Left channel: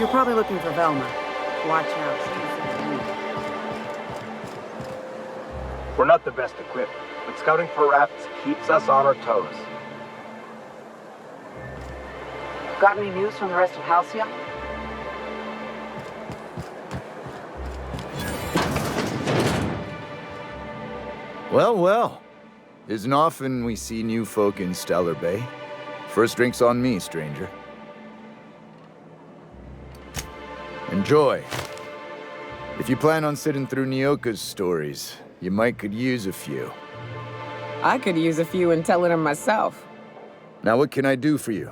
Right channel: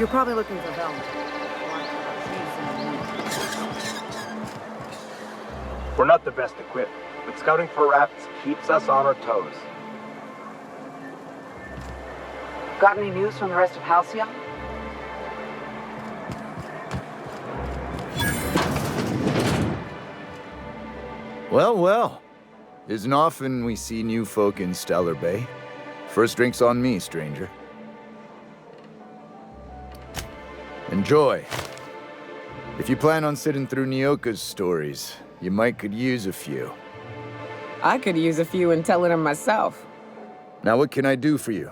You're probably looking for Velma. Watch out, she's in the mood. We're not the best equipped, but scouting for rats keeps us on our toes. Got any news from the rest of Halcyon? Well, well. Isn't often we see new folk in Stellar Bay. First drink's on me, stranger. Enjoy. If you plan on sitting through Nyoka's stories, you might could use a few. I could use a few and tell it them myself. Now what can I do for you?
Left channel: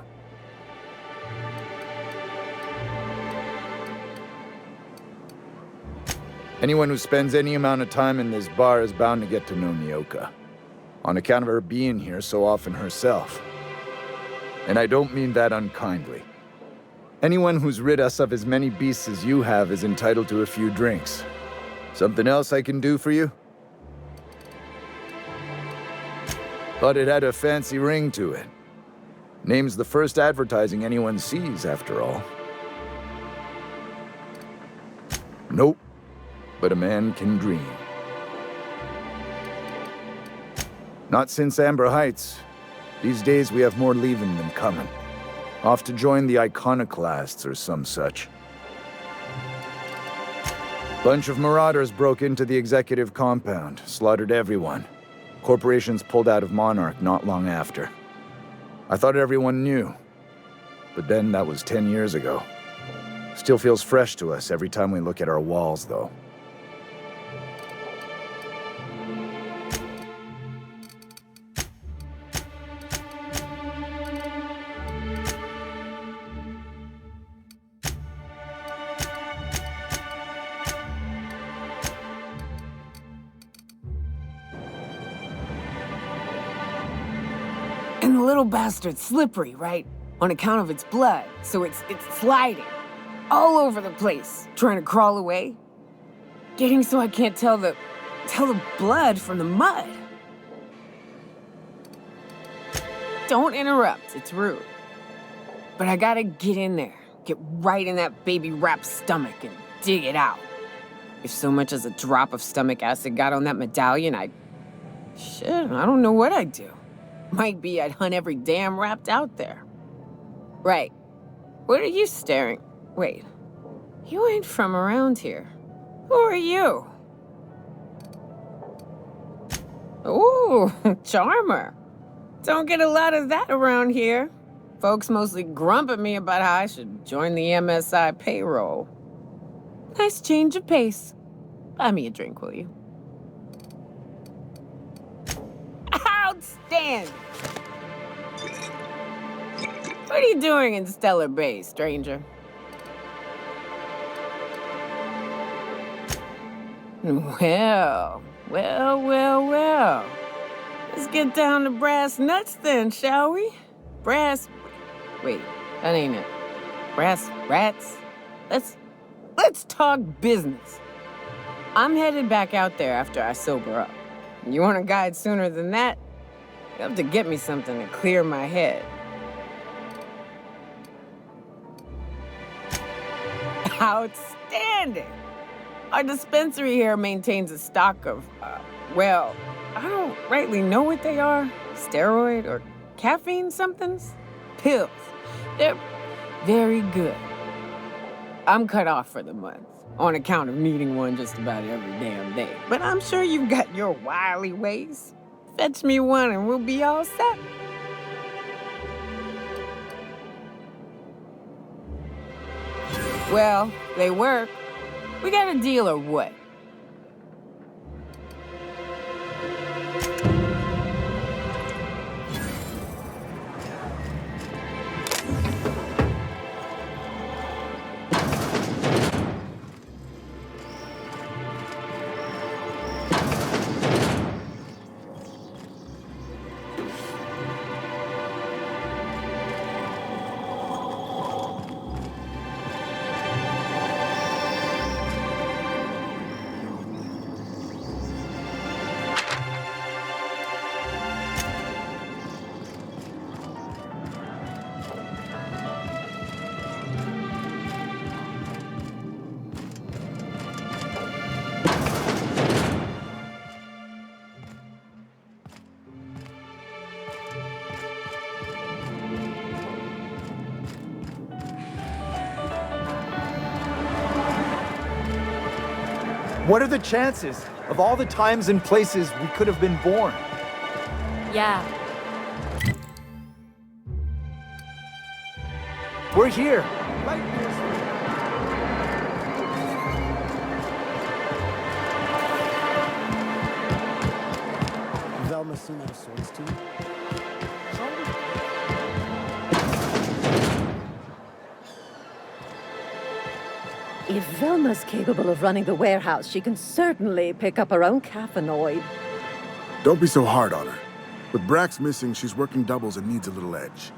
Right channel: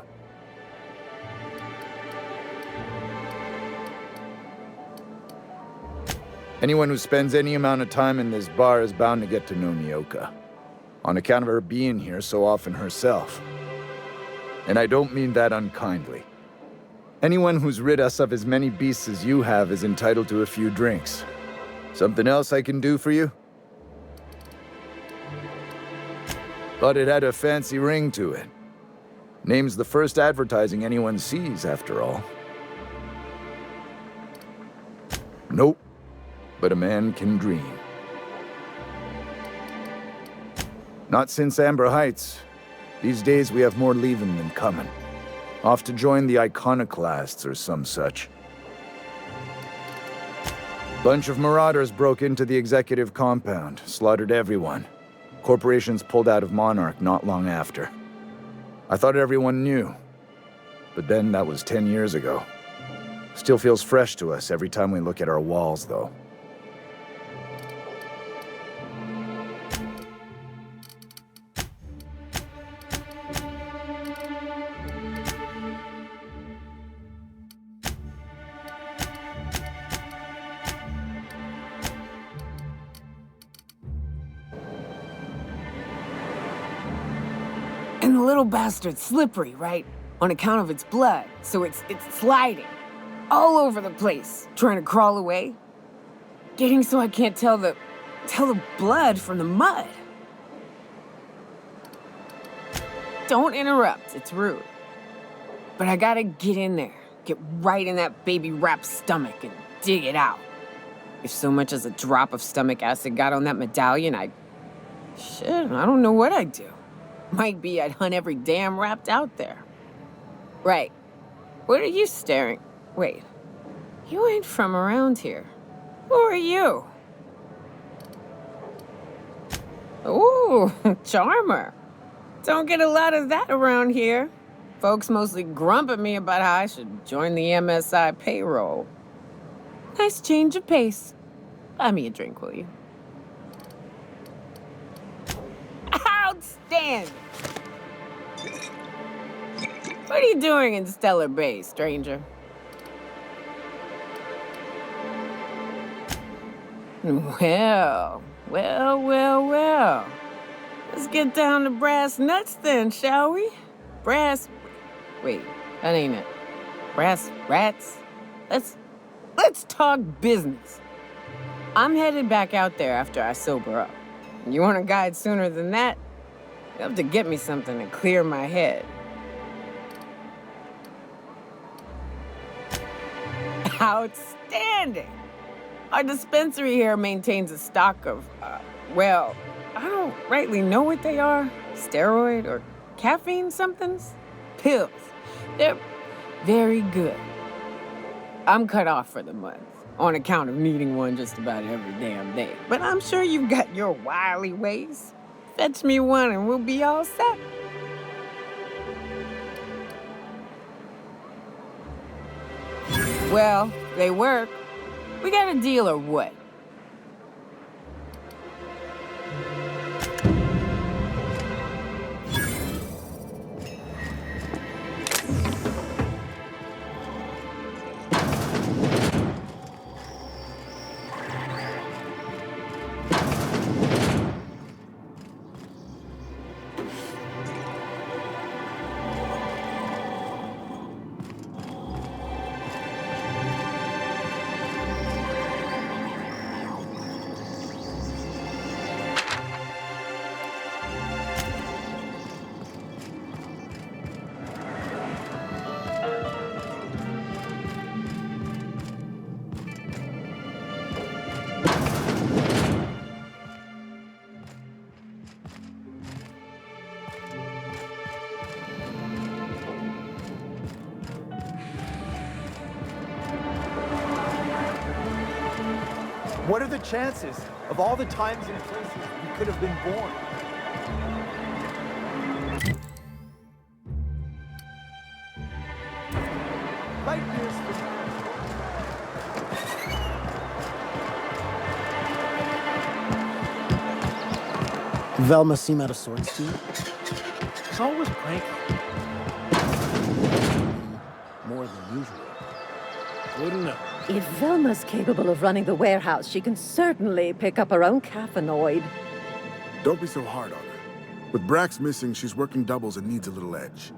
Anyone who spends any amount of time in this bar is bound to get to know Nyoka, on account of her being here so often herself. And I don't mean that unkindly. Anyone who's rid us of as many beasts as you have is entitled to a few drinks. Something else I can do for you? But it had a fancy ring to it. Name's the first advertising anyone sees, after all. Nope. But a man can dream. Not since Amber Heights. These days we have more leaving than coming. Off to join the Iconoclasts or some such. Bunch of marauders broke into the executive compound, slaughtered everyone. Corporations pulled out of Monarca not long after. I thought everyone knew. But then that was 10 years ago. Still feels fresh to us every time we look at our walls, though. And the little bastard's slippery, right? On account of its blood, so it's sliding. All over the place, trying to crawl away. Getting so I can't tell the blood from the mud. Don't interrupt, it's rude. But I gotta get in there, get right in that baby rap's stomach and dig it out. If so much as a drop of stomach acid got on that medallion, shit, I don't know what I'd do. Might be I'd hunt every damn rat out there. Right. What are you staring? Wait. You ain't from around here. Who are you? Ooh, charmer. Don't get a lot of that around here. Folks mostly grump at me about how I should join the MSI payroll. Nice change of pace. Buy me a drink, will you? Outstanding! What are you doing in Stellar Bay, stranger? Well. Let's get down to brass nuts then, shall we? Wait, that ain't it. Brass rats? Let's talk business. I'm headed back out there after I sober up. You want a guide sooner than that? You have to get me something to clear my head. Outstanding! Our dispensary here maintains a stock of, well, I don't rightly know what they are. Steroid or caffeine somethings? Pills. They're very good. I'm cut off for the month, on account of needing one just about every damn day. But I'm sure you've got your wily ways. Fetch me one and we'll be all set. Well, they work. We got a deal or what? What are the chances of all the times and places we could have been born? Yeah. We're here. Light years from now. Velma seem out of sorts to you? It's always pranky. More than usual. Wouldn't know. If Velma's capable of running the warehouse, she can certainly pick up her own caffeinoid. Don't be so hard on her. With Brax missing, she's working doubles and needs a little edge.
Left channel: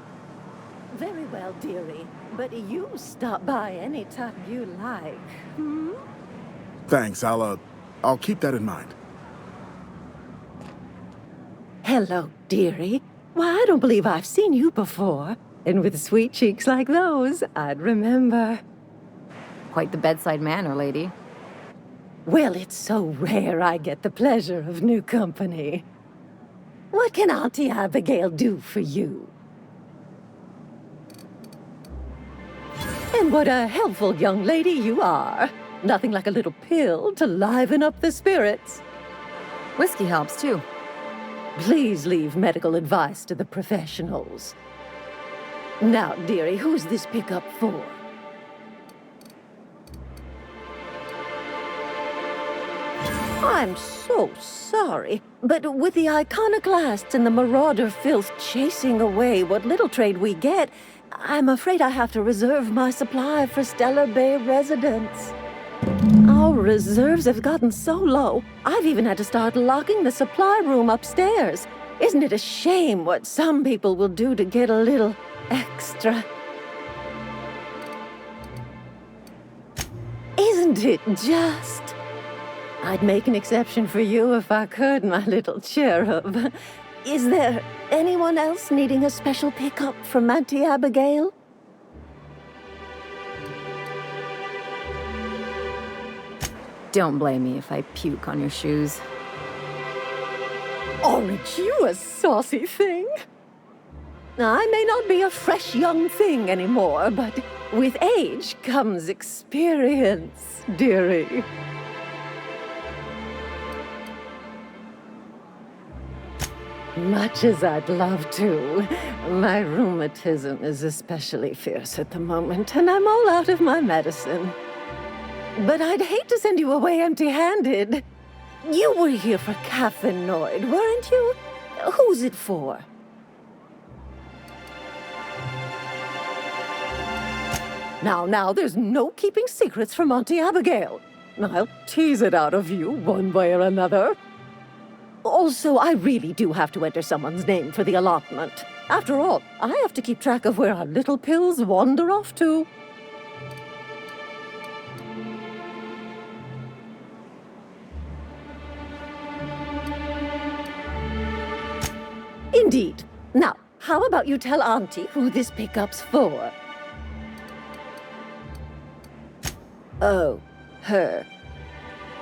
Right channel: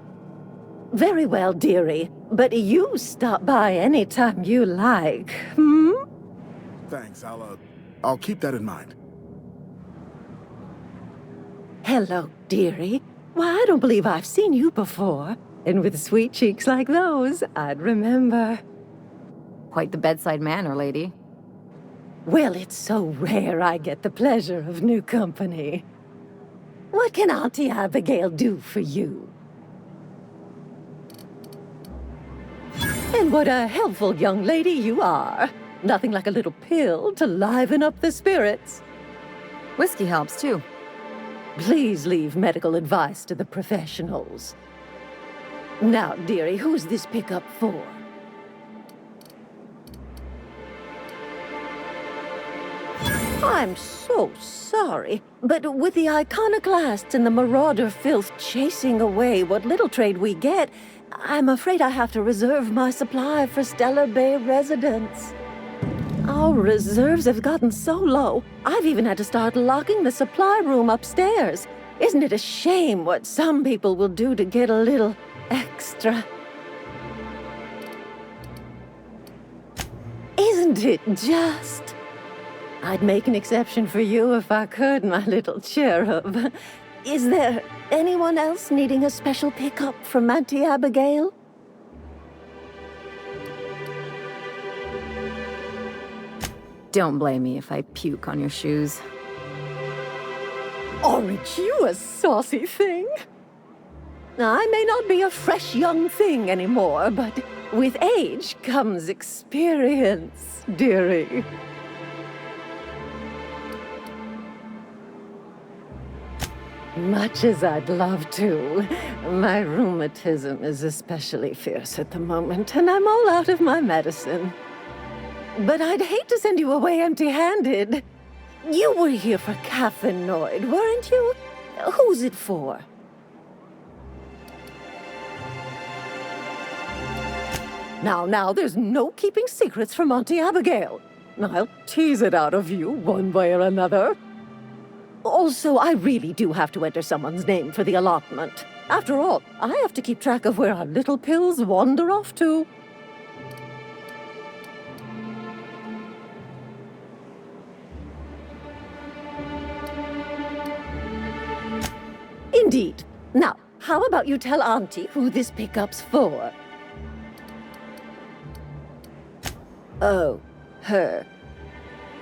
Very well, dearie. But you stop by anytime you like, hmm? Thanks, I'll keep that in mind. Hello, dearie. Why, I don't believe I've seen you before. And with sweet cheeks like those, I'd remember. Quite the bedside manner, lady. Well, it's so rare I get the pleasure of new company. What can Auntie Abigail do for you? And what a helpful young lady you are. Nothing like a little pill to liven up the spirits. Whiskey helps, too. Please leave medical advice to the professionals. Now, dearie, who's this pickup for? I'm so sorry, but with the iconoclasts and the marauder filth chasing away what little trade we get, I'm afraid I have to reserve my supply for Stellar Bay residents. Our reserves have gotten so low, I've even had to start locking the supply room upstairs. Isn't it a shame what some people will do to get a little extra? Isn't it just? I'd make an exception for you if I could, my little cherub. Is there anyone else needing a special pickup from Auntie Abigail? Don't blame me if I puke on your shoes. Aren't you a saucy thing? I may not be a fresh young thing anymore, but with age comes experience, dearie. Much as I'd love to, my rheumatism is especially fierce at the moment, and I'm all out of my medicine. But I'd hate to send you away empty-handed. You were here for caffeinoid, weren't you? Who's it for? Now, there's no keeping secrets from Auntie Abigail. I'll tease it out of you one way or another. Also, I really do have to enter someone's name for the allotment. After all, I have to keep track of where our little pills wander off to. Indeed. Now, how about you tell Auntie who this pickup's for? Oh, her.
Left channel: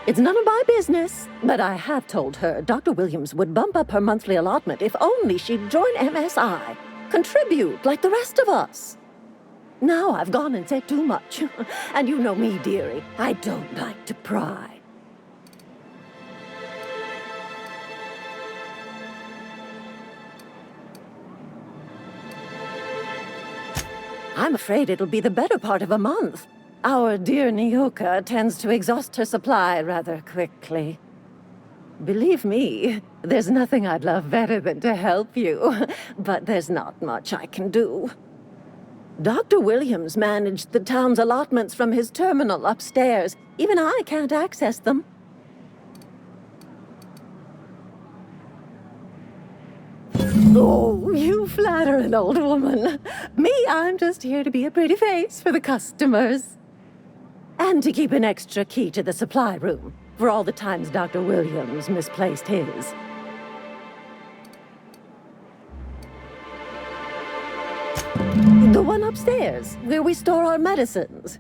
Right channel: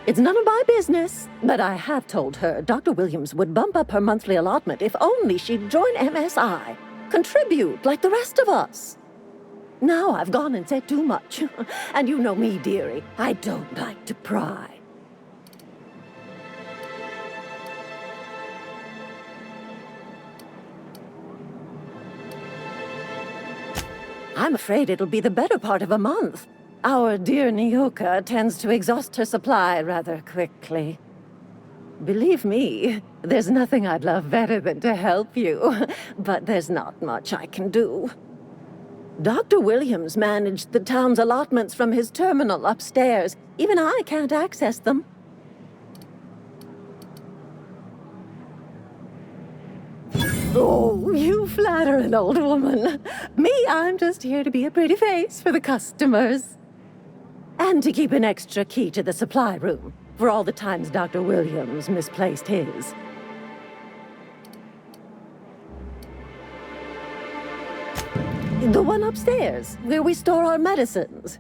It's none of my business, but I have told her Dr. Williams would bump up her monthly allotment if only she'd join MSI. Contribute like the rest of us. Now I've gone and said too much. And you know me, dearie. I don't like to pry. I'm afraid it'll be the better part of a month. Our dear Nyoka tends to exhaust her supply rather quickly. Believe me, there's nothing I'd love better than to help you, but there's not much I can do. Dr. Williams managed the town's allotments from his terminal upstairs. Even I can't access them. Oh, you flatter an old woman. Me, I'm just here to be a pretty face for the customers. And to keep an extra key to the supply room, for all the times Dr. Williams misplaced his. The one upstairs, where we store our medicines.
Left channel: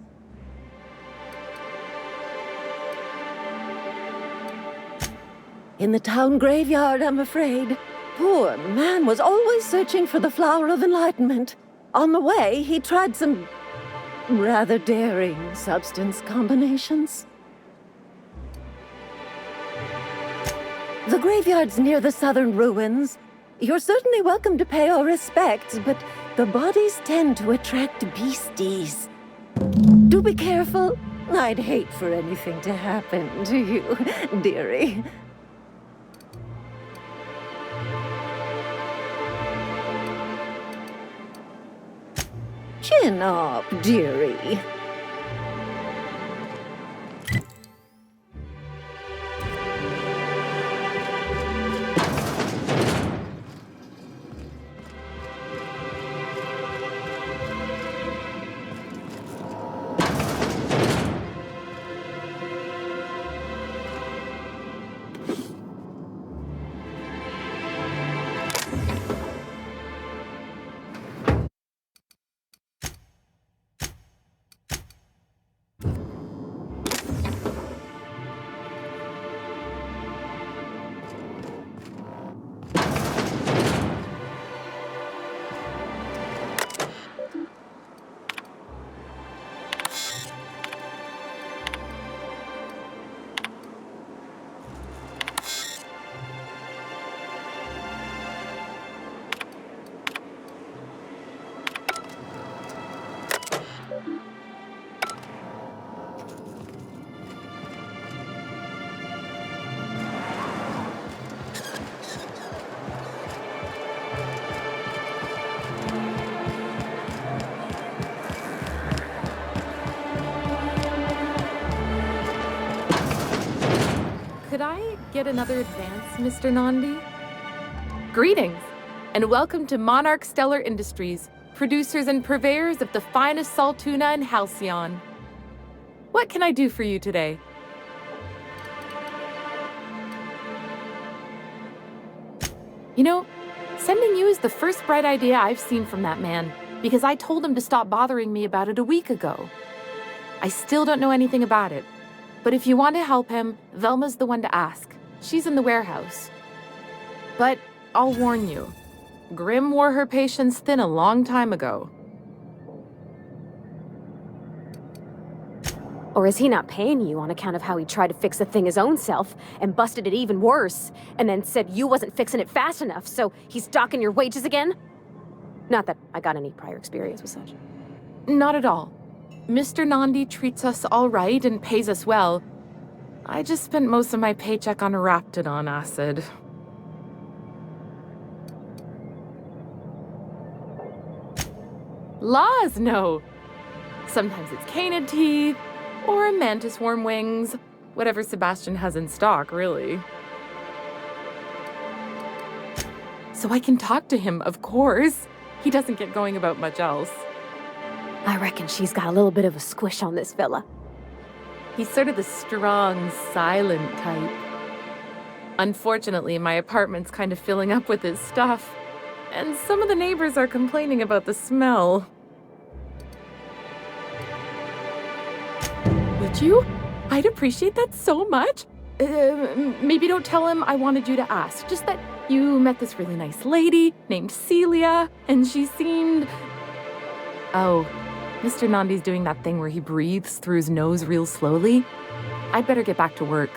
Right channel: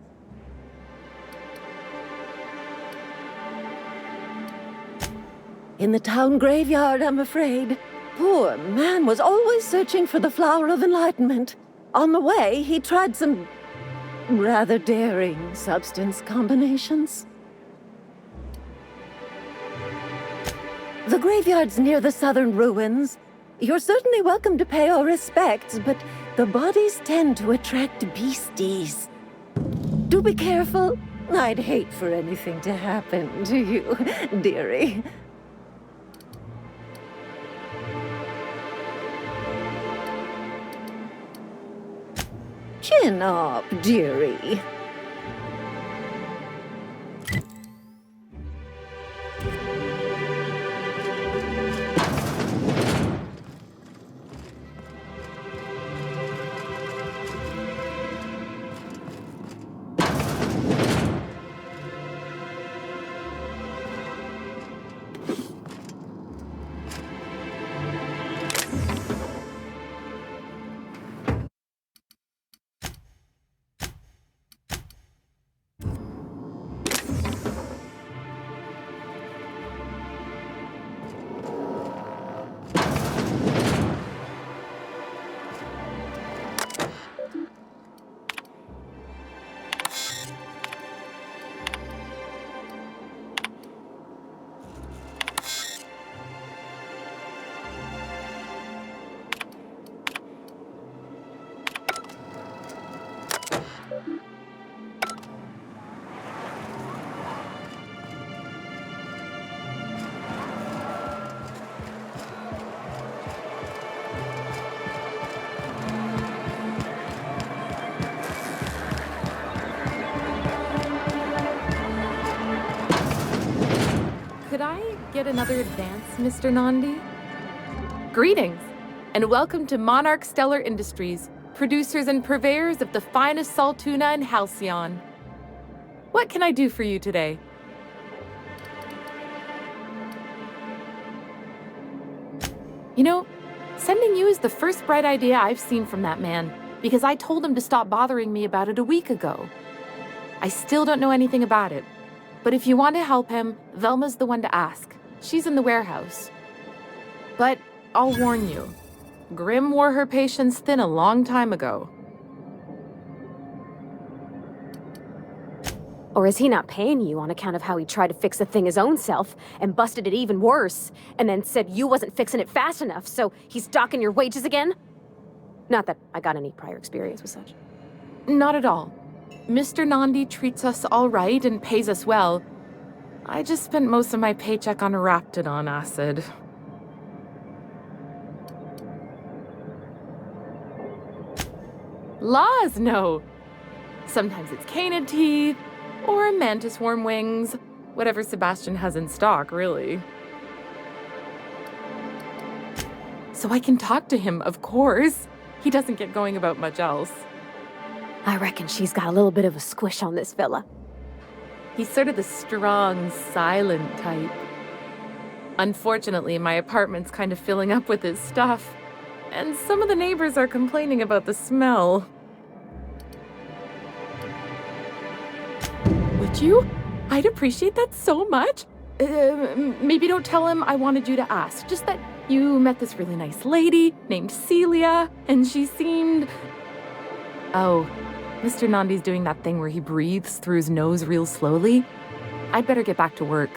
In the town graveyard, I'm afraid. poor man was always searching for the flower of enlightenment. On the way, he tried some rather daring substance combinations. The graveyard's near the southern ruins. You're certainly welcome to pay our respects, but the bodies tend to attract beasties. Do be careful. I'd hate for anything to happen to you, dearie. Chin up, dearie. Could I get another advance, Mr. Nandi? Greetings, and welcome to Monarch Stellar Industries, producers and purveyors of the finest salt tuna in Halcyon. What can I do for you today? You know, sending you is the first bright idea I've seen from that man, because I told him to stop bothering me about it a week ago. I still don't know anything about it. But if you want to help him, Velma's the one to ask. She's in the warehouse. But I'll warn you, Grimm wore her patience thin a long time ago. Or is he not paying you on account of how he tried to fix the thing his own self and busted it even worse, and then said you wasn't fixing it fast enough, so he's docking your wages again? Not that I got any prior experience with such. Not at all. Mr. Nandi treats us all right and pays us well. I just spent most of my paycheck on Raptidon acid. Laws, no. Sometimes it's canid teeth, or a mantis worm wings. Whatever Sebastian has in stock, really. So I can talk to him, of course. He doesn't get going about much else. I reckon she's got a little bit of a squish on this fella. He's sort of the strong, silent type. Unfortunately, my apartment's kind of filling up with his stuff, and some of the neighbors are complaining about the smell. Would you? I'd appreciate that so much. Maybe don't tell him I wanted you to ask, just that you met this really nice lady named Celia, and she seemed... Oh, Mr. Nandi's doing that thing where he breathes through his nose real slowly. I'd better get back to work.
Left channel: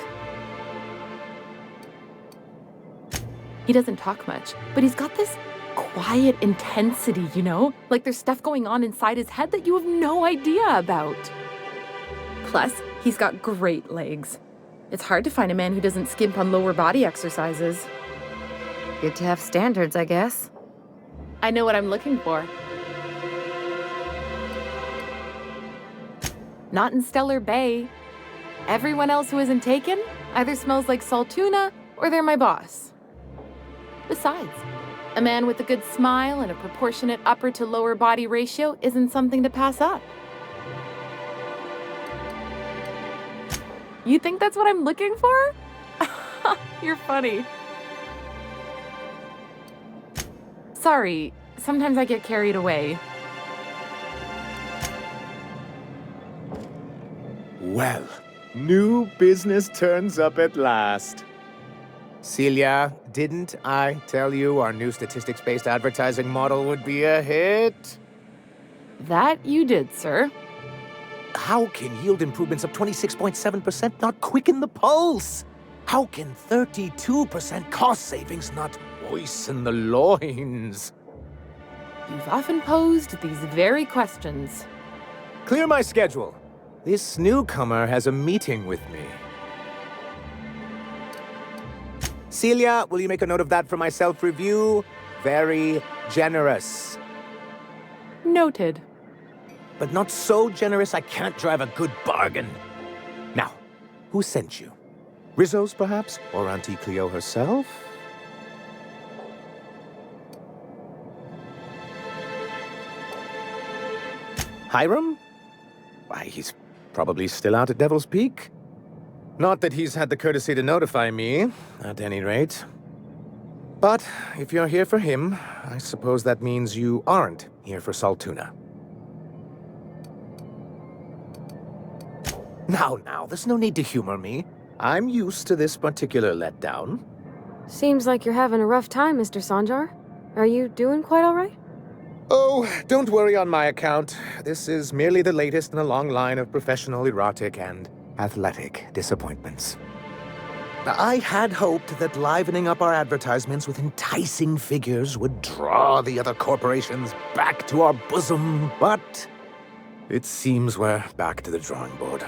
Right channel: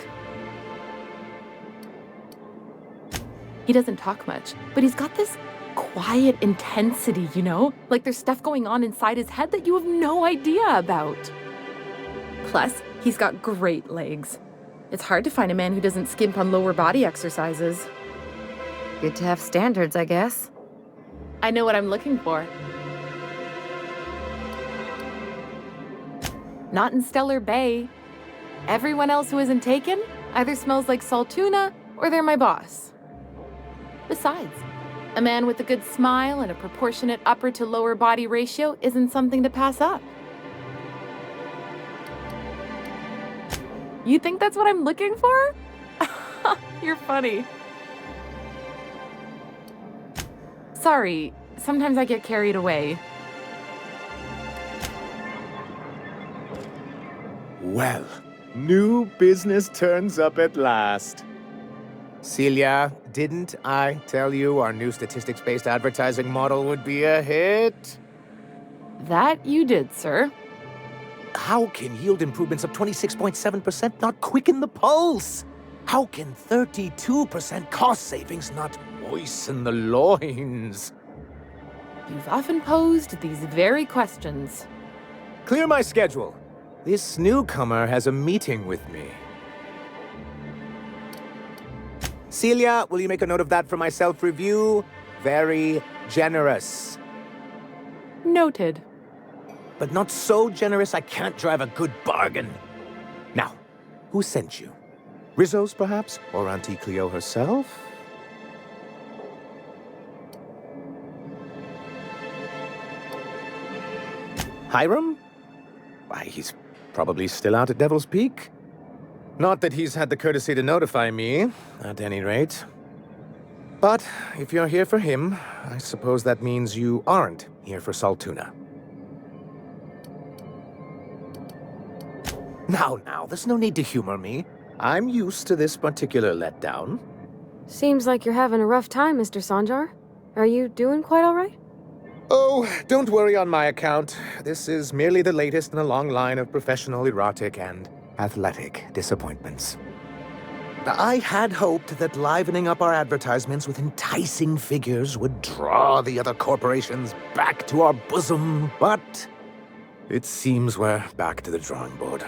He doesn't talk much, but he's got this quiet intensity, you know? Like there's stuff going on inside his head that you have no idea about. Plus, he's got great legs. It's hard to find a man who doesn't skimp on lower body exercises. Good to have standards, I guess. I know what I'm looking for. Not in Stellar Bay. Everyone else who isn't taken either smells like salt tuna or they're my boss. Besides, a man with a good smile and a proportionate upper to lower body ratio isn't something to pass up. You think that's what I'm looking for? You're funny. Sorry, sometimes I get carried away. Well, new business turns up at last. Celia, didn't I tell you our new statistics-based advertising model would be a hit? That you did, sir. How can yield improvements of 26.7% not quicken the pulse? How can 32% cost savings not moisten the loins? You've often posed these very questions. Clear my schedule. This newcomer has a meeting with me. Celia, will you make a note of that for my self-review? Very generous. Noted. But not so generous I can't drive a good bargain. Now, who sent you? Rizzo's, perhaps? Or Auntie Cleo herself? Hiram? Why, he's probably still out at Devil's Peak. Not that he's had the courtesy to notify me, at any rate. But if you're here for him, I suppose that means you aren't here for Saltuna. Now, there's no need to humor me. I'm used to this particular letdown. Seems like you're having a rough time, Mr. Sanjar. Are you doing quite all right? Oh, don't worry on my account. This is merely the latest in a long line of professional, erotic, and athletic disappointments. I had hoped that livening up our advertisements with enticing figures would draw the other corporations back to our bosom, but it seems we're back to the drawing board.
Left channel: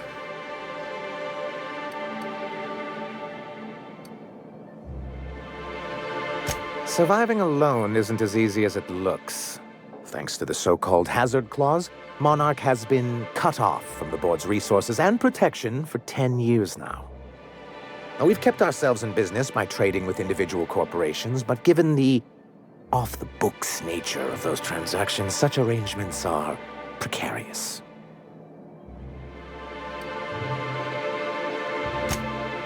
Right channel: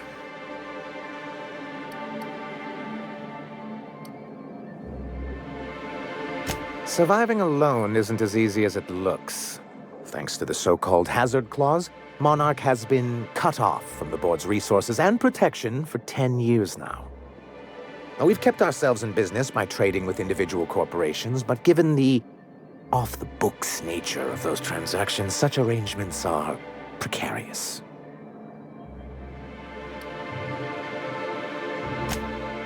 Surviving alone isn't as easy as it looks. Thanks to the so-called hazard clause, Monarch has been cut off from the board's resources and protection for 10 years now. Now, we've kept ourselves in business by trading with individual corporations, but given the off-the-books nature of those transactions, such arrangements are precarious.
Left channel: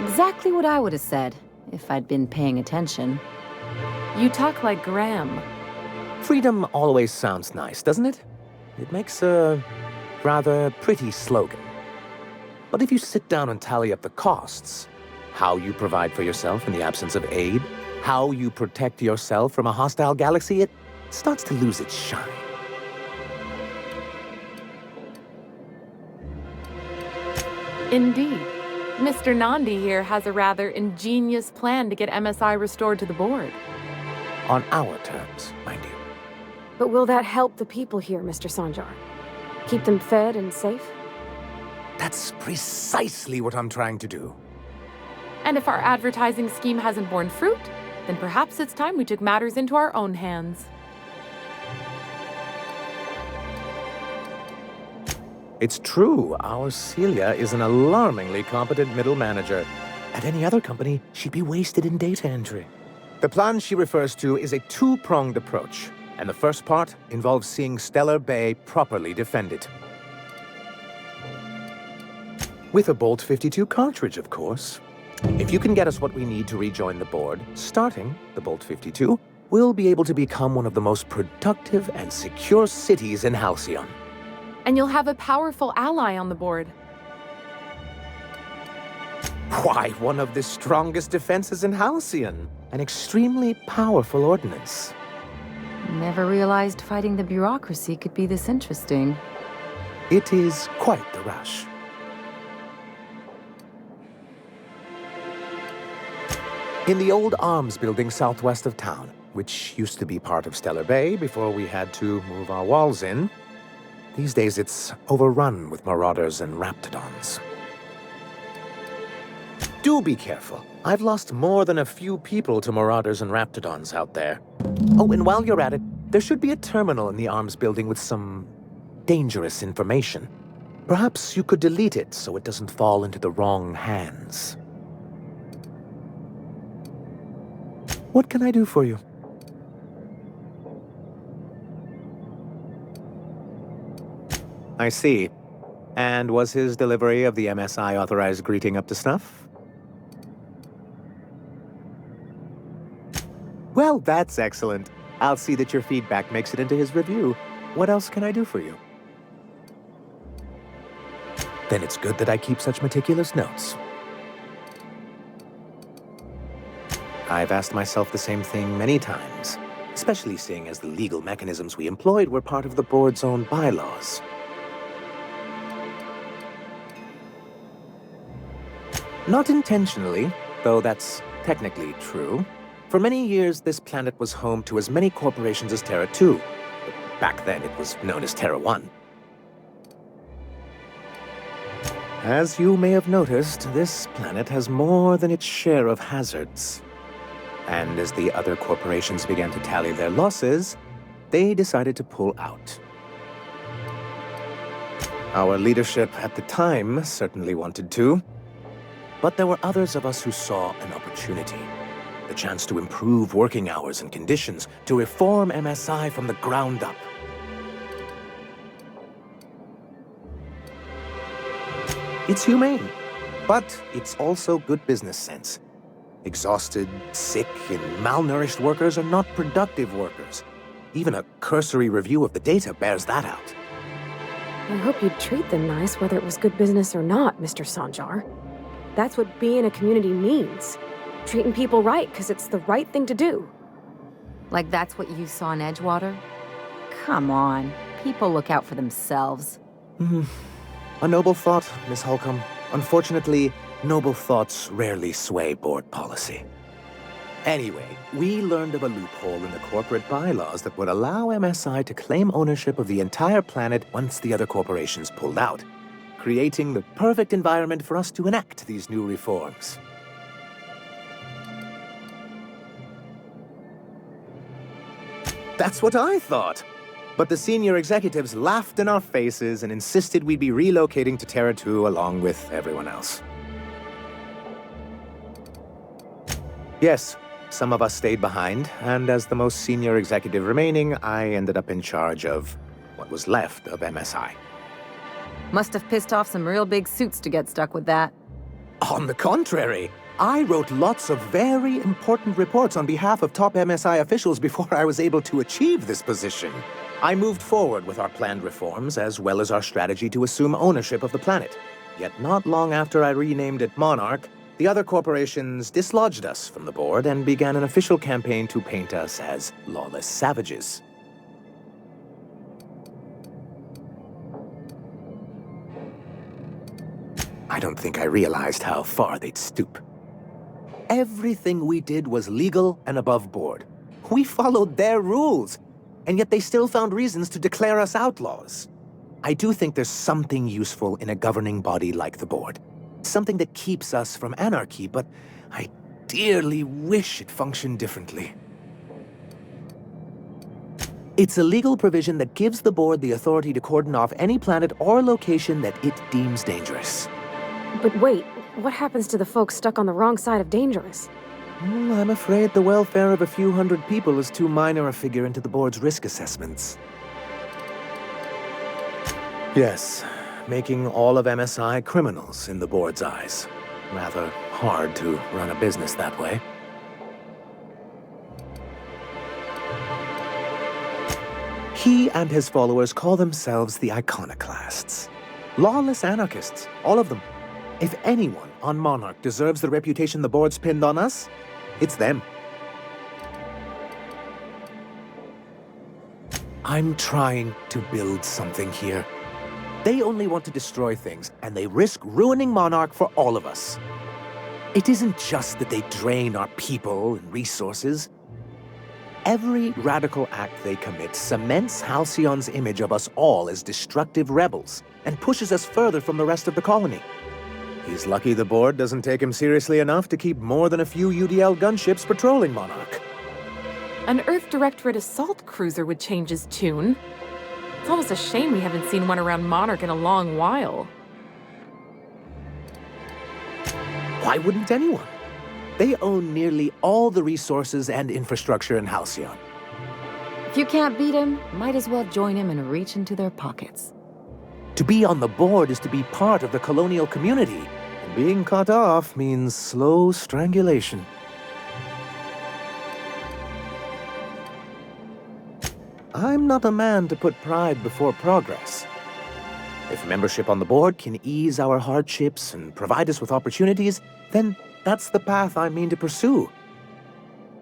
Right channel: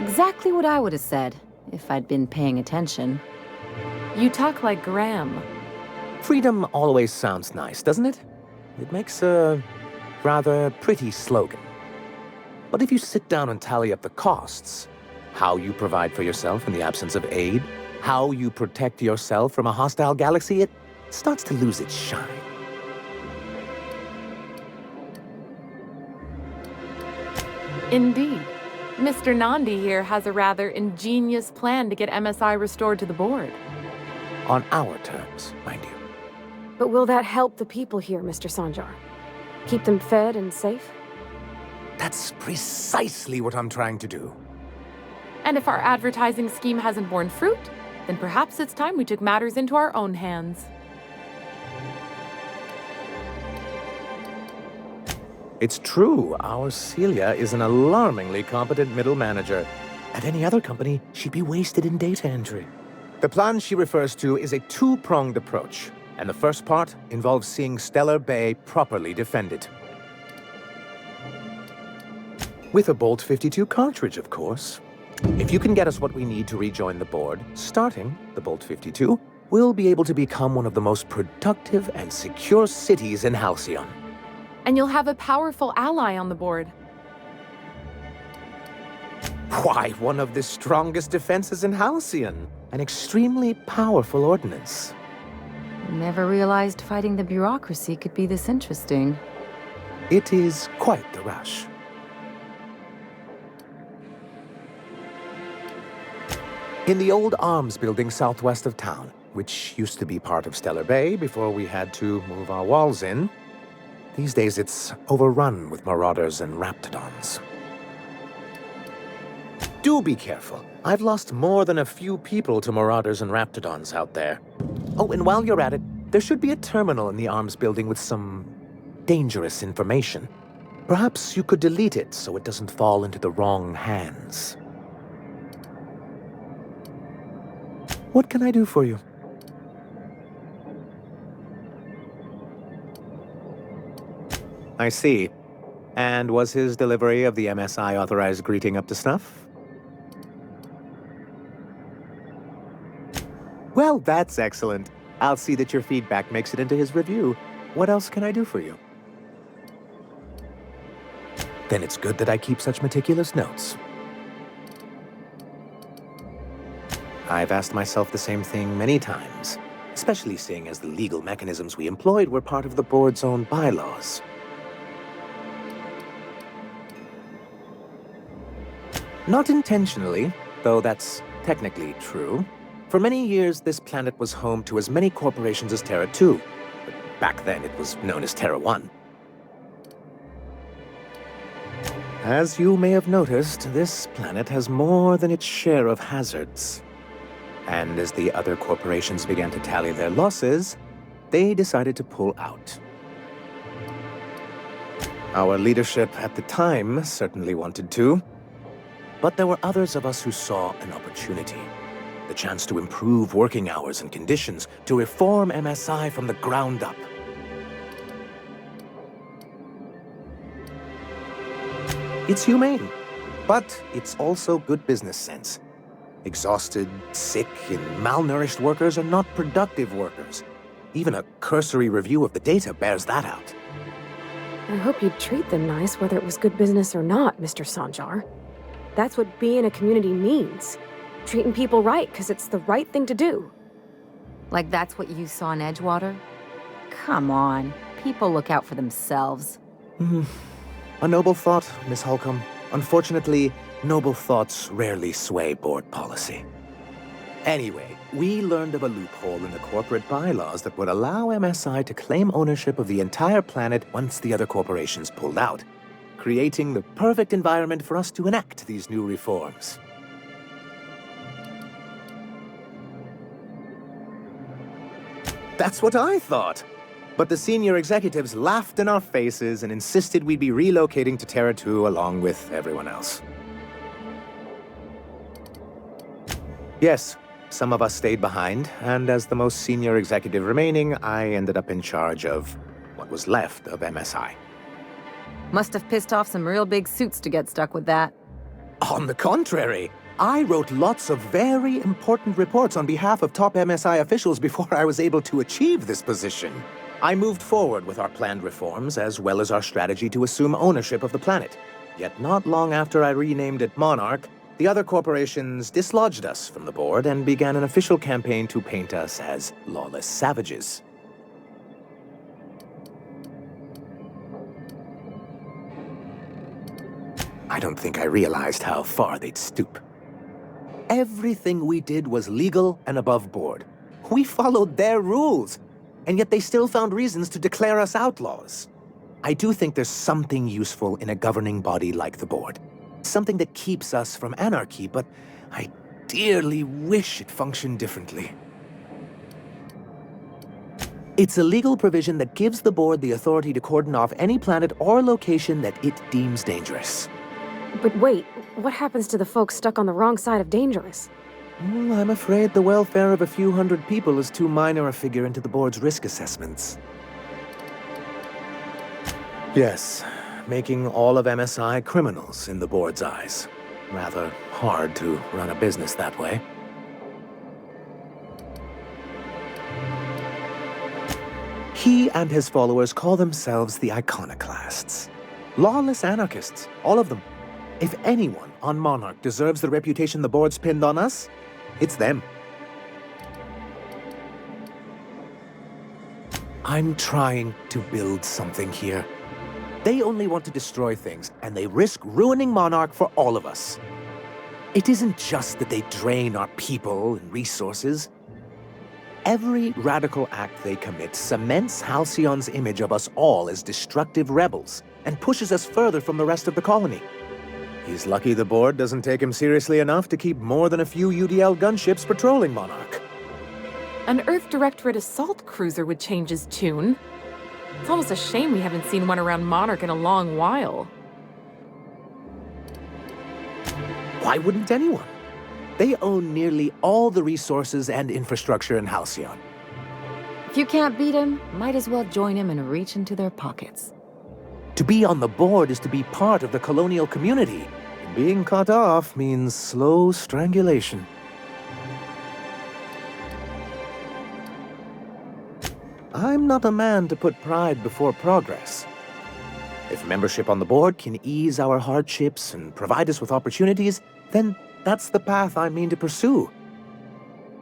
Exactly what I would have said, if I'd been paying attention. You talk like Graham. Freedom always sounds nice, doesn't it? It makes a rather pretty slogan. But if you sit down and tally up the costs, how you provide for yourself in the absence of aid, how you protect yourself from a hostile galaxy, it starts to lose its shine. Indeed. Mr. Nandi here has a rather ingenious plan to get MSI restored to the board. On our terms, mind you. But will that help the people here, Mr. Sanjar? Keep them fed and safe? That's precisely what I'm trying to do. And if our advertising scheme hasn't borne fruit, then perhaps it's time we took matters into our own hands. It's true, our Celia is an alarmingly competent middle manager. At any other company, she'd be wasted in data entry. The plan she refers to is a two-pronged approach, and the first part involves seeing Stellar Bay properly defended. With a Bolt 52 cartridge, of course. If you can get us what we need to rejoin the board, starting the Bolt 52, we'll be able to become one of the most productive and secure cities in Halcyon. And you'll have a powerful ally on the board. Why, one of the strongest defenses in Halcyon. An extremely powerful ordnance. Never realized fighting the bureaucracy could be this interesting. It is quite the rush. In the old arms building southwest of town, which used to be part of Stellar Bay before we had to move our walls in, these days it's overrun with marauders and raptidons. Do be careful. I've lost more than a few people to marauders and raptidons out there. Oh, and while you're at it, there should be a terminal in the arms building with some dangerous information. Perhaps you could delete it so it doesn't fall into the wrong hands. What can I do for you? I see. And was his delivery of the MSI authorized greeting up to snuff? Well, that's excellent. I'll see that your feedback makes it into his review. What else can I do for you? Then it's good that I keep such meticulous notes. I've asked myself the same thing many times, especially seeing as the legal mechanisms we employed were part of the board's own bylaws. Not intentionally, though that's technically true. For many years, this planet was home to as many corporations as Terra 2. But back then, it was known as Terra 1. As you may have noticed, this planet has more than its share of hazards. And as the other corporations began to tally their losses, they decided to pull out. Our leadership at the time certainly wanted to, but there were others of us who saw an opportunity. The chance to improve working hours and conditions, to reform MSI from the ground up. It's humane, but it's also good business sense. Exhausted, sick, and malnourished workers are not productive workers. Even a cursory review of the data bears that out. I hope you'd treat them nice whether it was good business or not, Mr. Sanjar. That's what being a community means. Treating people right because it's the right thing to do. Like that's what you saw in Edgewater? Come on, people look out for themselves. A noble thought, Miss Holcomb. Unfortunately, noble thoughts rarely sway board policy. Anyway, we learned of a loophole in the corporate bylaws that would allow MSI to claim ownership of the entire planet once the other corporations pulled out, creating the perfect environment for us to enact these new reforms. That's what I thought. But the senior executives laughed in our faces and insisted we'd be relocating to Terra 2 along with everyone else. Yes, some of us stayed behind, and as the most senior executive remaining, I ended up in charge of what was left of MSI. Must have pissed off some real big suits to get stuck with that. On the contrary, I wrote lots of very important reports on behalf of top MSI officials before I was able to achieve this position. I moved forward with our planned reforms, as well as our strategy to assume ownership of the planet. Yet not long after I renamed it Monarch, the other corporations dislodged us from the board and began an official campaign to paint us as lawless savages. I don't think I realized how far they'd stoop. Everything we did was legal and above board. We followed their rules, and yet they still found reasons to declare us outlaws. I do think there's something useful in a governing body like the board. Something that keeps us from anarchy, but I dearly wish it functioned differently. It's a legal provision that gives the board the authority to cordon off any planet or location that it deems dangerous. But wait, what happens to the folks stuck on the wrong side of dangerous? I'm afraid the welfare of a few hundred people is too minor a figure into the board's risk assessments. Yes, making all of MSI criminals in the board's eyes. Rather hard to run a business that way. He and his followers call themselves the Iconoclasts. Lawless anarchists, all of them. If anyone on Monarch deserves the reputation the board's pinned on us, it's them. I'm trying to build something here. They only want to destroy things, and they risk ruining Monarch for all of us. It isn't just that they drain our people and resources. Every radical act they commit cements Halcyon's image of us all as destructive rebels, and pushes us further from the rest of the colony. He's lucky the board doesn't take him seriously enough to keep more than a few UDL gunships patrolling Monarch. An Earth Directorate assault cruiser would change his tune. It's almost a shame we haven't seen one around Monarch in a long while. Why wouldn't anyone? They own nearly all the resources and infrastructure in Halcyon. If you can't beat him, might as well join him and reach into their pockets. To be on the board is to be part of the colonial community. And being cut off means slow strangulation. I'm not a man to put pride before progress. If membership on the board can ease our hardships and provide us with opportunities, then that's the path I mean to pursue.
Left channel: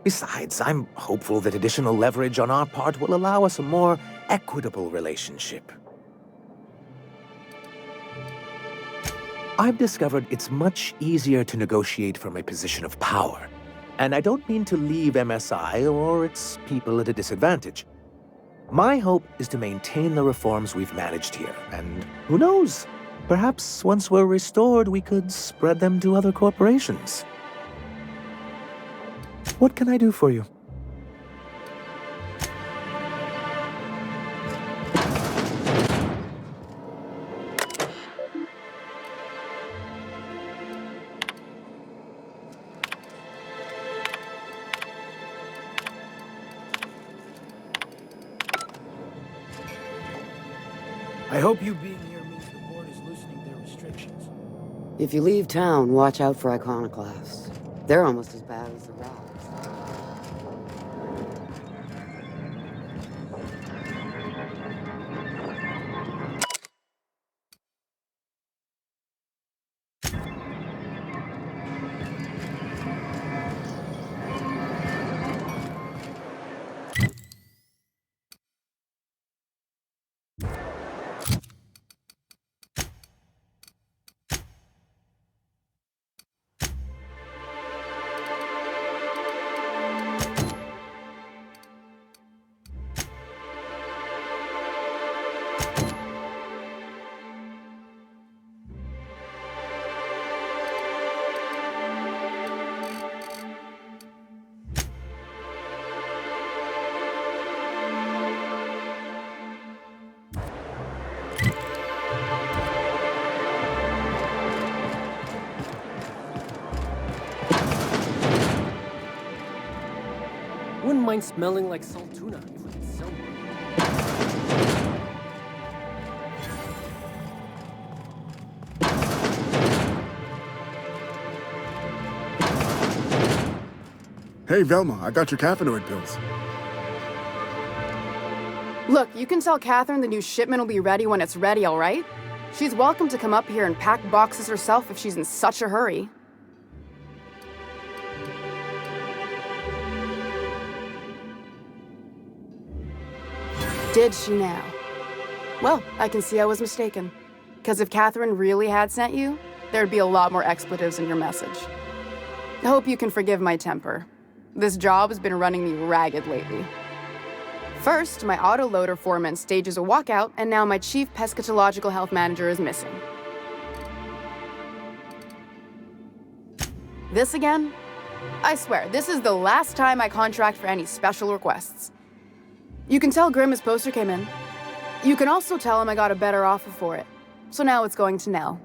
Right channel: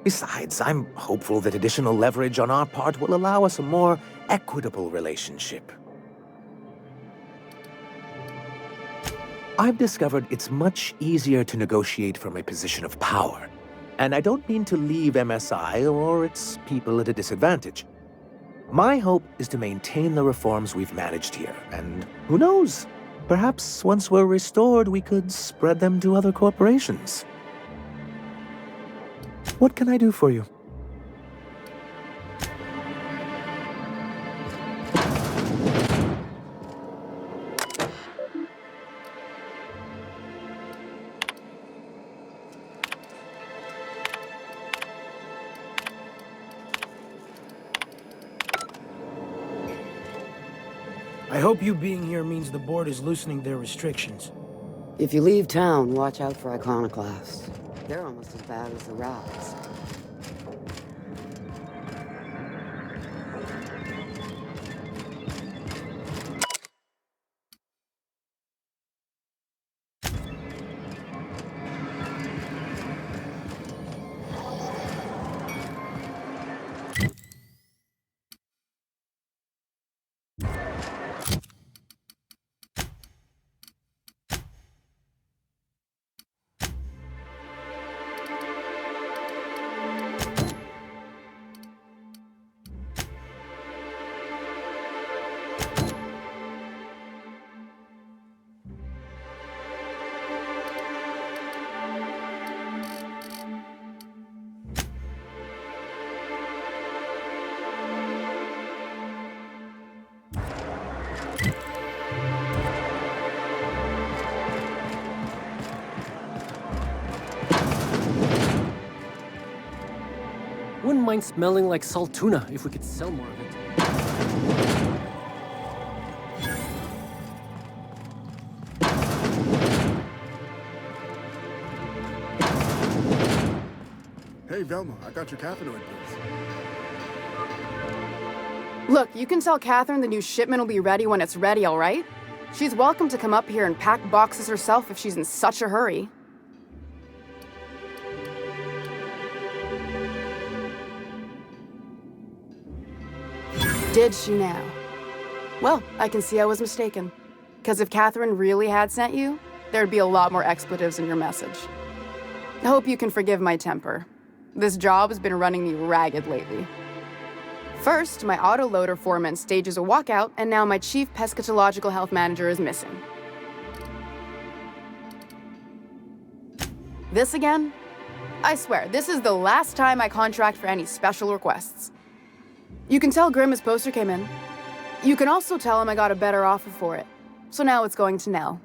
Besides, I'm hopeful that additional leverage on our part will allow us a more equitable relationship. I've discovered it's much easier to negotiate from a position of power. And I don't mean to leave MSI or its people at a disadvantage. My hope is to maintain the reforms we've managed here, and who knows? Perhaps once we're restored, we could spread them to other corporations. What can I do for you? I hope you being here means the board is loosening their restrictions. If you leave town, watch out for iconoclasts. They're almost as bad as the rats. Wouldn't mind smelling like salt tuna if we could sell more of it. Hey, Velma, I got your caffeinoid pills. Look, you can tell Catherine the new shipment will be ready when it's ready, all right? She's welcome to come up here and pack boxes herself if she's in such a hurry. Did she now? Well, I can see I was mistaken. Because if Catherine really had sent you, there'd be a lot more expletives in your message. I hope you can forgive my temper. This job has been running me ragged lately. First, my autoloader foreman stages a walkout, and now my chief pescatological health manager is missing. This again? I swear, this is the last time I contract for any special requests. You can tell Grimm his poster came in. You can also tell him I got a better offer for it. So now it's going to Nell.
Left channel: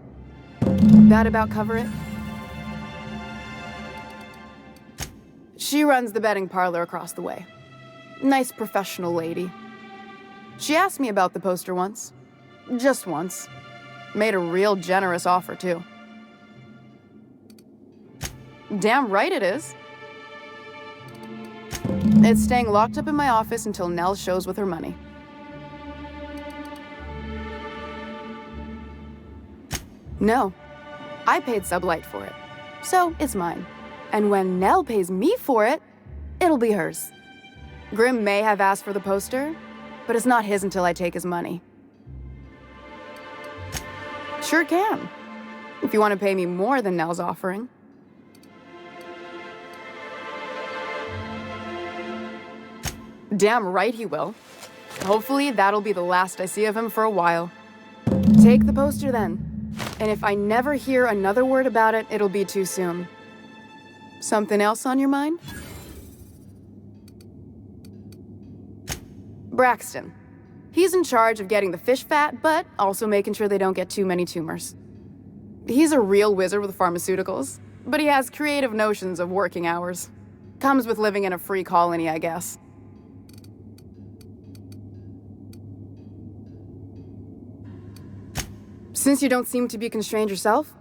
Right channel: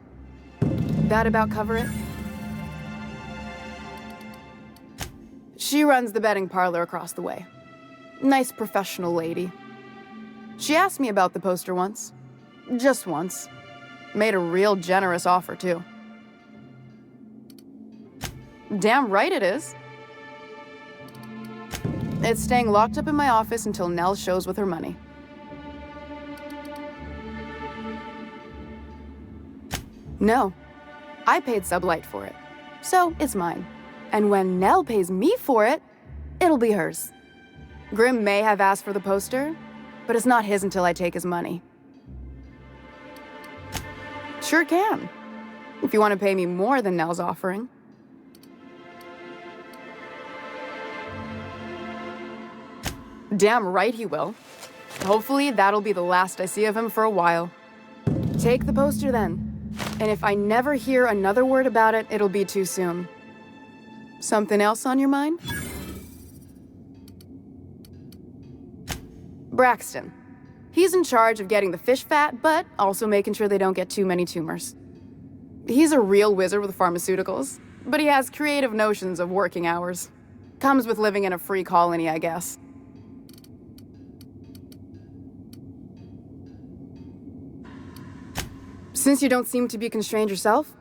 That about cover it? She runs the betting parlor across the way. Nice professional lady. She asked me about the poster once. Just once. Made a real generous offer, too. Damn right it is. It's staying locked up in my office until Nell shows with her money. No. I paid Sublight for it. So, it's mine. And when Nell pays me for it, it'll be hers. Grimm may have asked for the poster, but it's not his until I take his money. Sure can. If you want to pay me more than Nell's offering. Damn right he will. Hopefully that'll be the last I see of him for a while. Take the poster then. And if I never hear another word about it, it'll be too soon. Something else on your mind? Braxton. He's in charge of getting the fish fat, but also making sure they don't get too many tumors. He's a real wizard with pharmaceuticals, but he has creative notions of working hours. Comes with living in a free colony, I guess. Since you don't seem to be constrained yourself,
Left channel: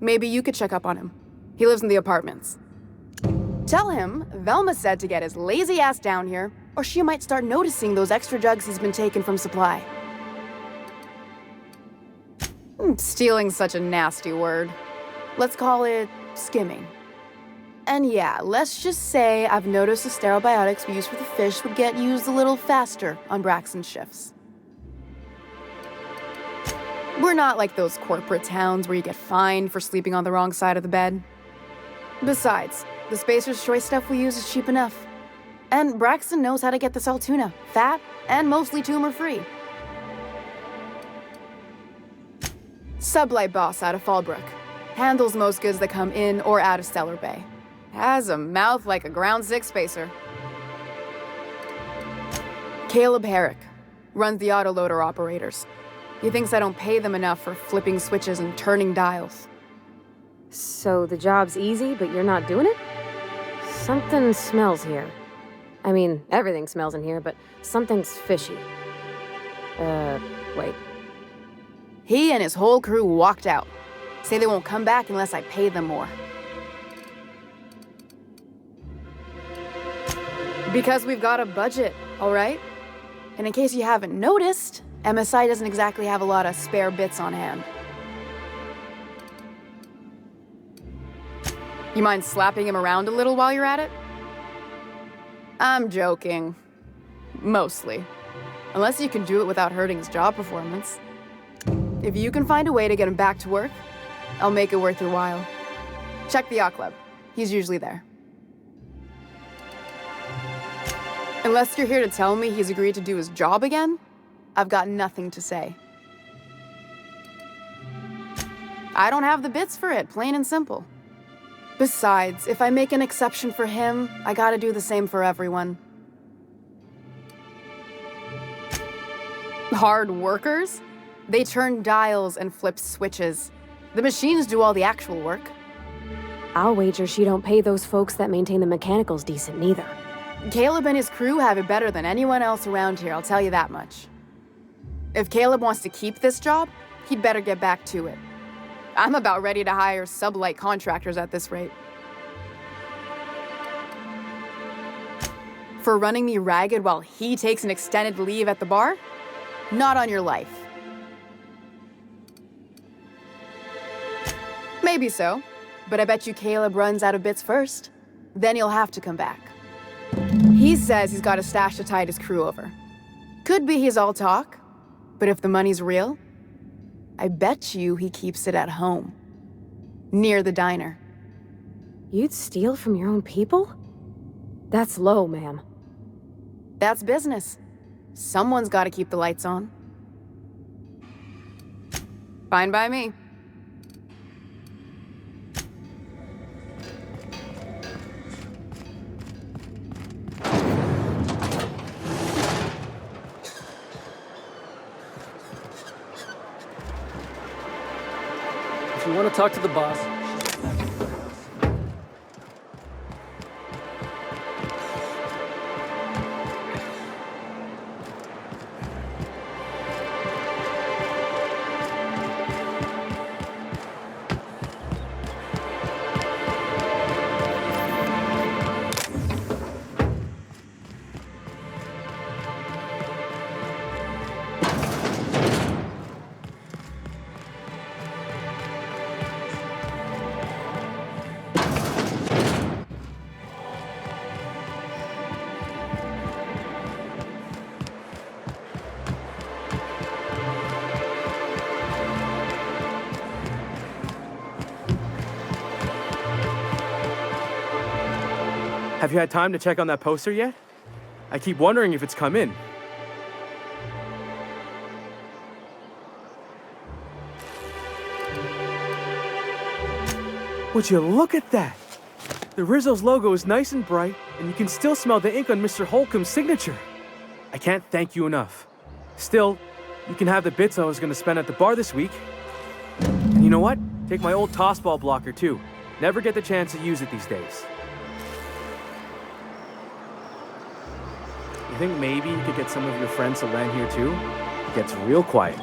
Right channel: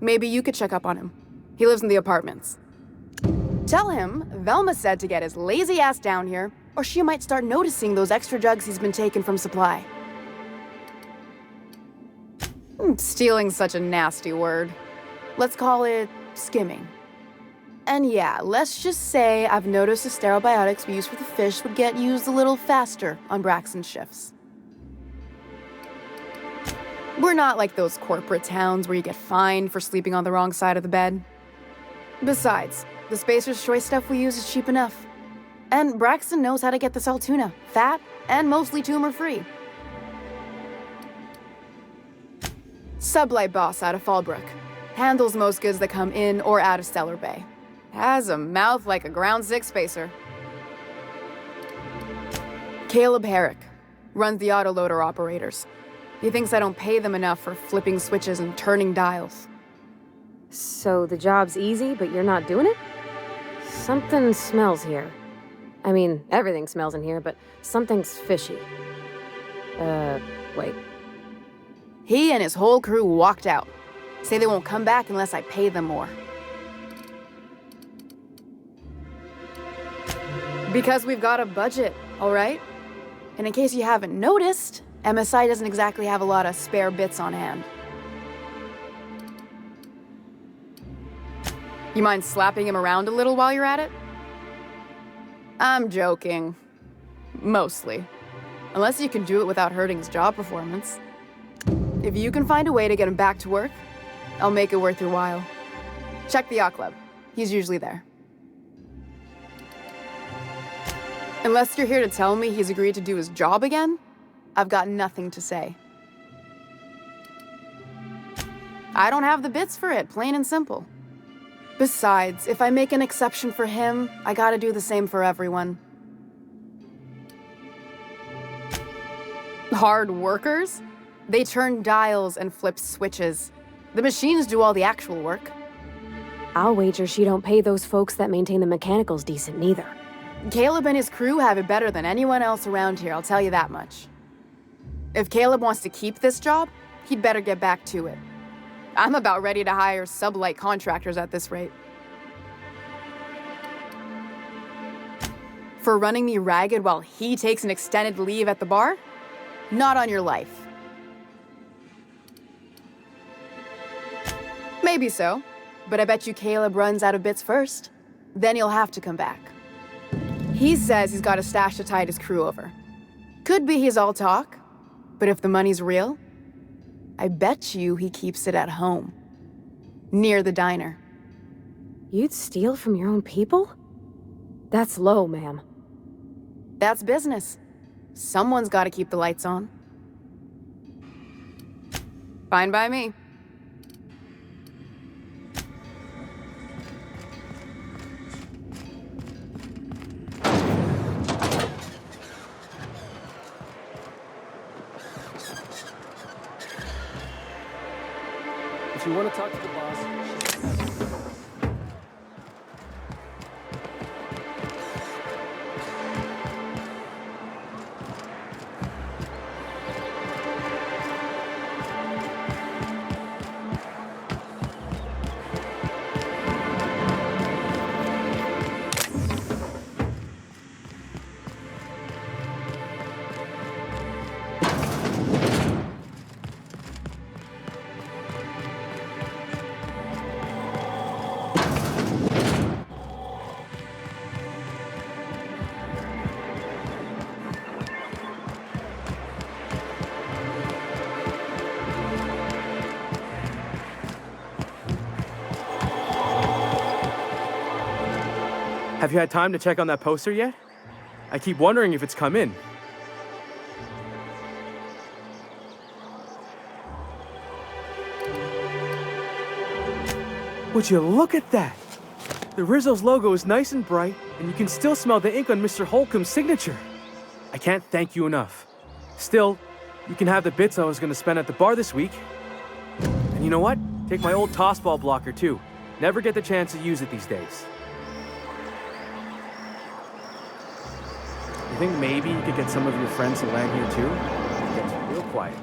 maybe you could check up on him. He lives in the apartments. Tell him Velma said to get his lazy ass down here, or she might start noticing those extra drugs he's been taking from supply. Stealing's such a nasty word. Let's call it skimming. And yeah, let's just say I've noticed the sterile biotics we use for the fish would get used a little faster on Braxton's shifts. We're not like those corporate towns where you get fined for sleeping on the wrong side of the bed. Besides, the Spacer's Choice stuff we use is cheap enough. And Braxton knows how to get the Saltuna, fat and mostly tumor-free. Sublight boss out of Fallbrook. Handles most goods that come in or out of Stellar Bay. Has a mouth like a Ground 6 Spacer. Caleb Herrick runs the autoloader operators. He thinks I don't pay them enough for flipping switches and turning dials. So the job's easy, but you're not doing it? Something smells here. I mean, everything smells in here, but something's fishy. Wait. He and his whole crew walked out. Say they won't come back unless I pay them more. Because we've got a budget, all right? And in case you haven't noticed, MSI doesn't exactly have a lot of spare bits on hand. You mind slapping him around a little while you're at it? I'm joking. Mostly. Unless you can do it without hurting his job performance. If you can find a way to get him back to work, I'll make it worth your while. Check the yacht club. He's usually there. Unless you're here to tell me he's agreed to do his job again, I've got nothing to say. I don't have the bits for it, plain and simple. Besides, if I make an exception for him, I gotta do the same for everyone. Hard workers? They turn dials and flip switches. The machines do all the actual work. I'll wager she don't pay those folks that maintain the mechanicals decent neither. Caleb and his crew have it better than anyone else around here, I'll tell you that much. If Caleb wants to keep this job, he'd better get back to it. I'm about ready to hire sublight contractors at this rate. For running me ragged while he takes an extended leave at the bar? Not on your life. Maybe so, but I bet you Caleb runs out of bits first. Then he'll have to come back. He says he's got a stash to tide his crew over. Could be he's all talk, but if the money's real, I bet you he keeps it at home. Near the diner. You'd steal from your own people? That's low, ma'am. That's business. Someone's got to keep the lights on. Fine by me. If you want to talk to the boss, have you had time to check on that poster yet? I keep wondering if it's come in. Would you look at that? The Rizzo's logo is nice and bright, and you can still smell the ink on Mr. Holcomb's signature. I can't thank you enough. Still, you can have the bits I was going to spend at the bar this week. And you know what? Take my old tossball blocker, too. Never get the chance to use it these days. You think maybe you could get some of your friends to land here too? It gets real quiet.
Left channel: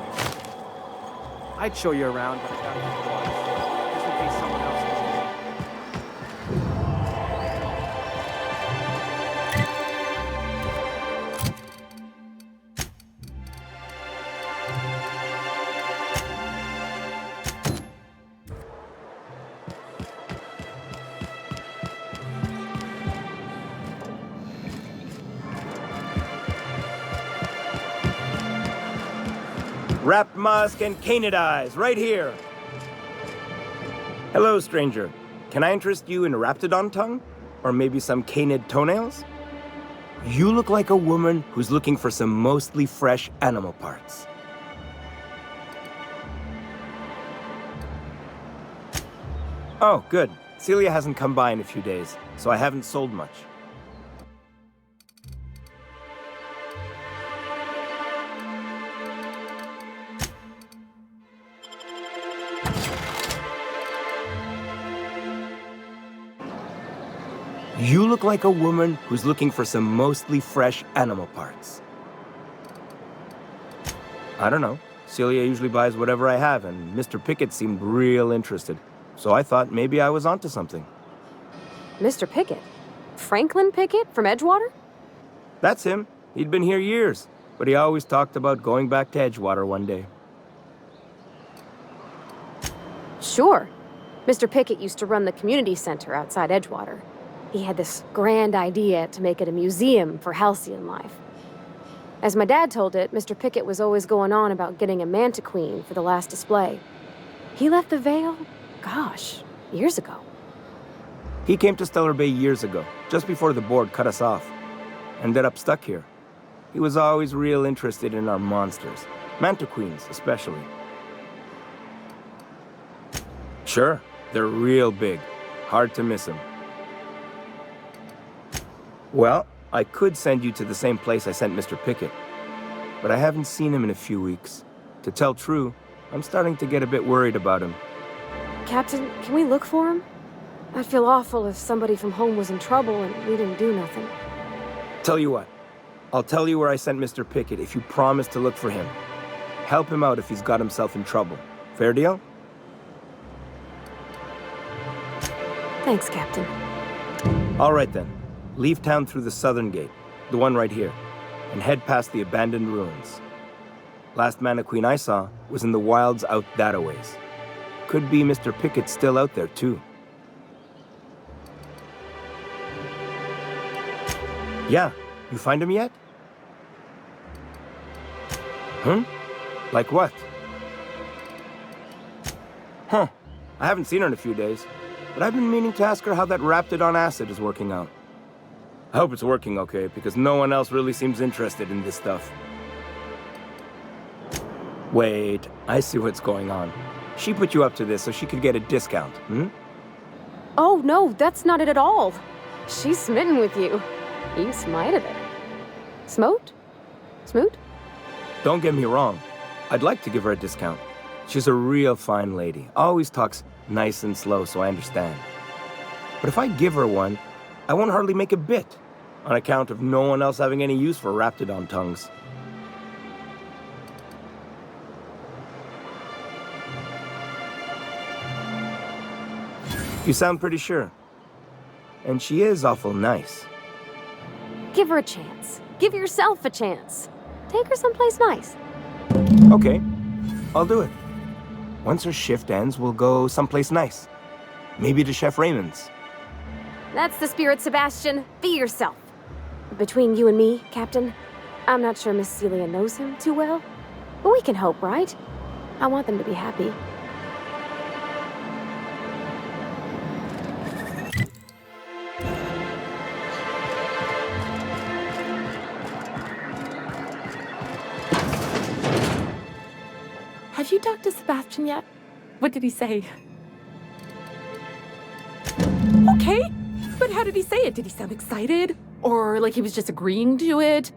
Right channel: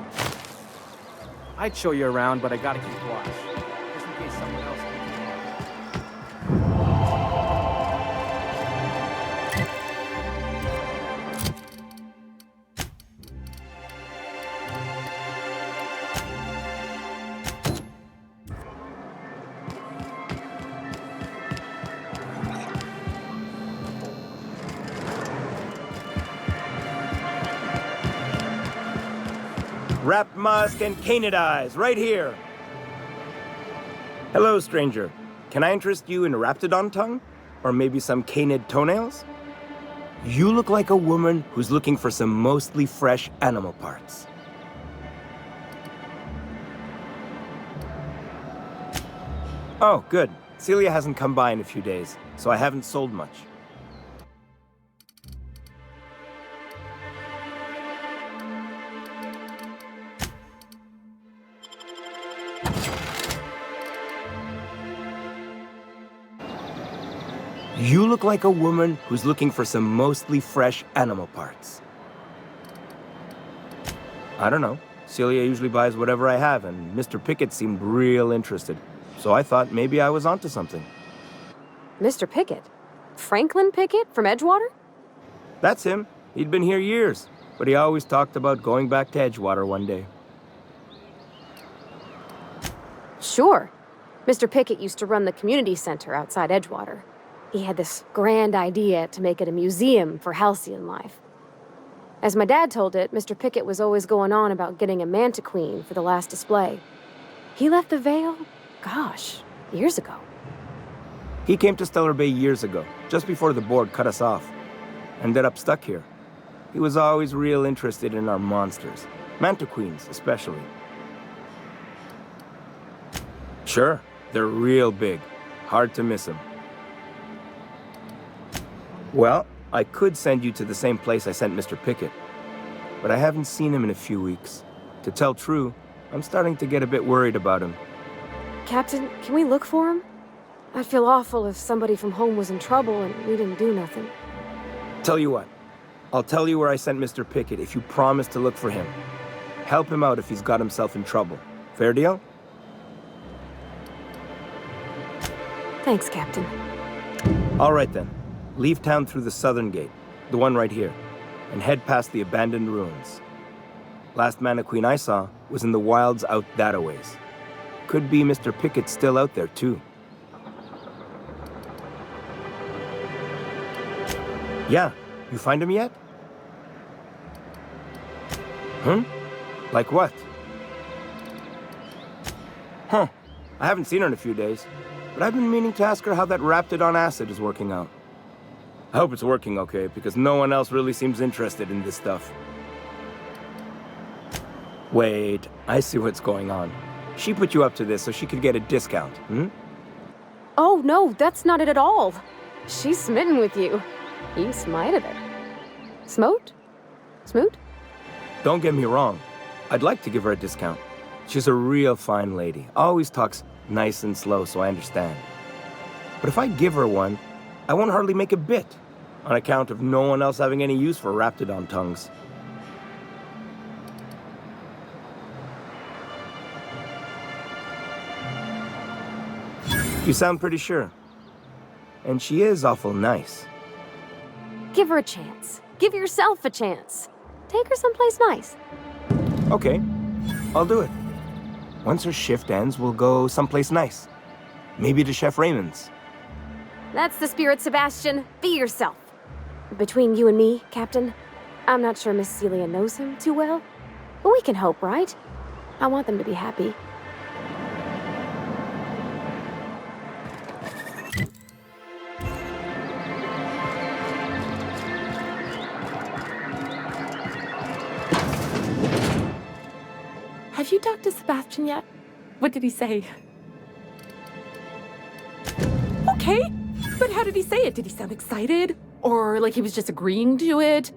I'd show you around, but I gotta keep watch, just in case someone else comes in. Wrapped musk and canid eyes, right here. Hello, stranger. Can I interest you in a raptidon tongue? Or maybe some canid toenails? You look like a woman who's looking for some mostly fresh animal parts. Oh, good. Celia hasn't come by in a few days, so I haven't sold much. You look like a woman who's looking for some mostly fresh animal parts. I don't know. Celia usually buys whatever I have, and Mr. Pickett seemed real interested. So I thought maybe I was onto something. Mr. Pickett? Franklin Pickett from Edgewater? That's him. He'd been here years, but he always talked about going back to Edgewater one day. Sure. Mr. Pickett used to run the community center outside Edgewater. He had this grand idea to make it a museum for halcyon life. As my dad told it, Mr. Pickett was always going on about getting a manta queen for the last display. He left the Vale, gosh, years ago. He came to Stellar Bay years ago, just before the board cut us off. Ended up stuck here. He was always real interested in our monsters, manta queens especially. Sure, they're real big. Hard to miss them. Well, I could send you to the same place I sent Mr. Pickett, but I haven't seen him in a few weeks. To tell true, I'm starting to get a bit worried about him. Captain, can we look for him? I'd feel awful if somebody from home was in trouble and we didn't do nothing. Tell you what, I'll tell you where I sent Mr. Pickett if you promise to look for him. Help him out if he's got himself in trouble. Fair deal? Thanks, Captain. All right then. Leave town through the southern gate, the one right here, and head past the abandoned ruins. Last Mana Queen I saw was in the wilds out that-a-ways. Could be Mr. Pickett still out there, too. Yeah, you find him yet? Like what? Huh, I haven't seen her in a few days, but I've been meaning to ask her how that Raptidon acid is working out. I hope it's working okay, because no one else really seems interested in this stuff. Wait, I see what's going on. She put you up to this so she could get a discount, Oh, no, that's not it at all. She's smitten with you. You smited her. Smote? Smoot? Don't get me wrong. I'd like to give her a discount. She's a real fine lady. Always talks nice and slow, so I understand. But if I give her one, I won't hardly make a bit, on account of no one else having any use for Raptidon tongues. You sound pretty sure. And she is awful nice. Give her a chance. Give yourself a chance. Take her someplace nice. Okay, I'll do it. Once her shift ends, we'll go someplace nice. Maybe to Chef Raymond's. That's the spirit, Sebastian. Be yourself. Between you and me, Captain, I'm not sure Miss Celia knows him too well. But we can hope, right? I want them to be happy. Have you talked to Sebastian yet? What did he say? Okay, but how did he say it? Did he sound excited? Or like he was just agreeing to it?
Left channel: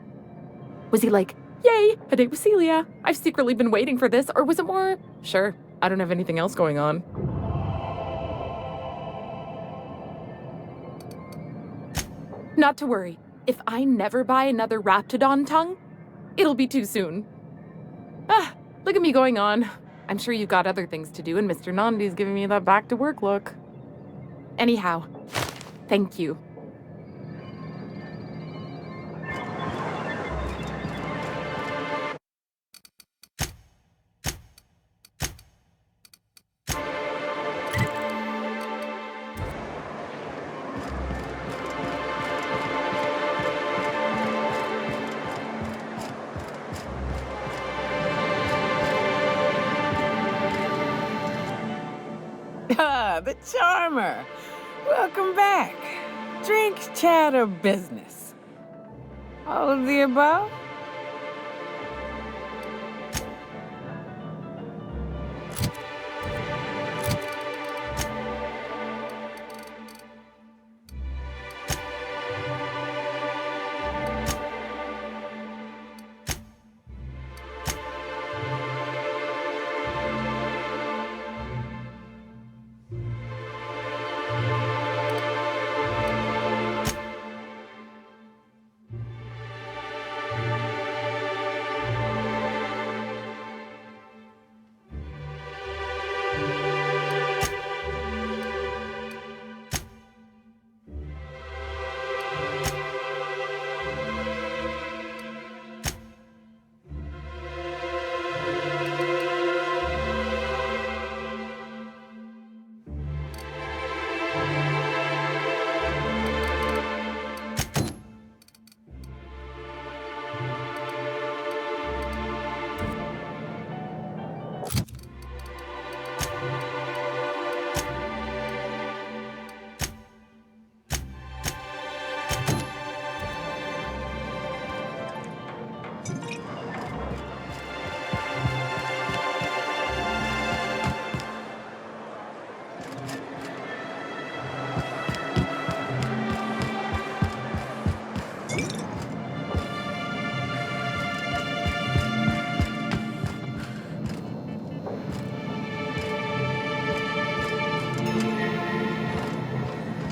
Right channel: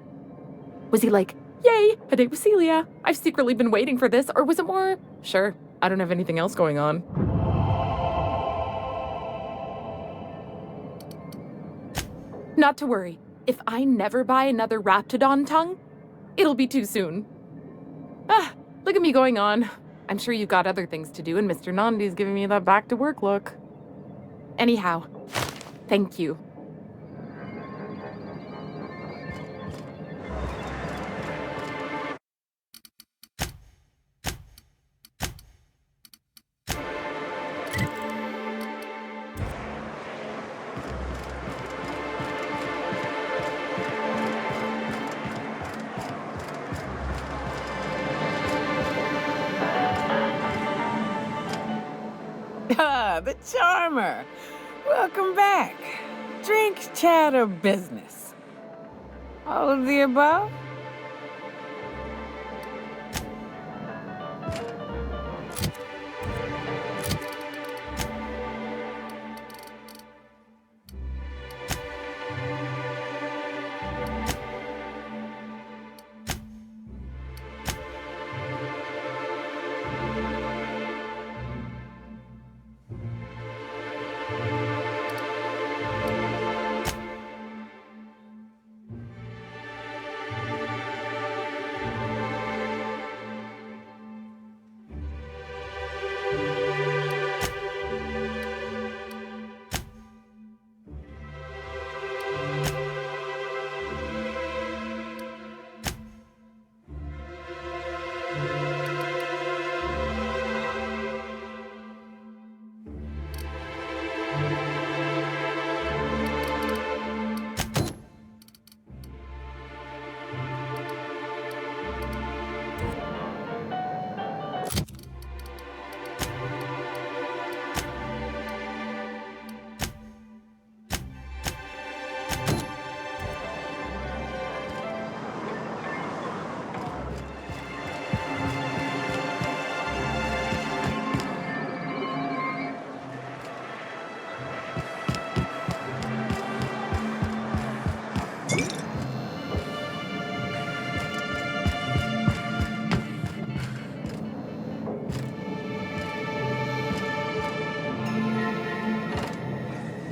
Was he like, yay, a date with Celia. I've secretly been waiting for this. Or was it more, sure, I don't have anything else going on. Not to worry. If I never buy another Raptidon tongue, it'll be too soon. Look at me going on. I'm sure you've got other things to do, and Mr. Nandi's giving me that back-to-work look. Anyhow, thank you. Ah, the charmer. Welcome back. Drink, chat, or business? All of the above?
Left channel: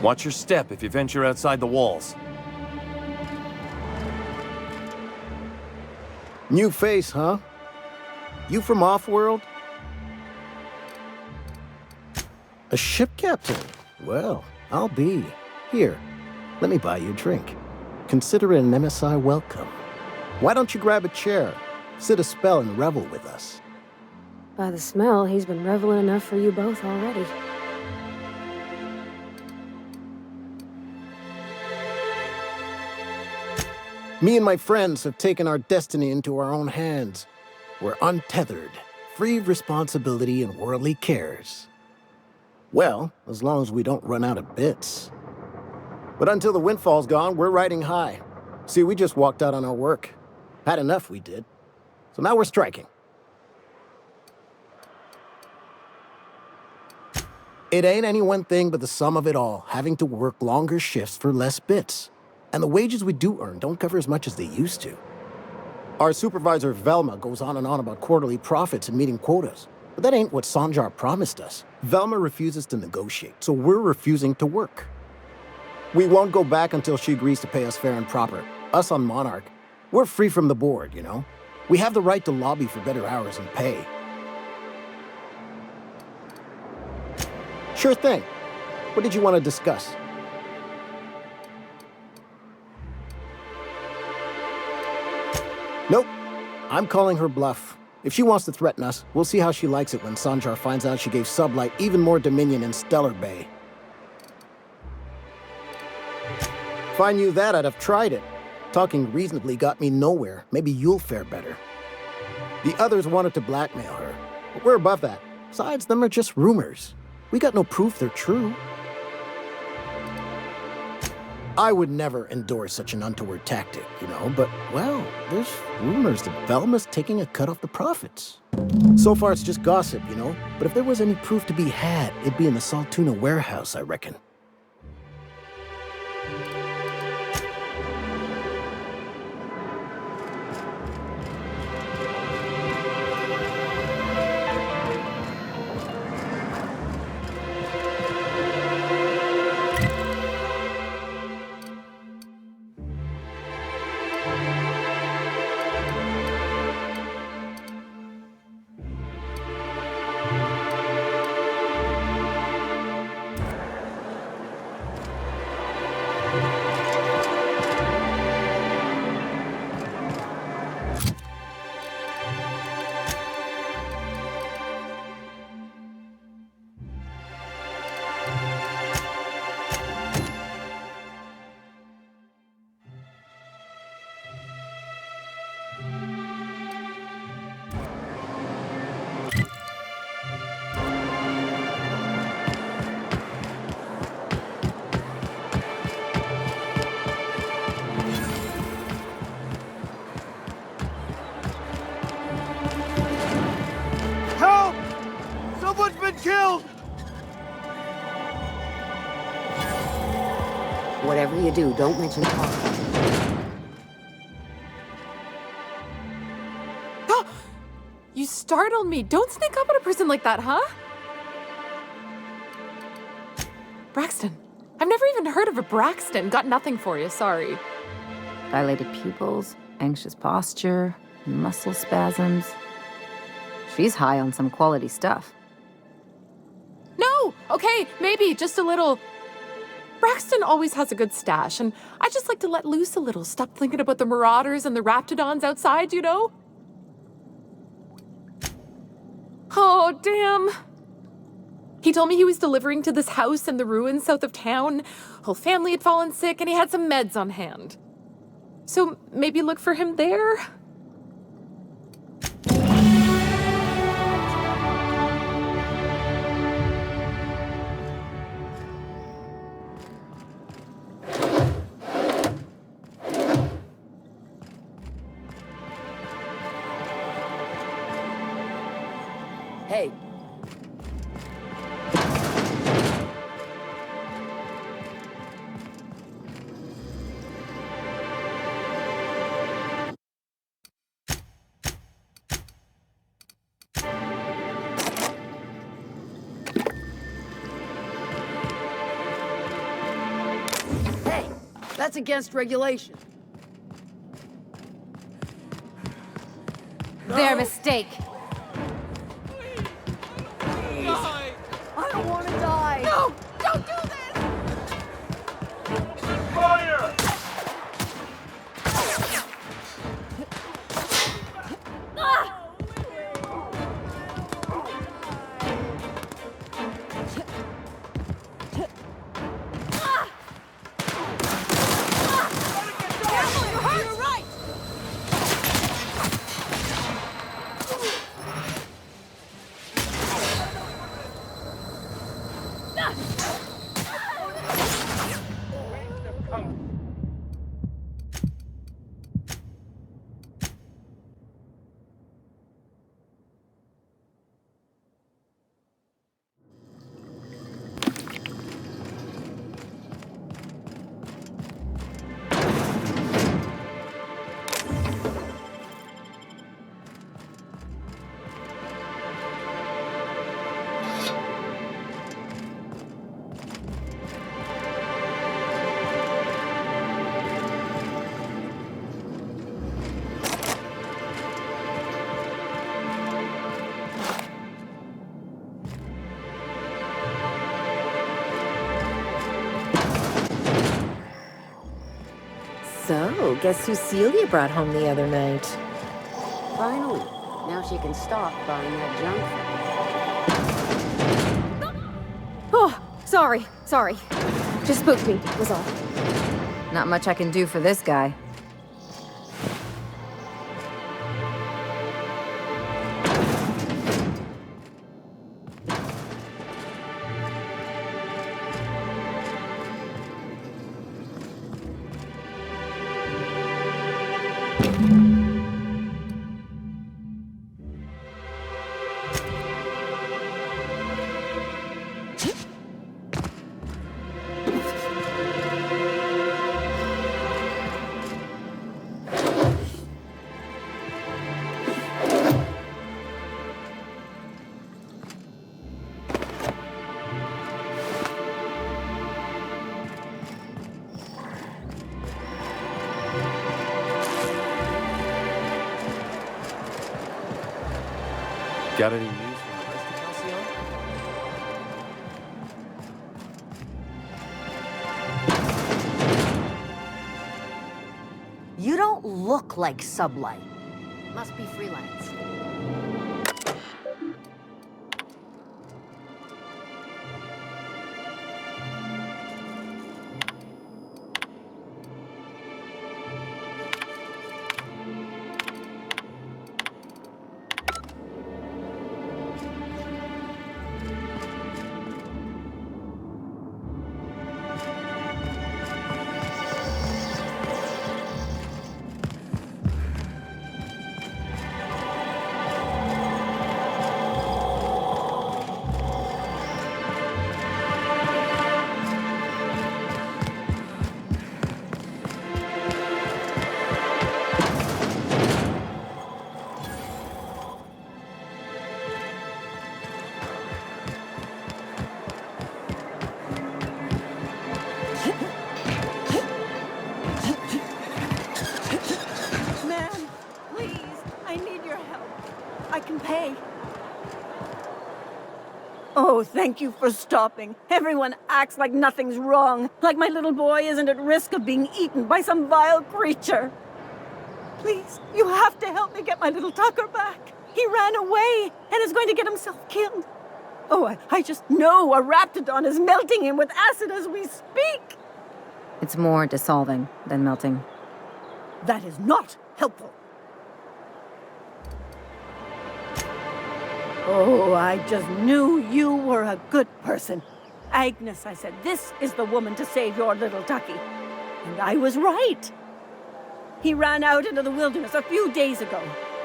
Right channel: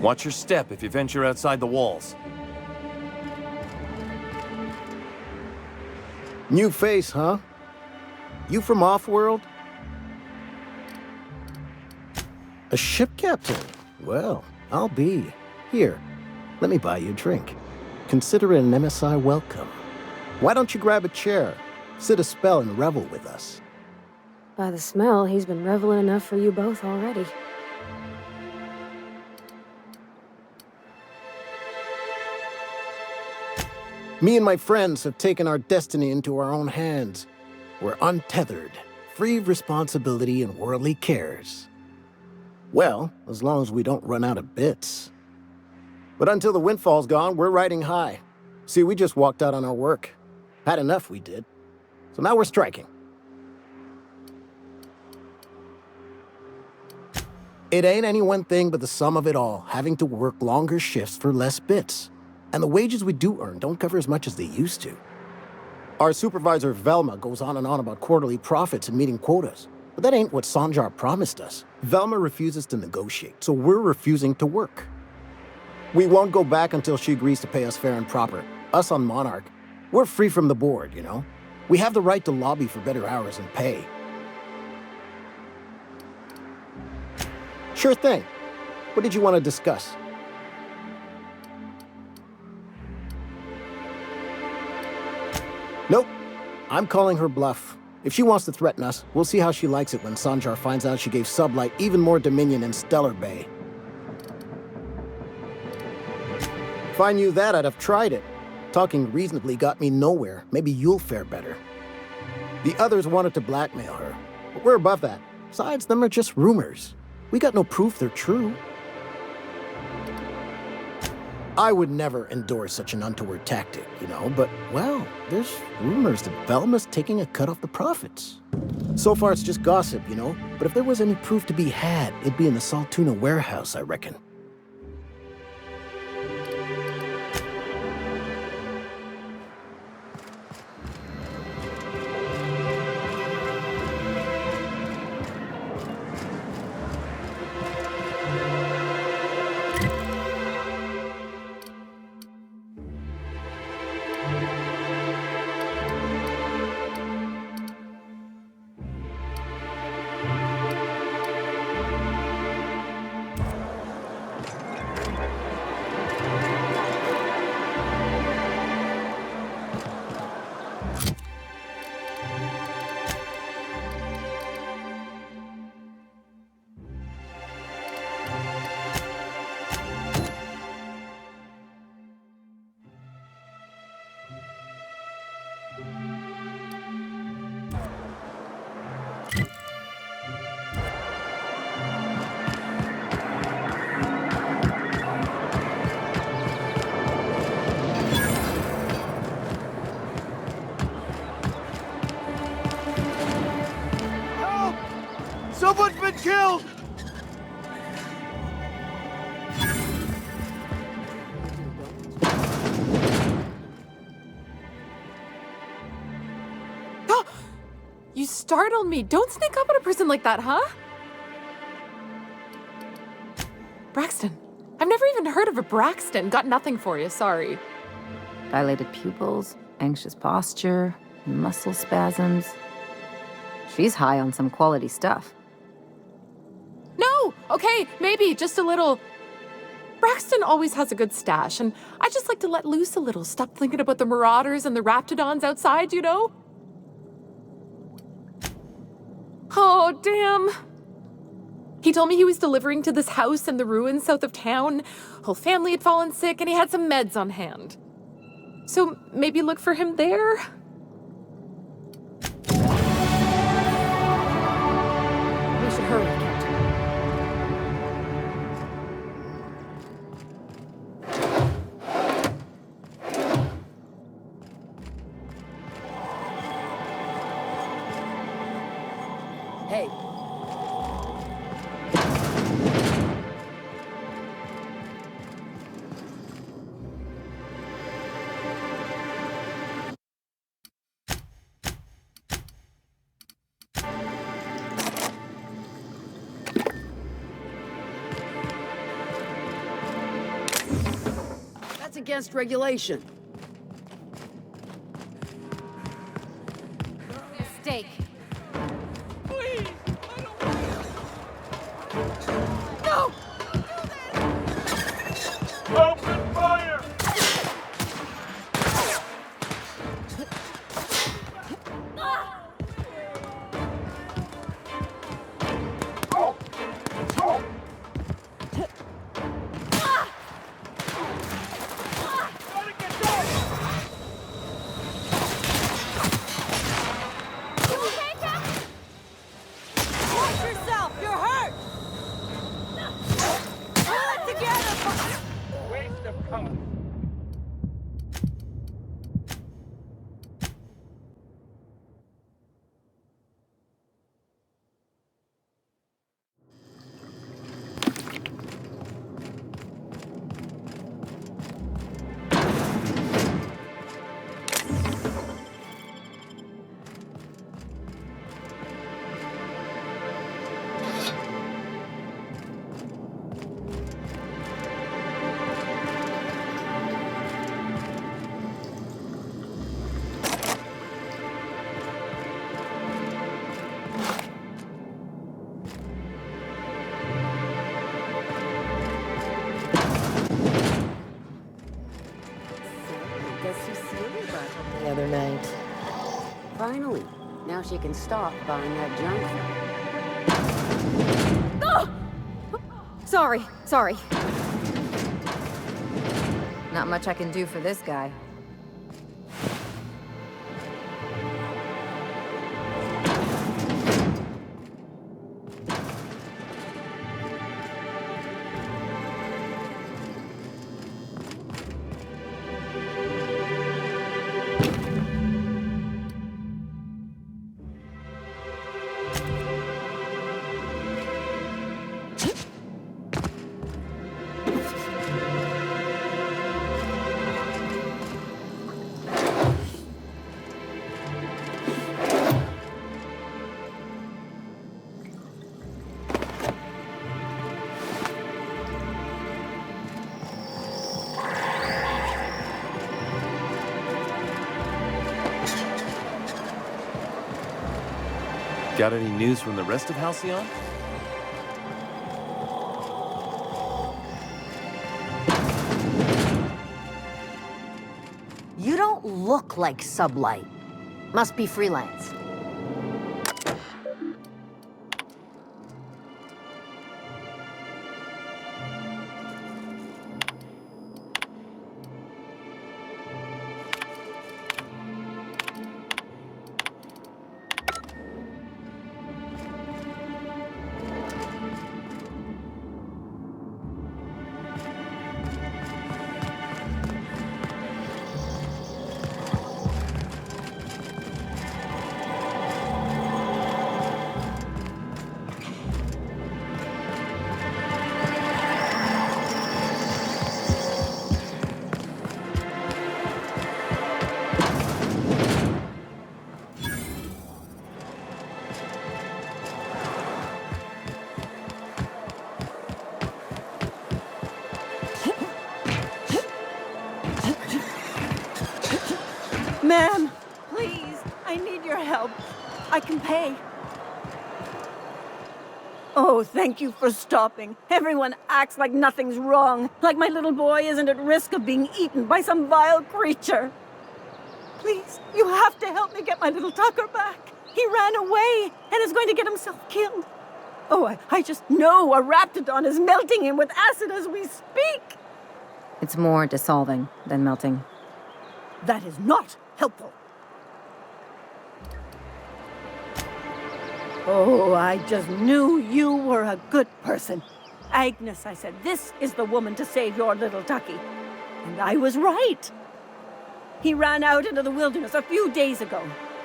Watch your step if you venture outside the walls. New face, huh? You from off-world? A ship captain? Well, I'll be. Here, let me buy you a drink. Consider it an MSI welcome. Why don't you grab a chair, sit a spell and revel with us? By the smell, he's been reveling enough for you both already. Me and my friends have taken our destiny into our own hands. We're untethered, free of responsibility and worldly cares. Well, as long as we don't run out of bits. But until the windfall's gone, we're riding high. See, we just walked out on our work. Had enough, we did. So now we're striking. It ain't any one thing but the sum of it all, having to work longer shifts for less bits. And the wages we do earn don't cover as much as they used to. Our supervisor, Velma, goes on and on about quarterly profits and meeting quotas. But that ain't what Sanjar promised us. Velma refuses to negotiate, so we're refusing to work. We won't go back until she agrees to pay us fair and proper. Us on Monarch, we're free from the board, you know? We have the right to lobby for better hours and pay. Sure thing. What did you want to discuss? Nope. I'm calling her bluff. If she wants to threaten us, we'll see how she likes it when Sanjar finds out she gave Sublight even more dominion in Stellar Bay. If I knew that, I'd have tried it. Talking reasonably got me nowhere. Maybe you'll fare better. The others wanted to blackmail her, but we're above that. Besides, them are just rumors. We got no proof they're true. I would never endorse such an untoward tactic, you know, but, well, there's rumors that Velma's taking a cut off the profits. So far, it's just gossip, you know, but if there was any proof to be had, it'd be in the Saltuna warehouse, I reckon. Someone's been killed! Whatever you do, don't mention it. You startled me. Don't sneak up on a person like that, huh? Braxton. I've never even heard of a Braxton. Got nothing for you, sorry. Dilated pupils, anxious posture, muscle spasms. She's high on some quality stuff. No! Okay, maybe, just a little. Braxton always has a good stash, and I just like to let loose a little. Stop thinking about the marauders and the raptidons outside, you know? Oh, damn. He told me he was delivering to this house in the ruins south of town. Whole family had fallen sick, and he had some meds on hand. So maybe look for him there? Hey. That's against regulation. Their mistake. I don't want to die. No! Don't do this! Open fire! So, guess who Celia brought home the other night? Finally. Now she can stop buying that junk. Oh, sorry. Just spooked me, was all. Not much I can do for this guy. Got any news from the rest of Halcyon? You don't look like Sublight. Must be freelance. your help. I can pay. Oh, thank you for stopping. Everyone acts like nothing's wrong, like my little boy isn't at risk of being eaten by some vile creature. Please, you have to help me get my little Tucker back. He ran away and is going to get himself killed. Oh, I just know a raptidon is melting him with acid as we speak. It's more dissolving than melting. That is not helpful. Oh, I just knew you were a good person. Agnes, I said, this is the woman to save your little Tucky. And I was right. He ran out into the wilderness a few days ago.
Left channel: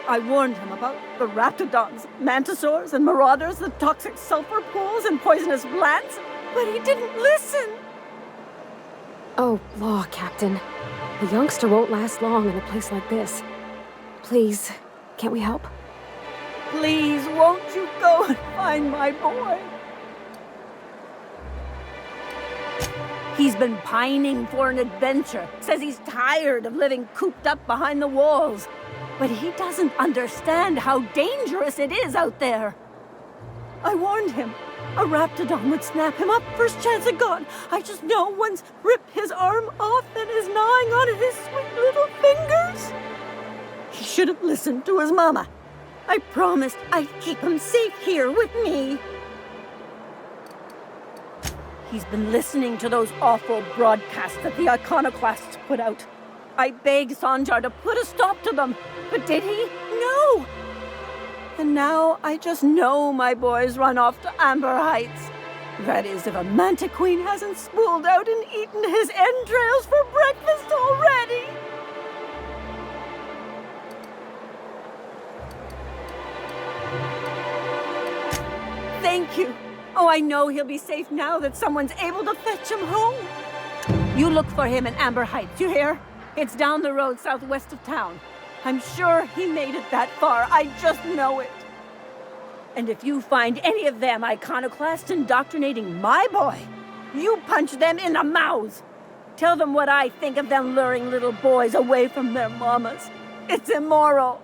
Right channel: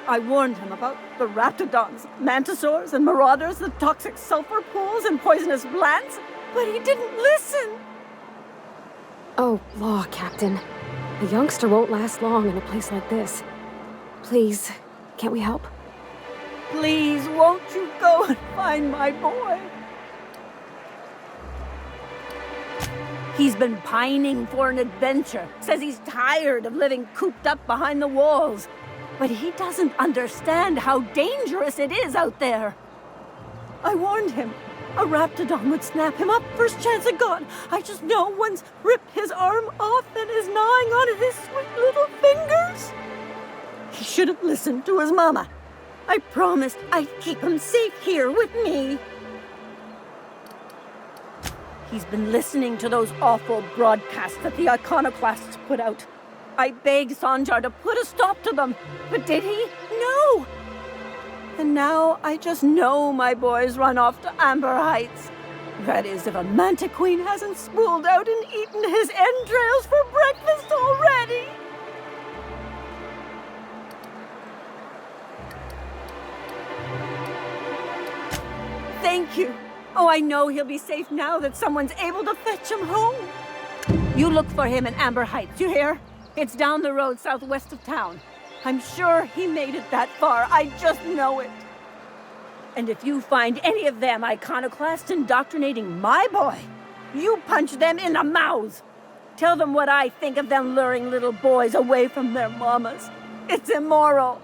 I warned him about the raptidons, mantisaurs, and marauders, the toxic sulfur pools, and poisonous plants, but he didn't listen. Oh, law, Captain. A youngster won't last long in a place like this. Please, can't we help? Please, won't you go and find my boy? He's been pining for an adventure. Says he's tired of living cooped up behind the walls. But he doesn't understand how dangerous it is out there. I warned him. A raptidon would snap him up first chance it got. I just know one's ripped his arm off and is gnawing on his sweet little fingers. He should have listened to his mama. I promised I'd keep him safe here with me. He's been listening to those awful broadcasts that the iconoclasts put out. I begged Sanjar to put a stop to them, but did he? No! And now I just know my boy's run off to Amber Heights. That is, if a manta queen hasn't spooled out and eaten his entrails for breakfast already. Thank you. Oh, I know he'll be safe now that someone's able to fetch him home. You look for him in Amber Heights, you hear? It's down the road southwest of town. I'm sure he made it that far. I just know it. And if you find any of them iconoclasts indoctrinating my boy, you punch them in the mouths. Tell them what I think of them luring little boys away from their mamas. It's immoral.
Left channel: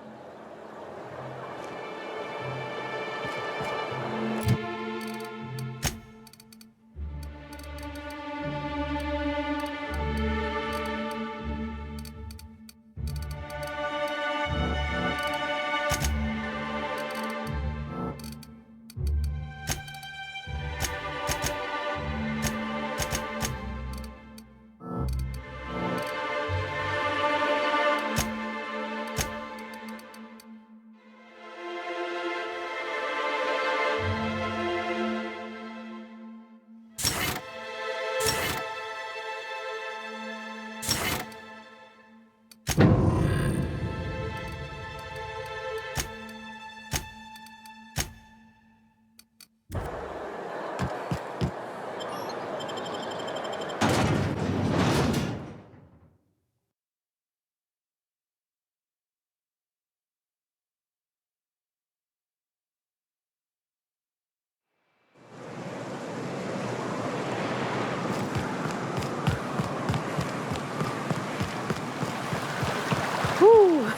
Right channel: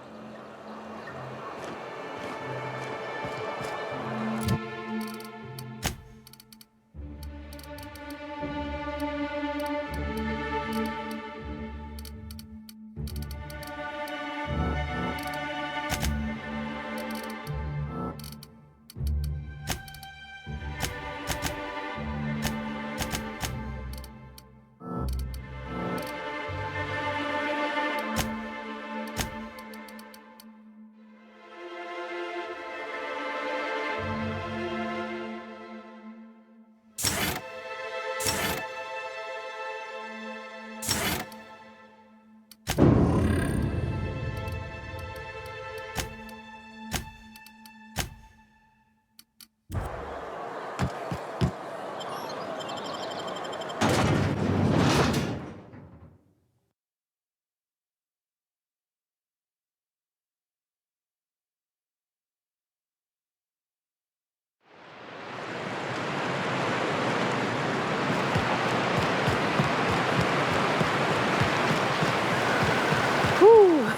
Whew.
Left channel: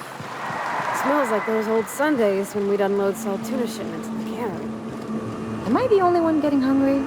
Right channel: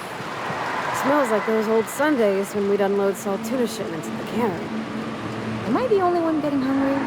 Smells like those old Sundays when we'd unload salt tuna shipments at the cannery. Am I the only one getting hungry?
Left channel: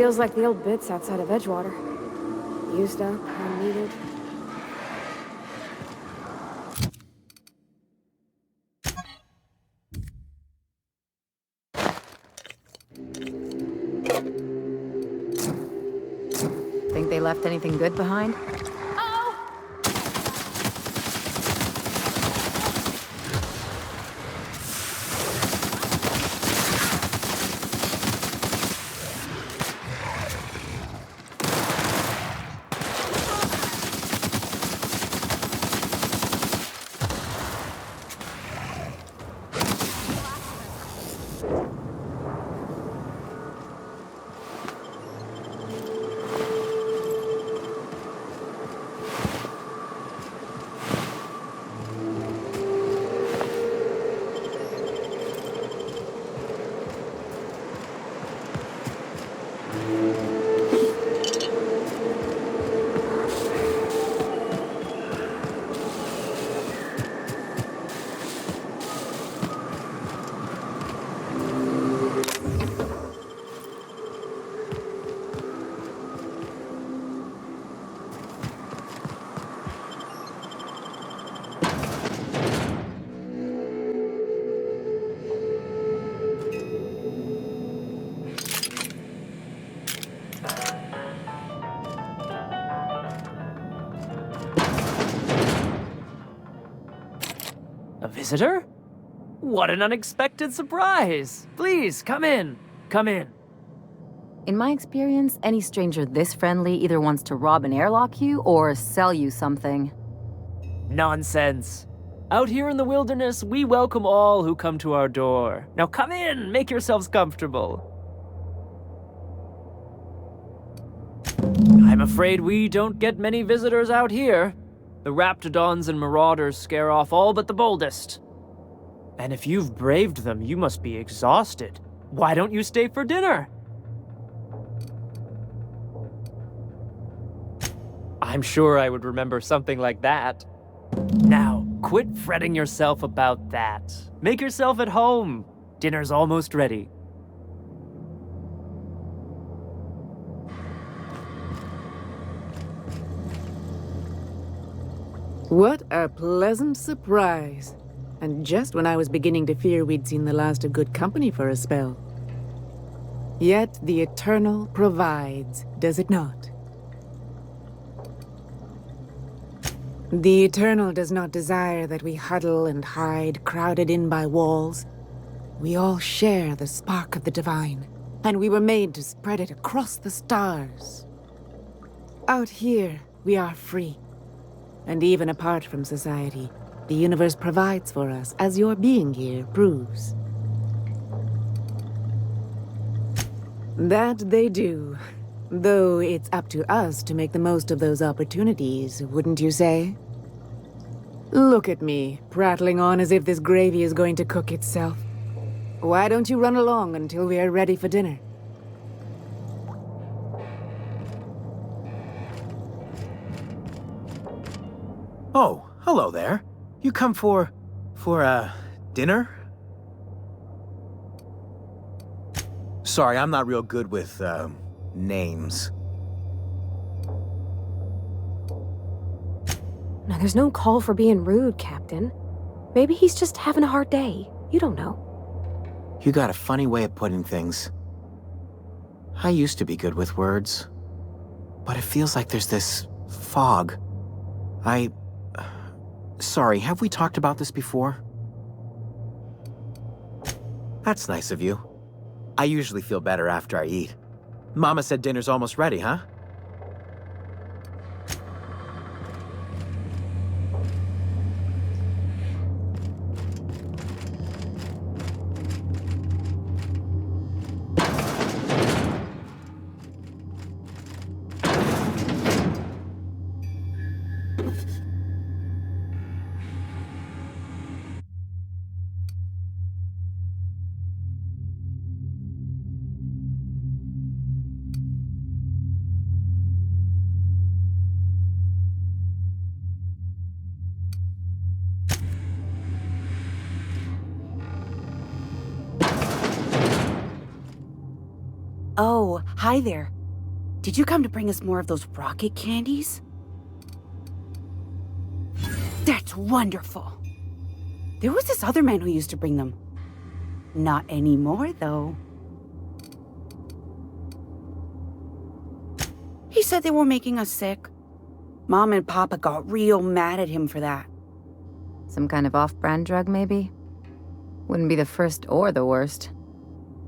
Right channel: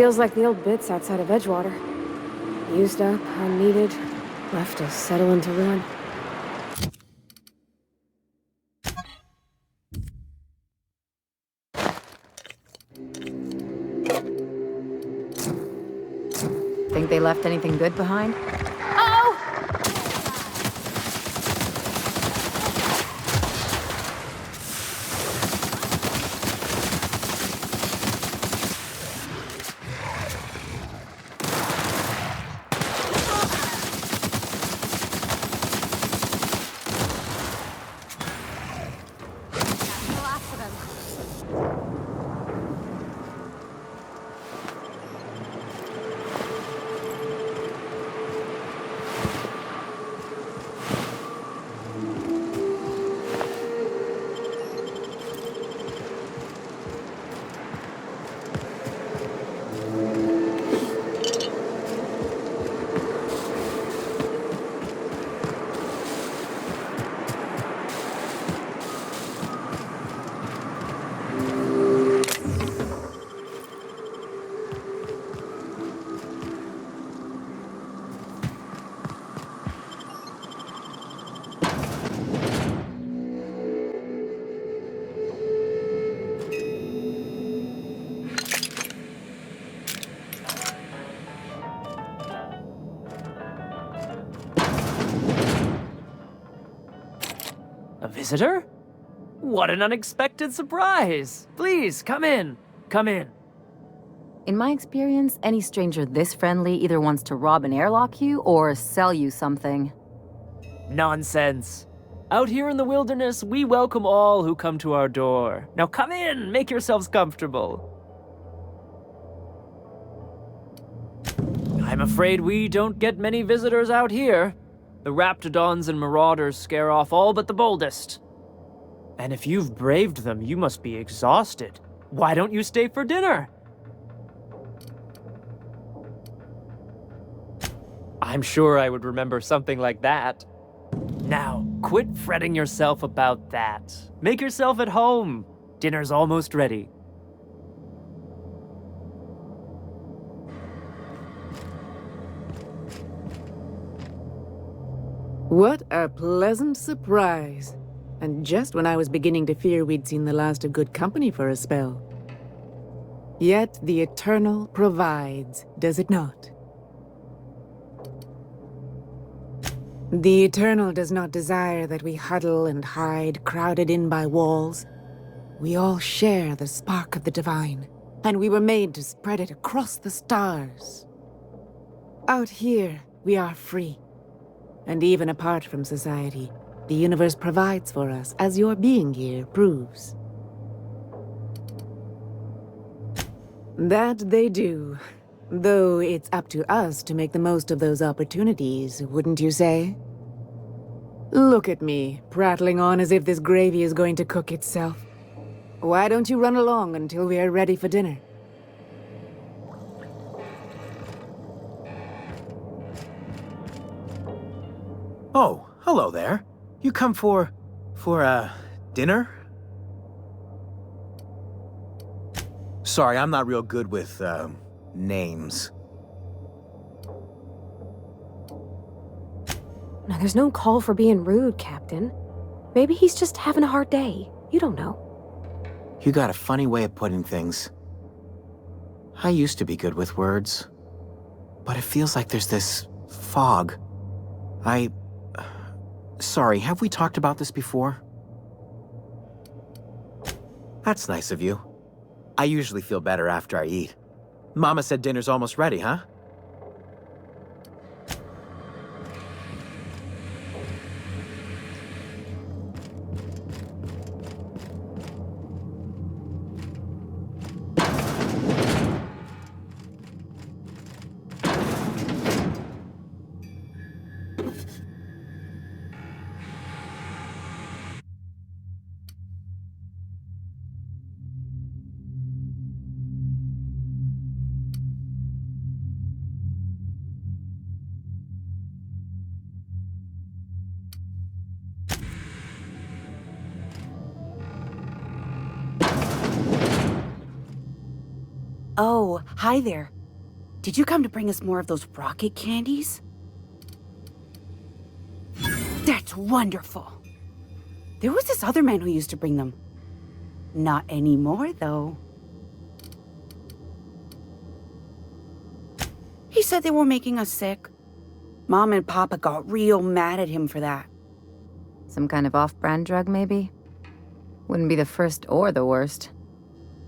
Feels like the old bits outside of Edgewater. Used up, unneeded, left to settle into ruin. Think they left anything good behind? A visitor? What an unexpected surprise! Please, come in. Come in. In my experience, any stranger this friendly either wants to rob and airlock you or sell you something. Nonsense. Out here in the wilderness, we welcome all who come to our door. Now come in, make yourselves comfortable. I'm afraid we don't get many visitors out here. The raptidons and marauders scare off all but the boldest. And if you've braved them, you must be exhausted. Why don't you stay for dinner? I'm sure I would remember something like that. Now, quit fretting yourself about that. Make yourself at home. Dinner's almost ready. What a pleasant surprise. And just when I was beginning to fear we'd seen the last of good company for a spell. Yet the Eternal provides, does it not? The Eternal does not desire that we huddle and hide, crowded in by walls. We all share the spark of the divine, and we were made to spread it across the stars. Out here, we are free. And even apart from society, the universe provides for us, as your being here proves. That they do. Though it's up to us to make the most of those opportunities, wouldn't you say? Look at me, prattling on as if this gravy is going to cook itself. Why don't you run along until we are ready for dinner? Oh, hello there. You come for dinner? Sorry, I'm not real good with, names. Now, there's no call for being rude, Captain. Maybe he's just having a hard day. You don't know. You got a funny way of putting things. I used to be good with words, but it feels like there's this fog. Sorry, have we talked about this before? That's nice of you. I usually feel better after I eat. Mama said dinner's almost ready, huh? Oh, hi there. Did you come to bring us more of those rocket candies? That's wonderful. There was this other man who used to bring them. Not anymore, though. He said they were making us sick. Mom and Papa got real mad at him for that. Some kind of off-brand drug, maybe? Wouldn't be the first or the worst.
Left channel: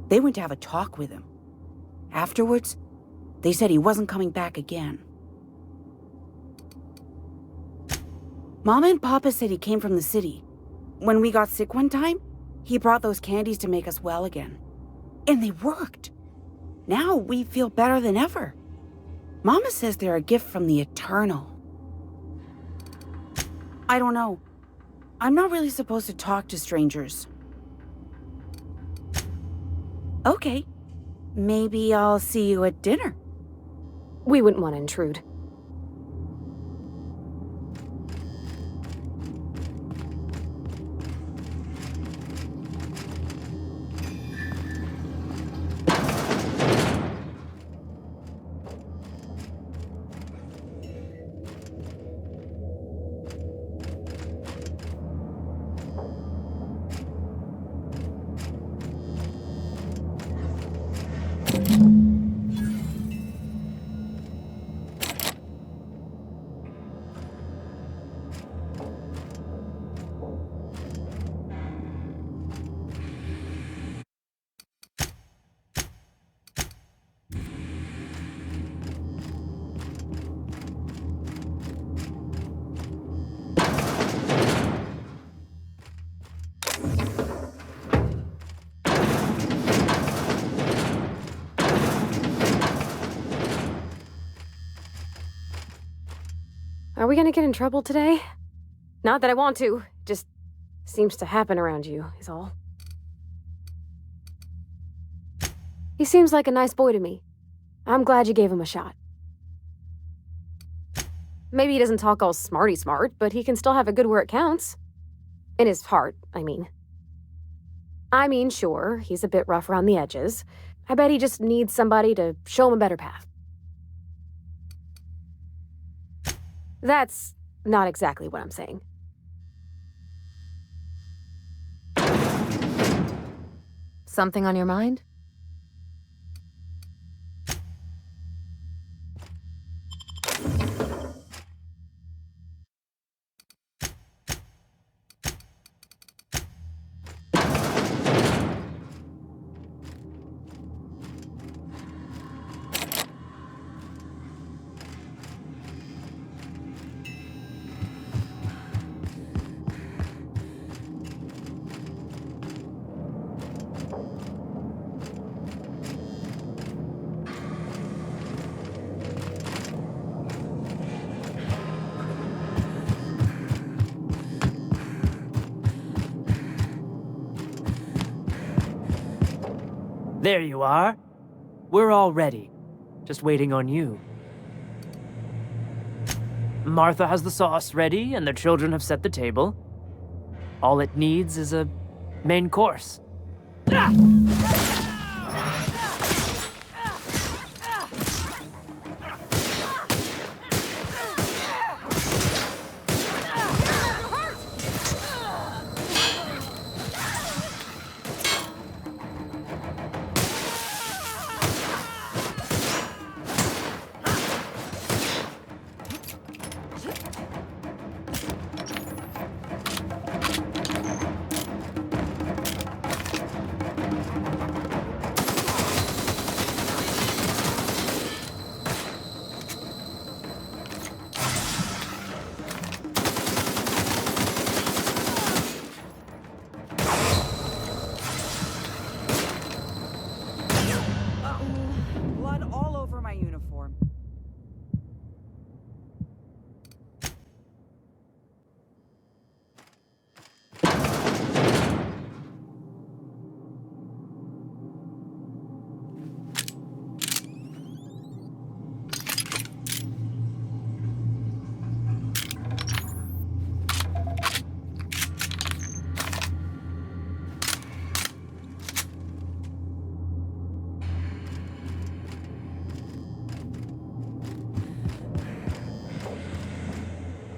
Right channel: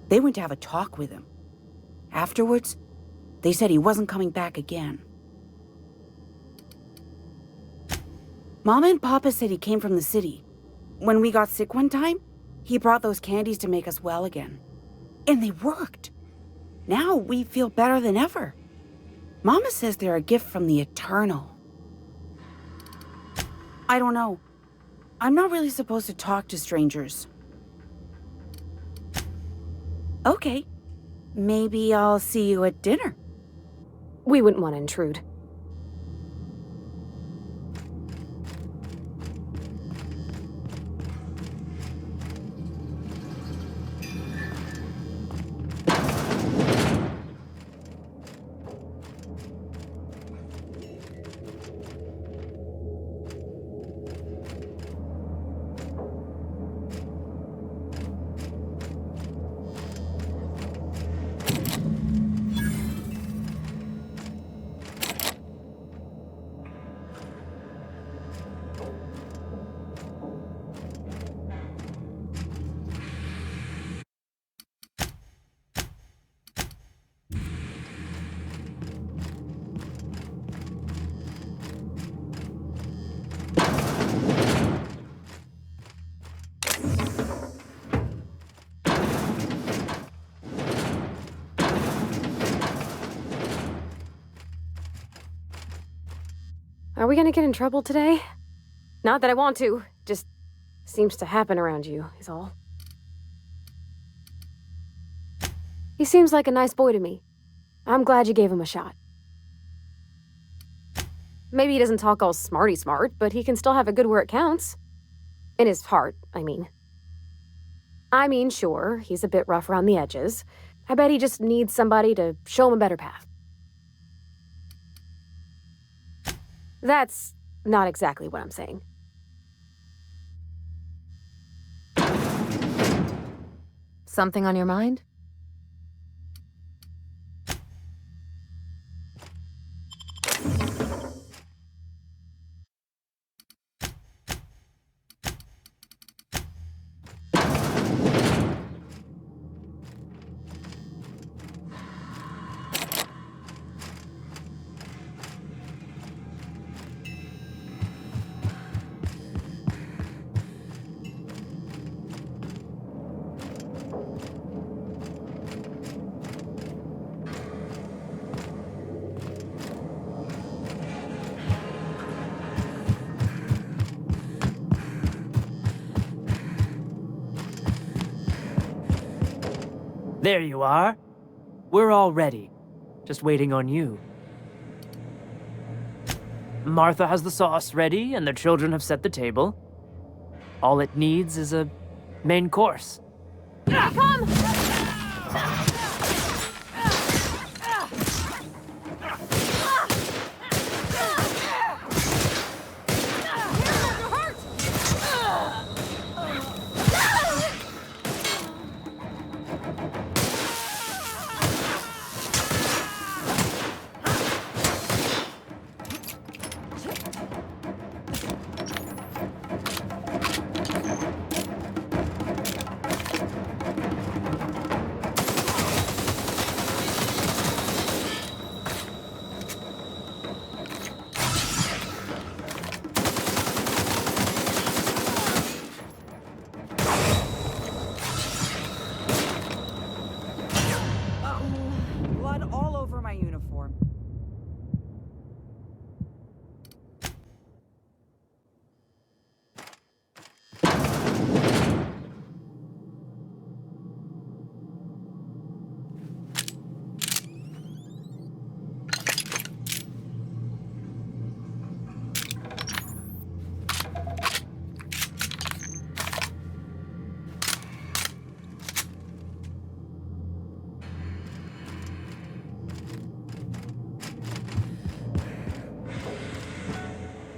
They went to have a talk with him. Afterwards, they said he wasn't coming back again. Mama and Papa said he came from the city. When we got sick one time, he brought those candies to make us well again. And they worked. Now we feel better than ever. Mama says they're a gift from the Eternal. I don't know. I'm not really supposed to talk to strangers. Okay. Maybe I'll see you at dinner. We wouldn't want to intrude. we gonna get in trouble today? Not that I want to, just seems to happen around you, is all. He seems like a nice boy to me. I'm glad you gave him a shot. Maybe he doesn't talk all smarty smart, but he can still have it good where it counts. In his heart, I mean. Sure, he's a bit rough around the edges. I bet he just needs somebody to show him a better path. That's not exactly what I'm saying. Something on your mind? There you are. We're all ready. Just waiting on you. Martha has the sauce ready, and the children have set the table. All it needs is a main course. Blood all over my uniform.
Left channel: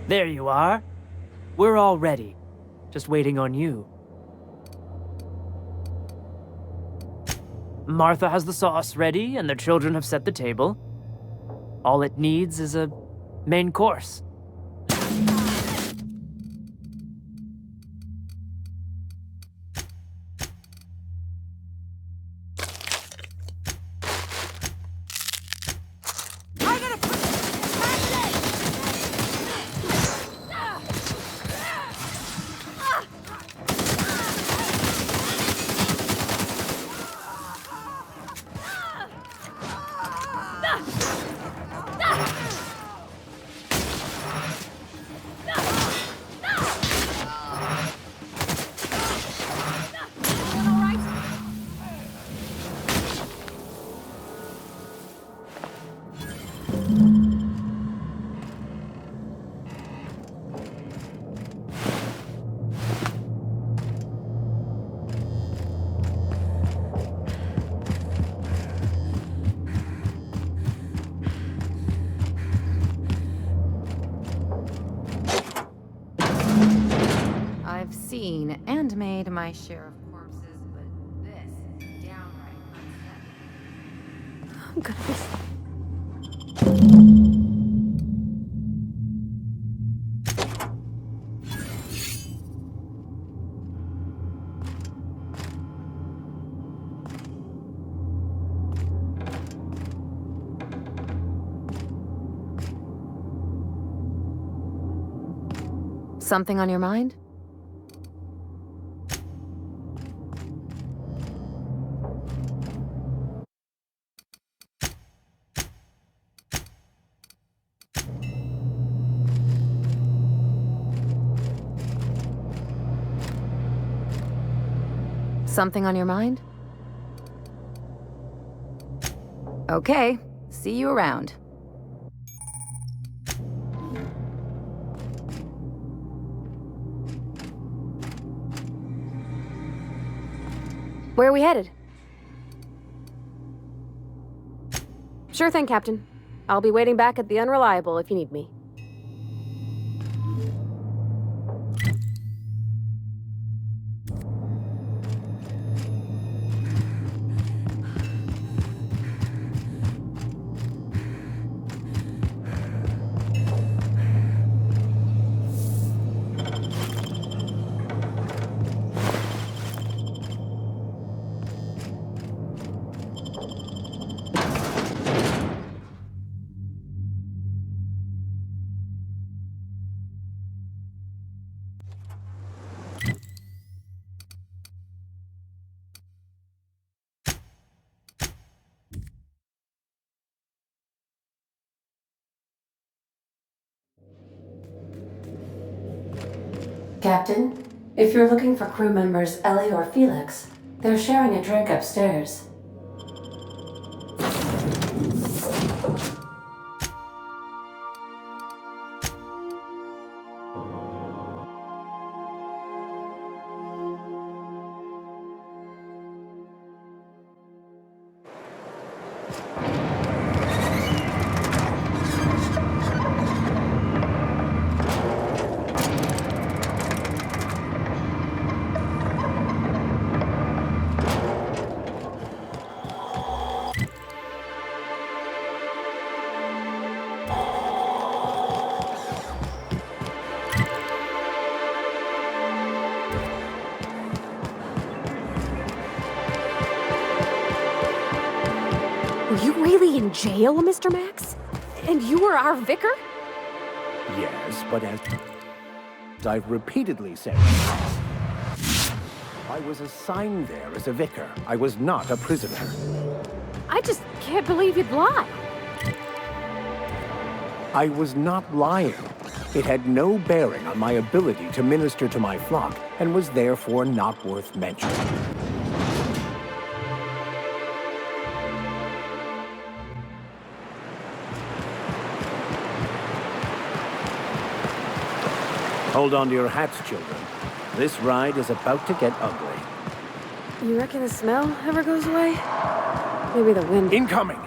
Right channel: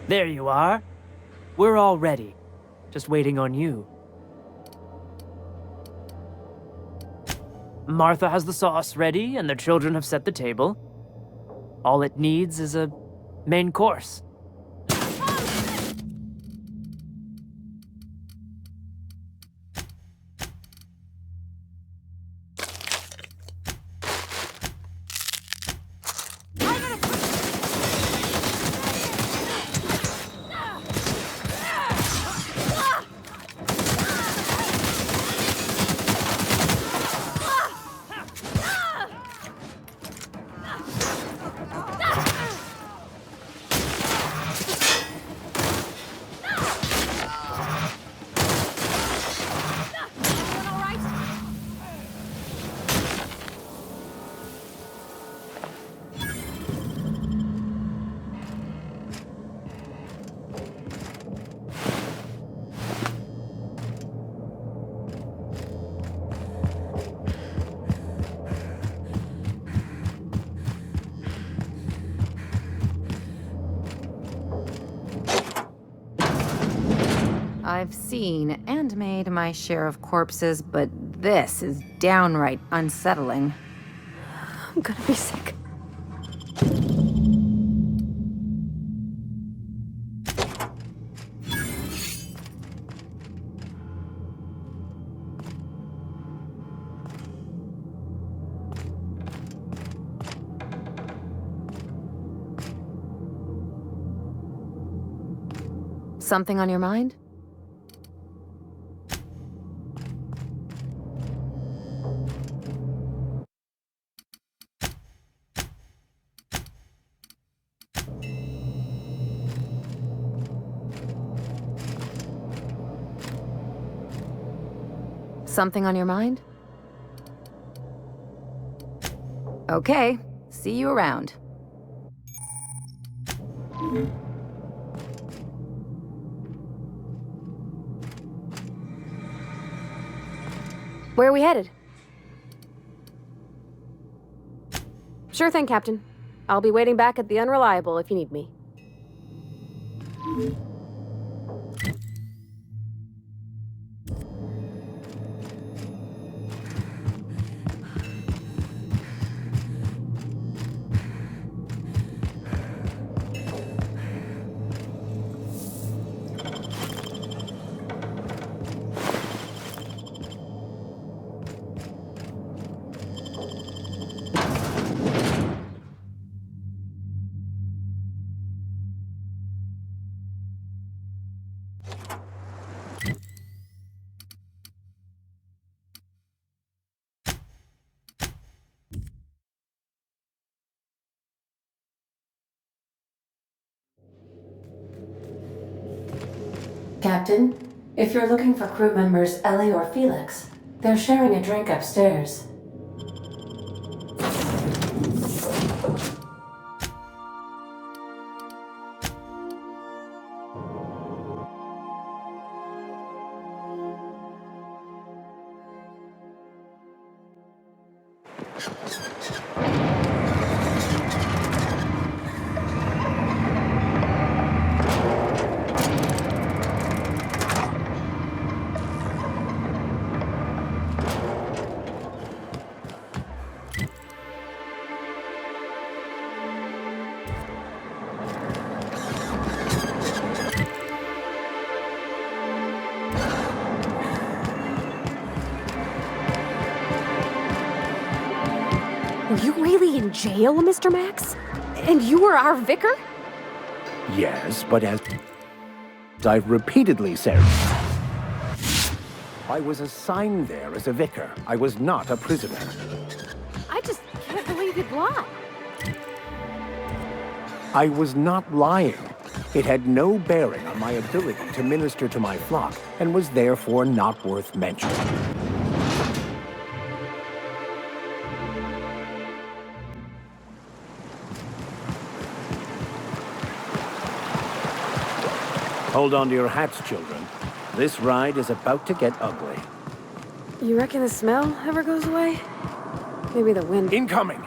There you are. We're all ready. Just waiting on you. Martha has the sauce ready, and the children have set the table. All it needs is a main course. I've seen and made my share of corpses, but this is downright unsettling. I'm gonna be sick. Something on your mind? Something on your mind? Okay, see you around. Where are we headed? Sure thing, Captain. I'll be waiting back at the Unreliable if you need me. Captain, if you're looking for crew members Ellie or Felix, they're sharing a drink upstairs. Were you really in jail, Mr. Max? And you were our vicar? Yes, but as I've repeatedly said, I was assigned there as a vicar. I was not a prisoner. I just can't believe you'd lie. I was not lying. It had no bearing on my ability to minister to my flock, and was therefore not worth mentioning. Hold on to your hats, children. This ride is about to get ugly. You reckon the smell ever goes away? Maybe the wind... Incoming!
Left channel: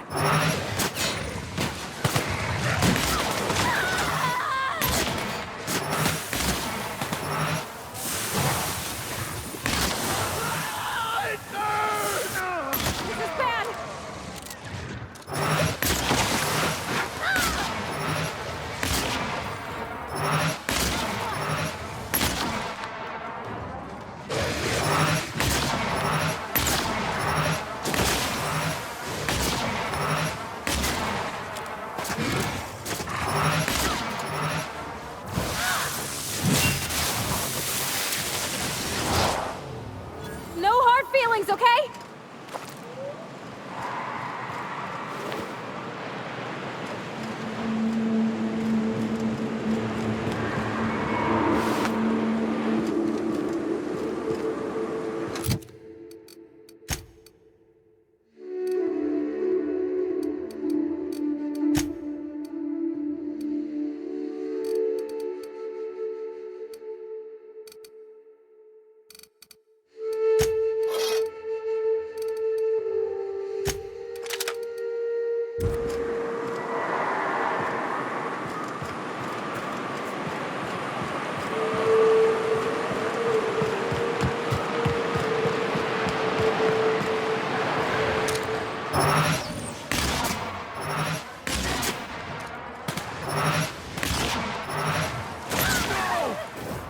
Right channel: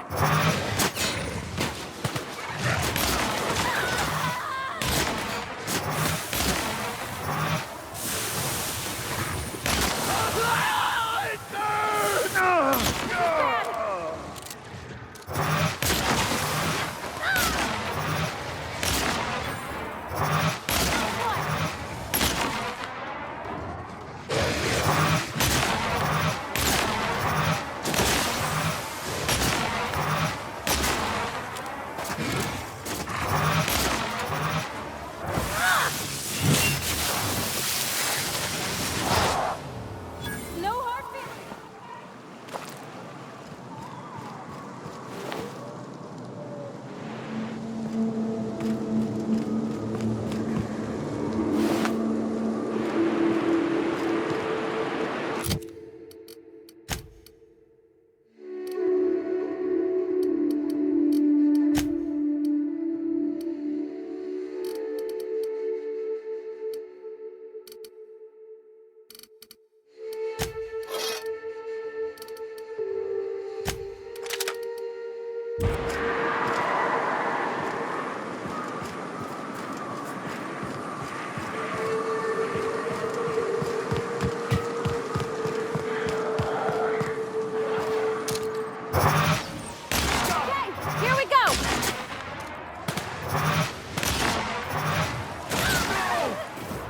No hard feelings, okay?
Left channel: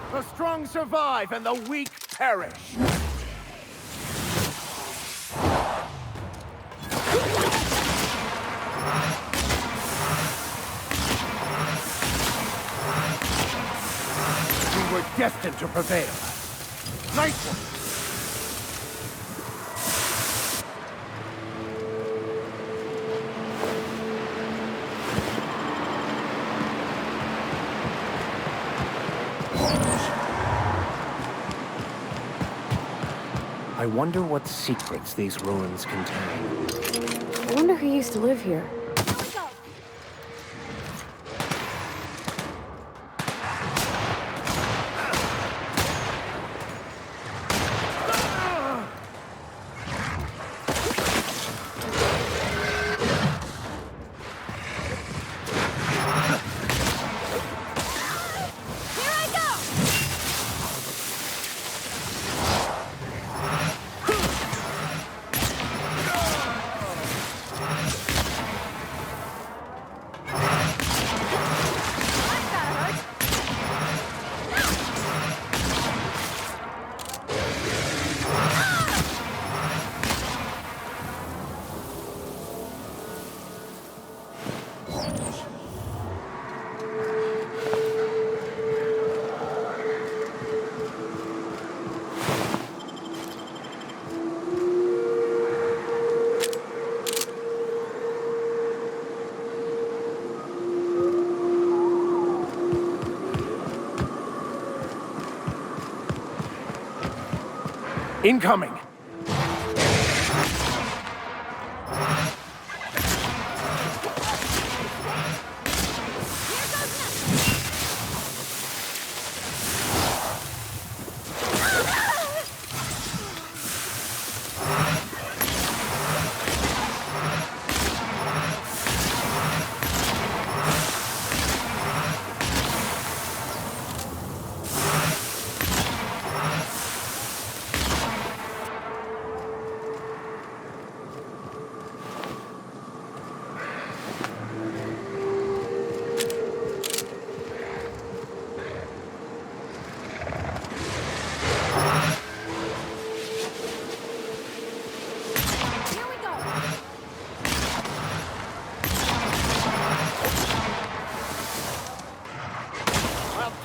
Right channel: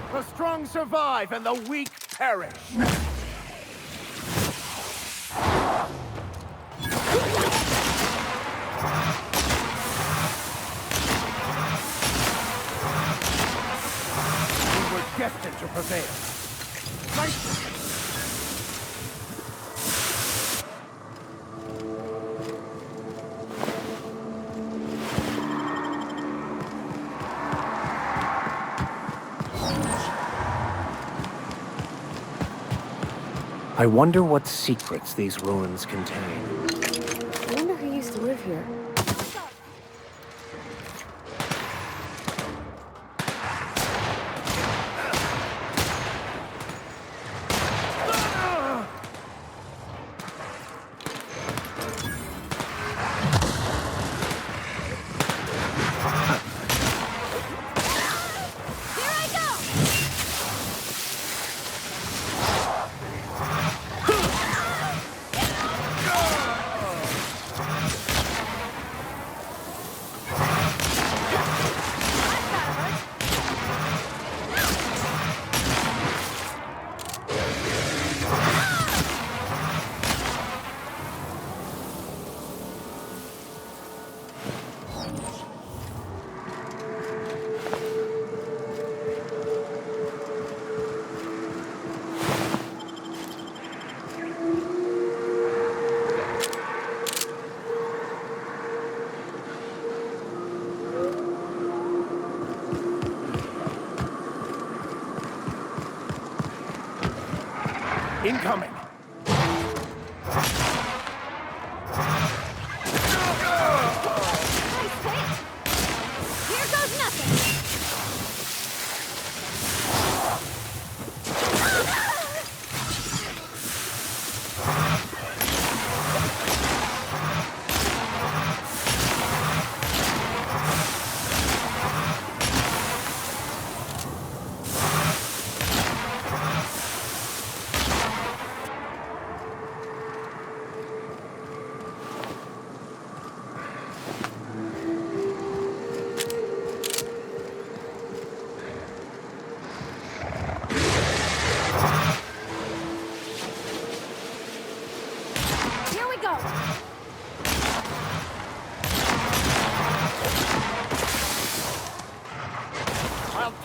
The strong survive and the weak perish. We were destined to prevail. Nice one. I wonder what secrets these ruins contain. I wonder who used to live here. Incoming!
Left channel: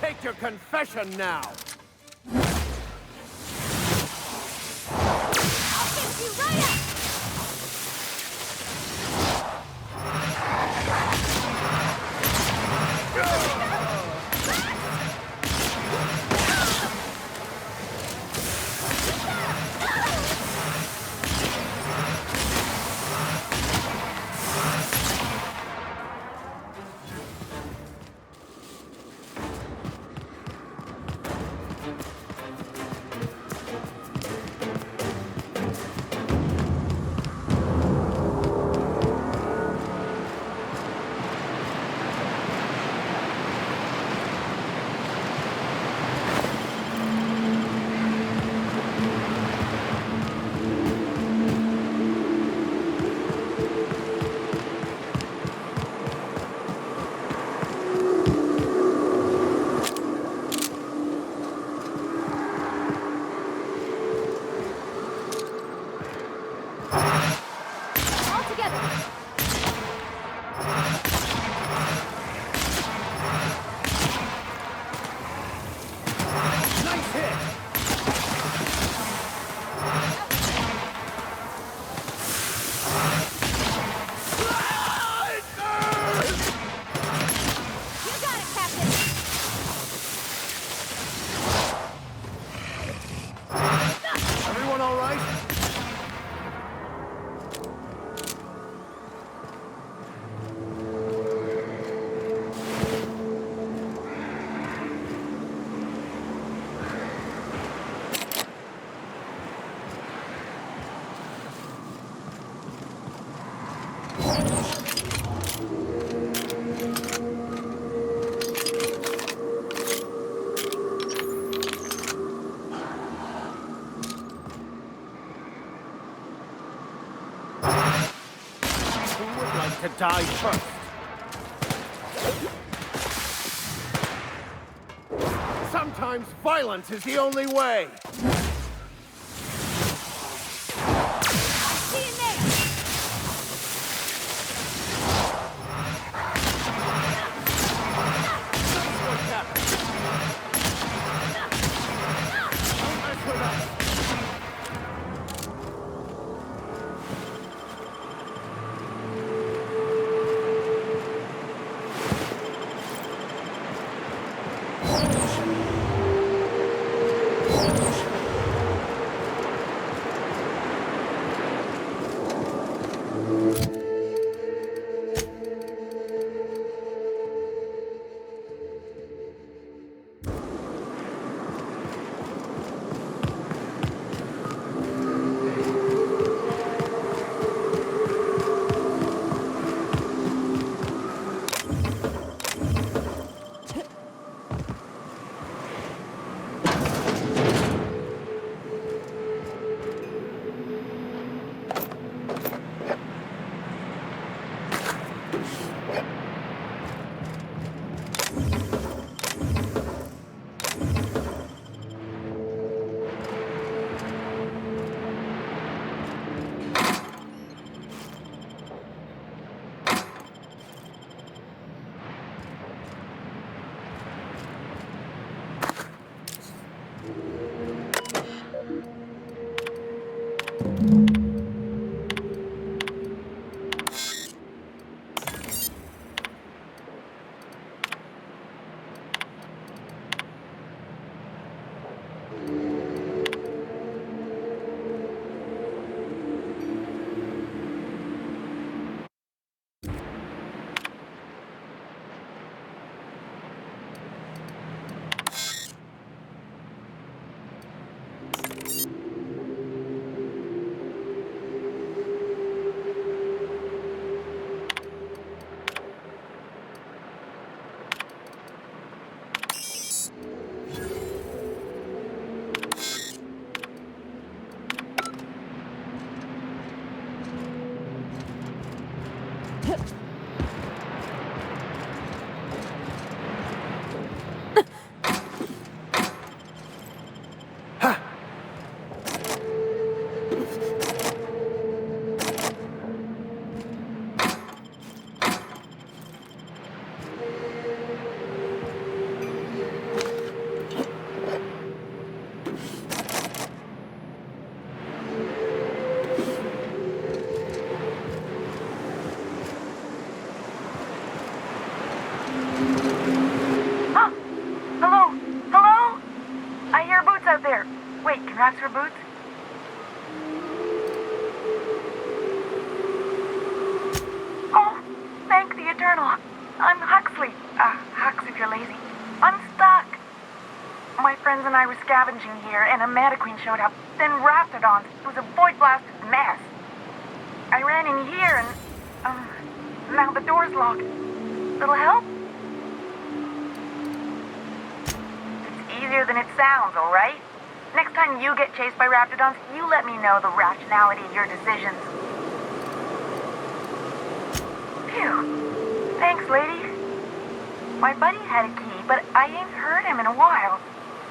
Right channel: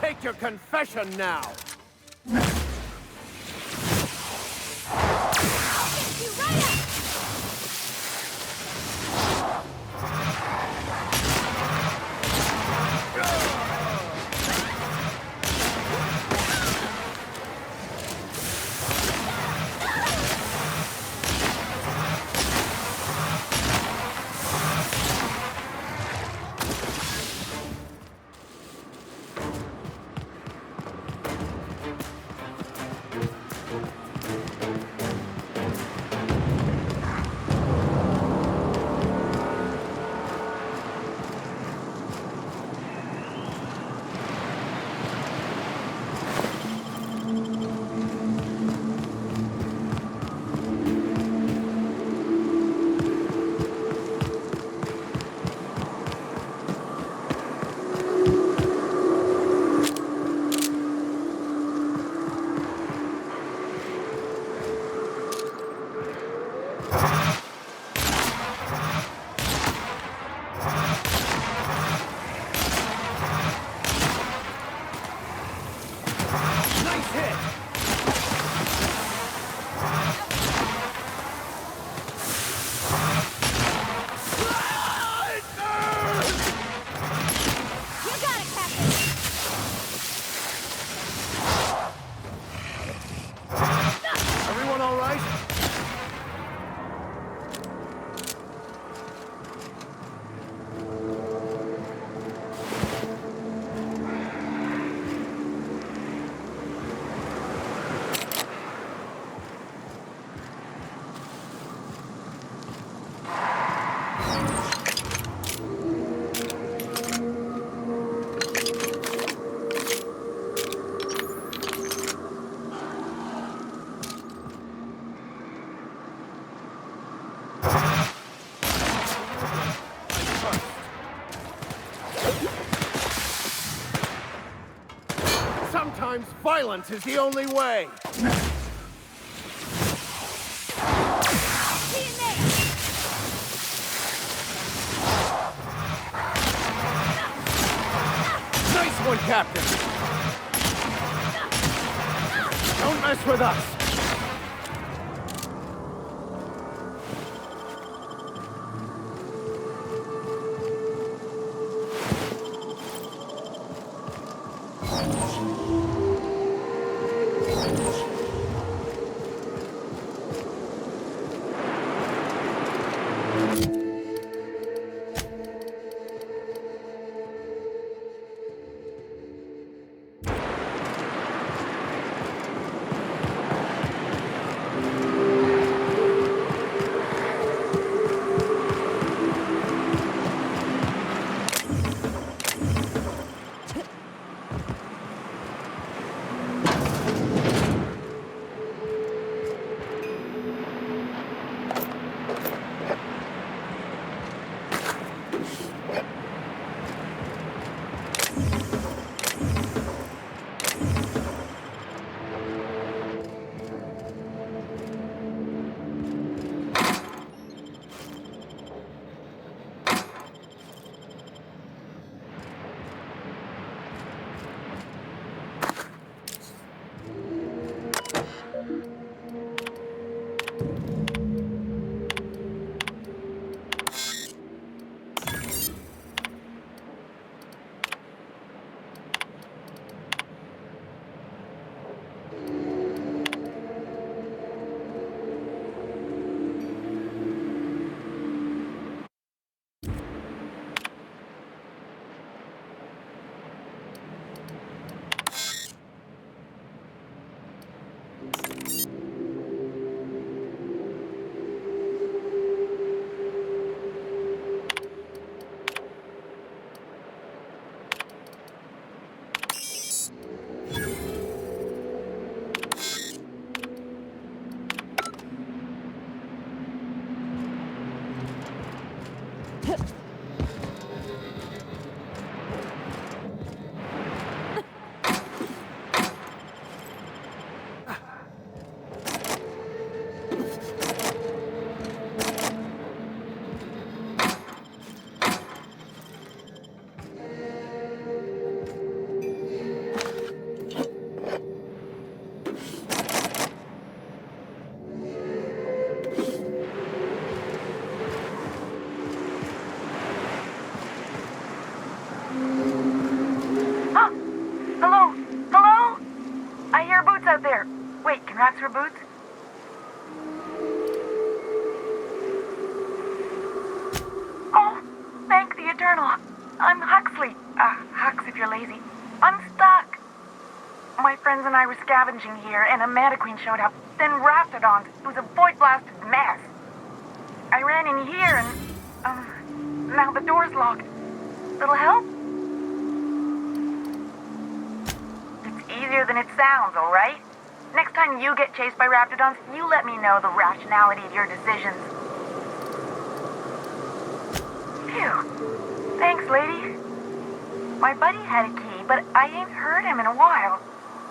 Take your confession now! I'll get you right up! To die first. Sometimes violence is the only way. I see you there. Nice one, Captain. Don't mess with us. congrats for boots? Oh, thank the Eternal. I'm Huxley. Hux if you're lazy. I'm stuck. My friends and I were scavenging here, and a Meta Queen showed up. Then Raptidons. It was a void-blasted mess. I ran in here and, now the door's locked. Little help? It's easier than it sounds, all right? Next time you get chased by Raptidons, you let me know the rationality of your decisions. Phew. Thanks, lady. My buddy had a key, but I ain't heard him in a while.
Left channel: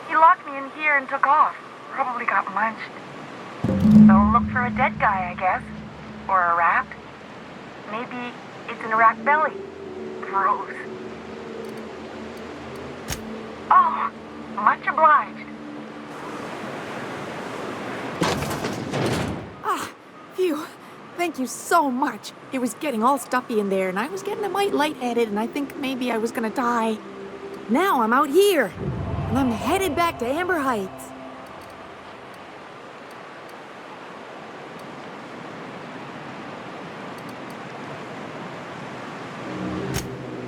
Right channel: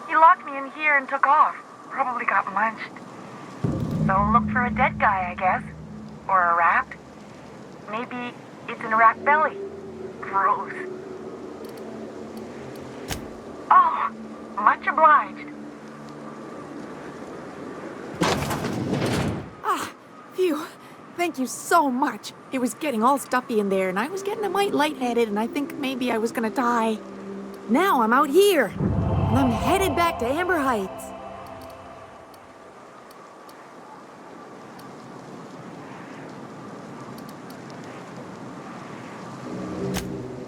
He locked me in here and took off. Probably got munched. So look for a dead guy, I guess. Or a rat. Maybe it's in a rat belly. Gross. Oh, much obliged. Ah, phew. Thank you so much. It was getting all stuffy in there, and I was getting a mite lightheaded, and I think maybe I was gonna die. Now I'm out here, and I'm headed back to Amber Heights.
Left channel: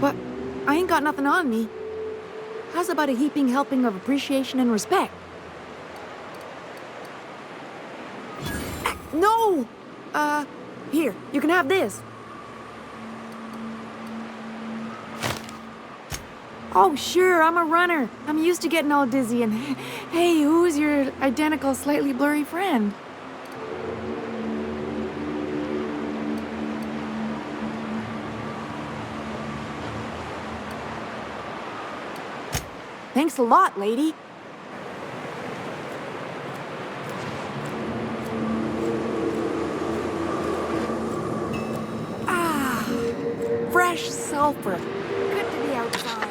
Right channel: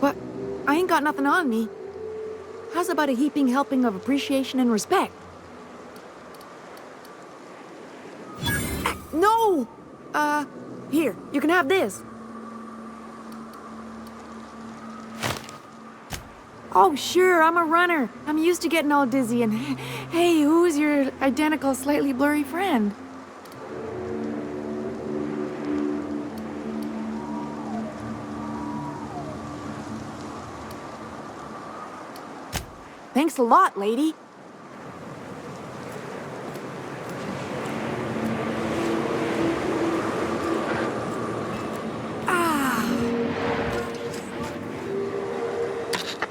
But I ain't got nothing on me. How's about a heaping helping of appreciation and respect? No! Here, you can have this. Oh, sure, I'm a runner. I'm used to getting all dizzy and... Hey, who's your identical, slightly blurry friend? Thanks a lot, lady. Fresh sulfur. Good to be outside.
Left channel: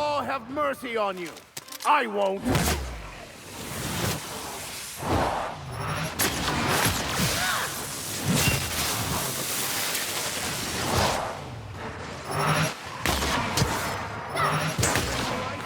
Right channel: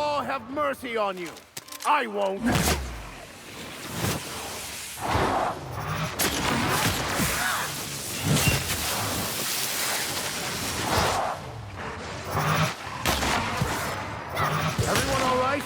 law have mercy on you. I won't. Everyone all right?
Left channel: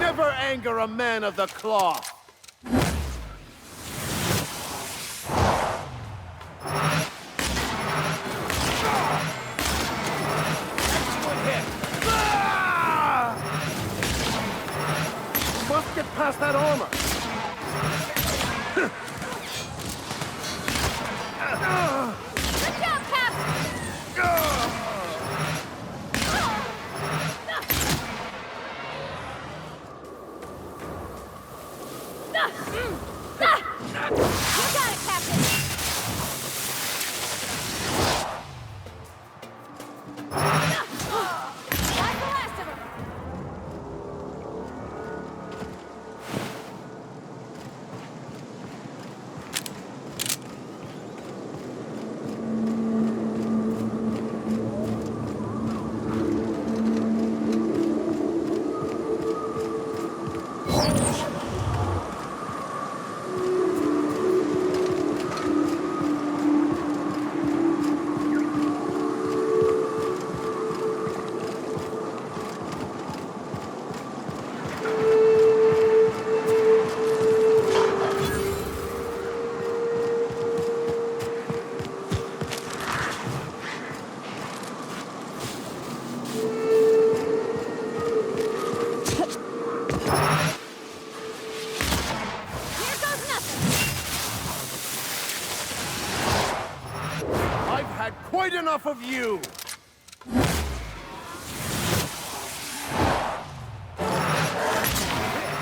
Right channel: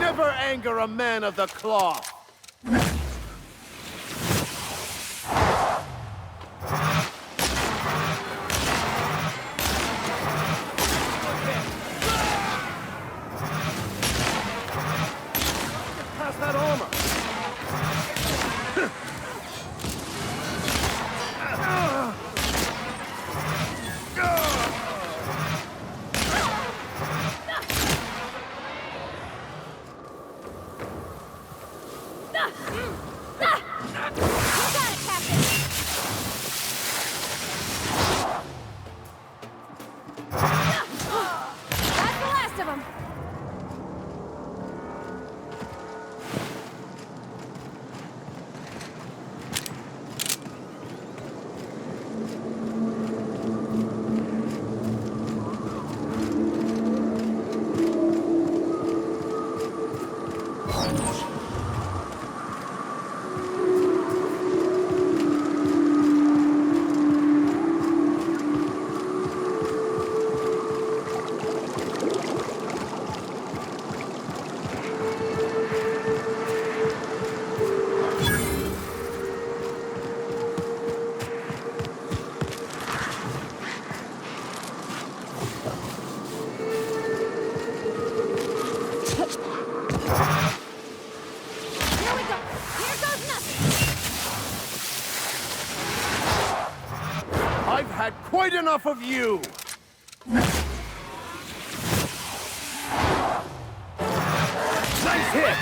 Never anger a man of the cloth. Good hit. Ah! Must get past that armor. You got it, Captain! That's the last of them! I've had quite enough of you! Nice hit!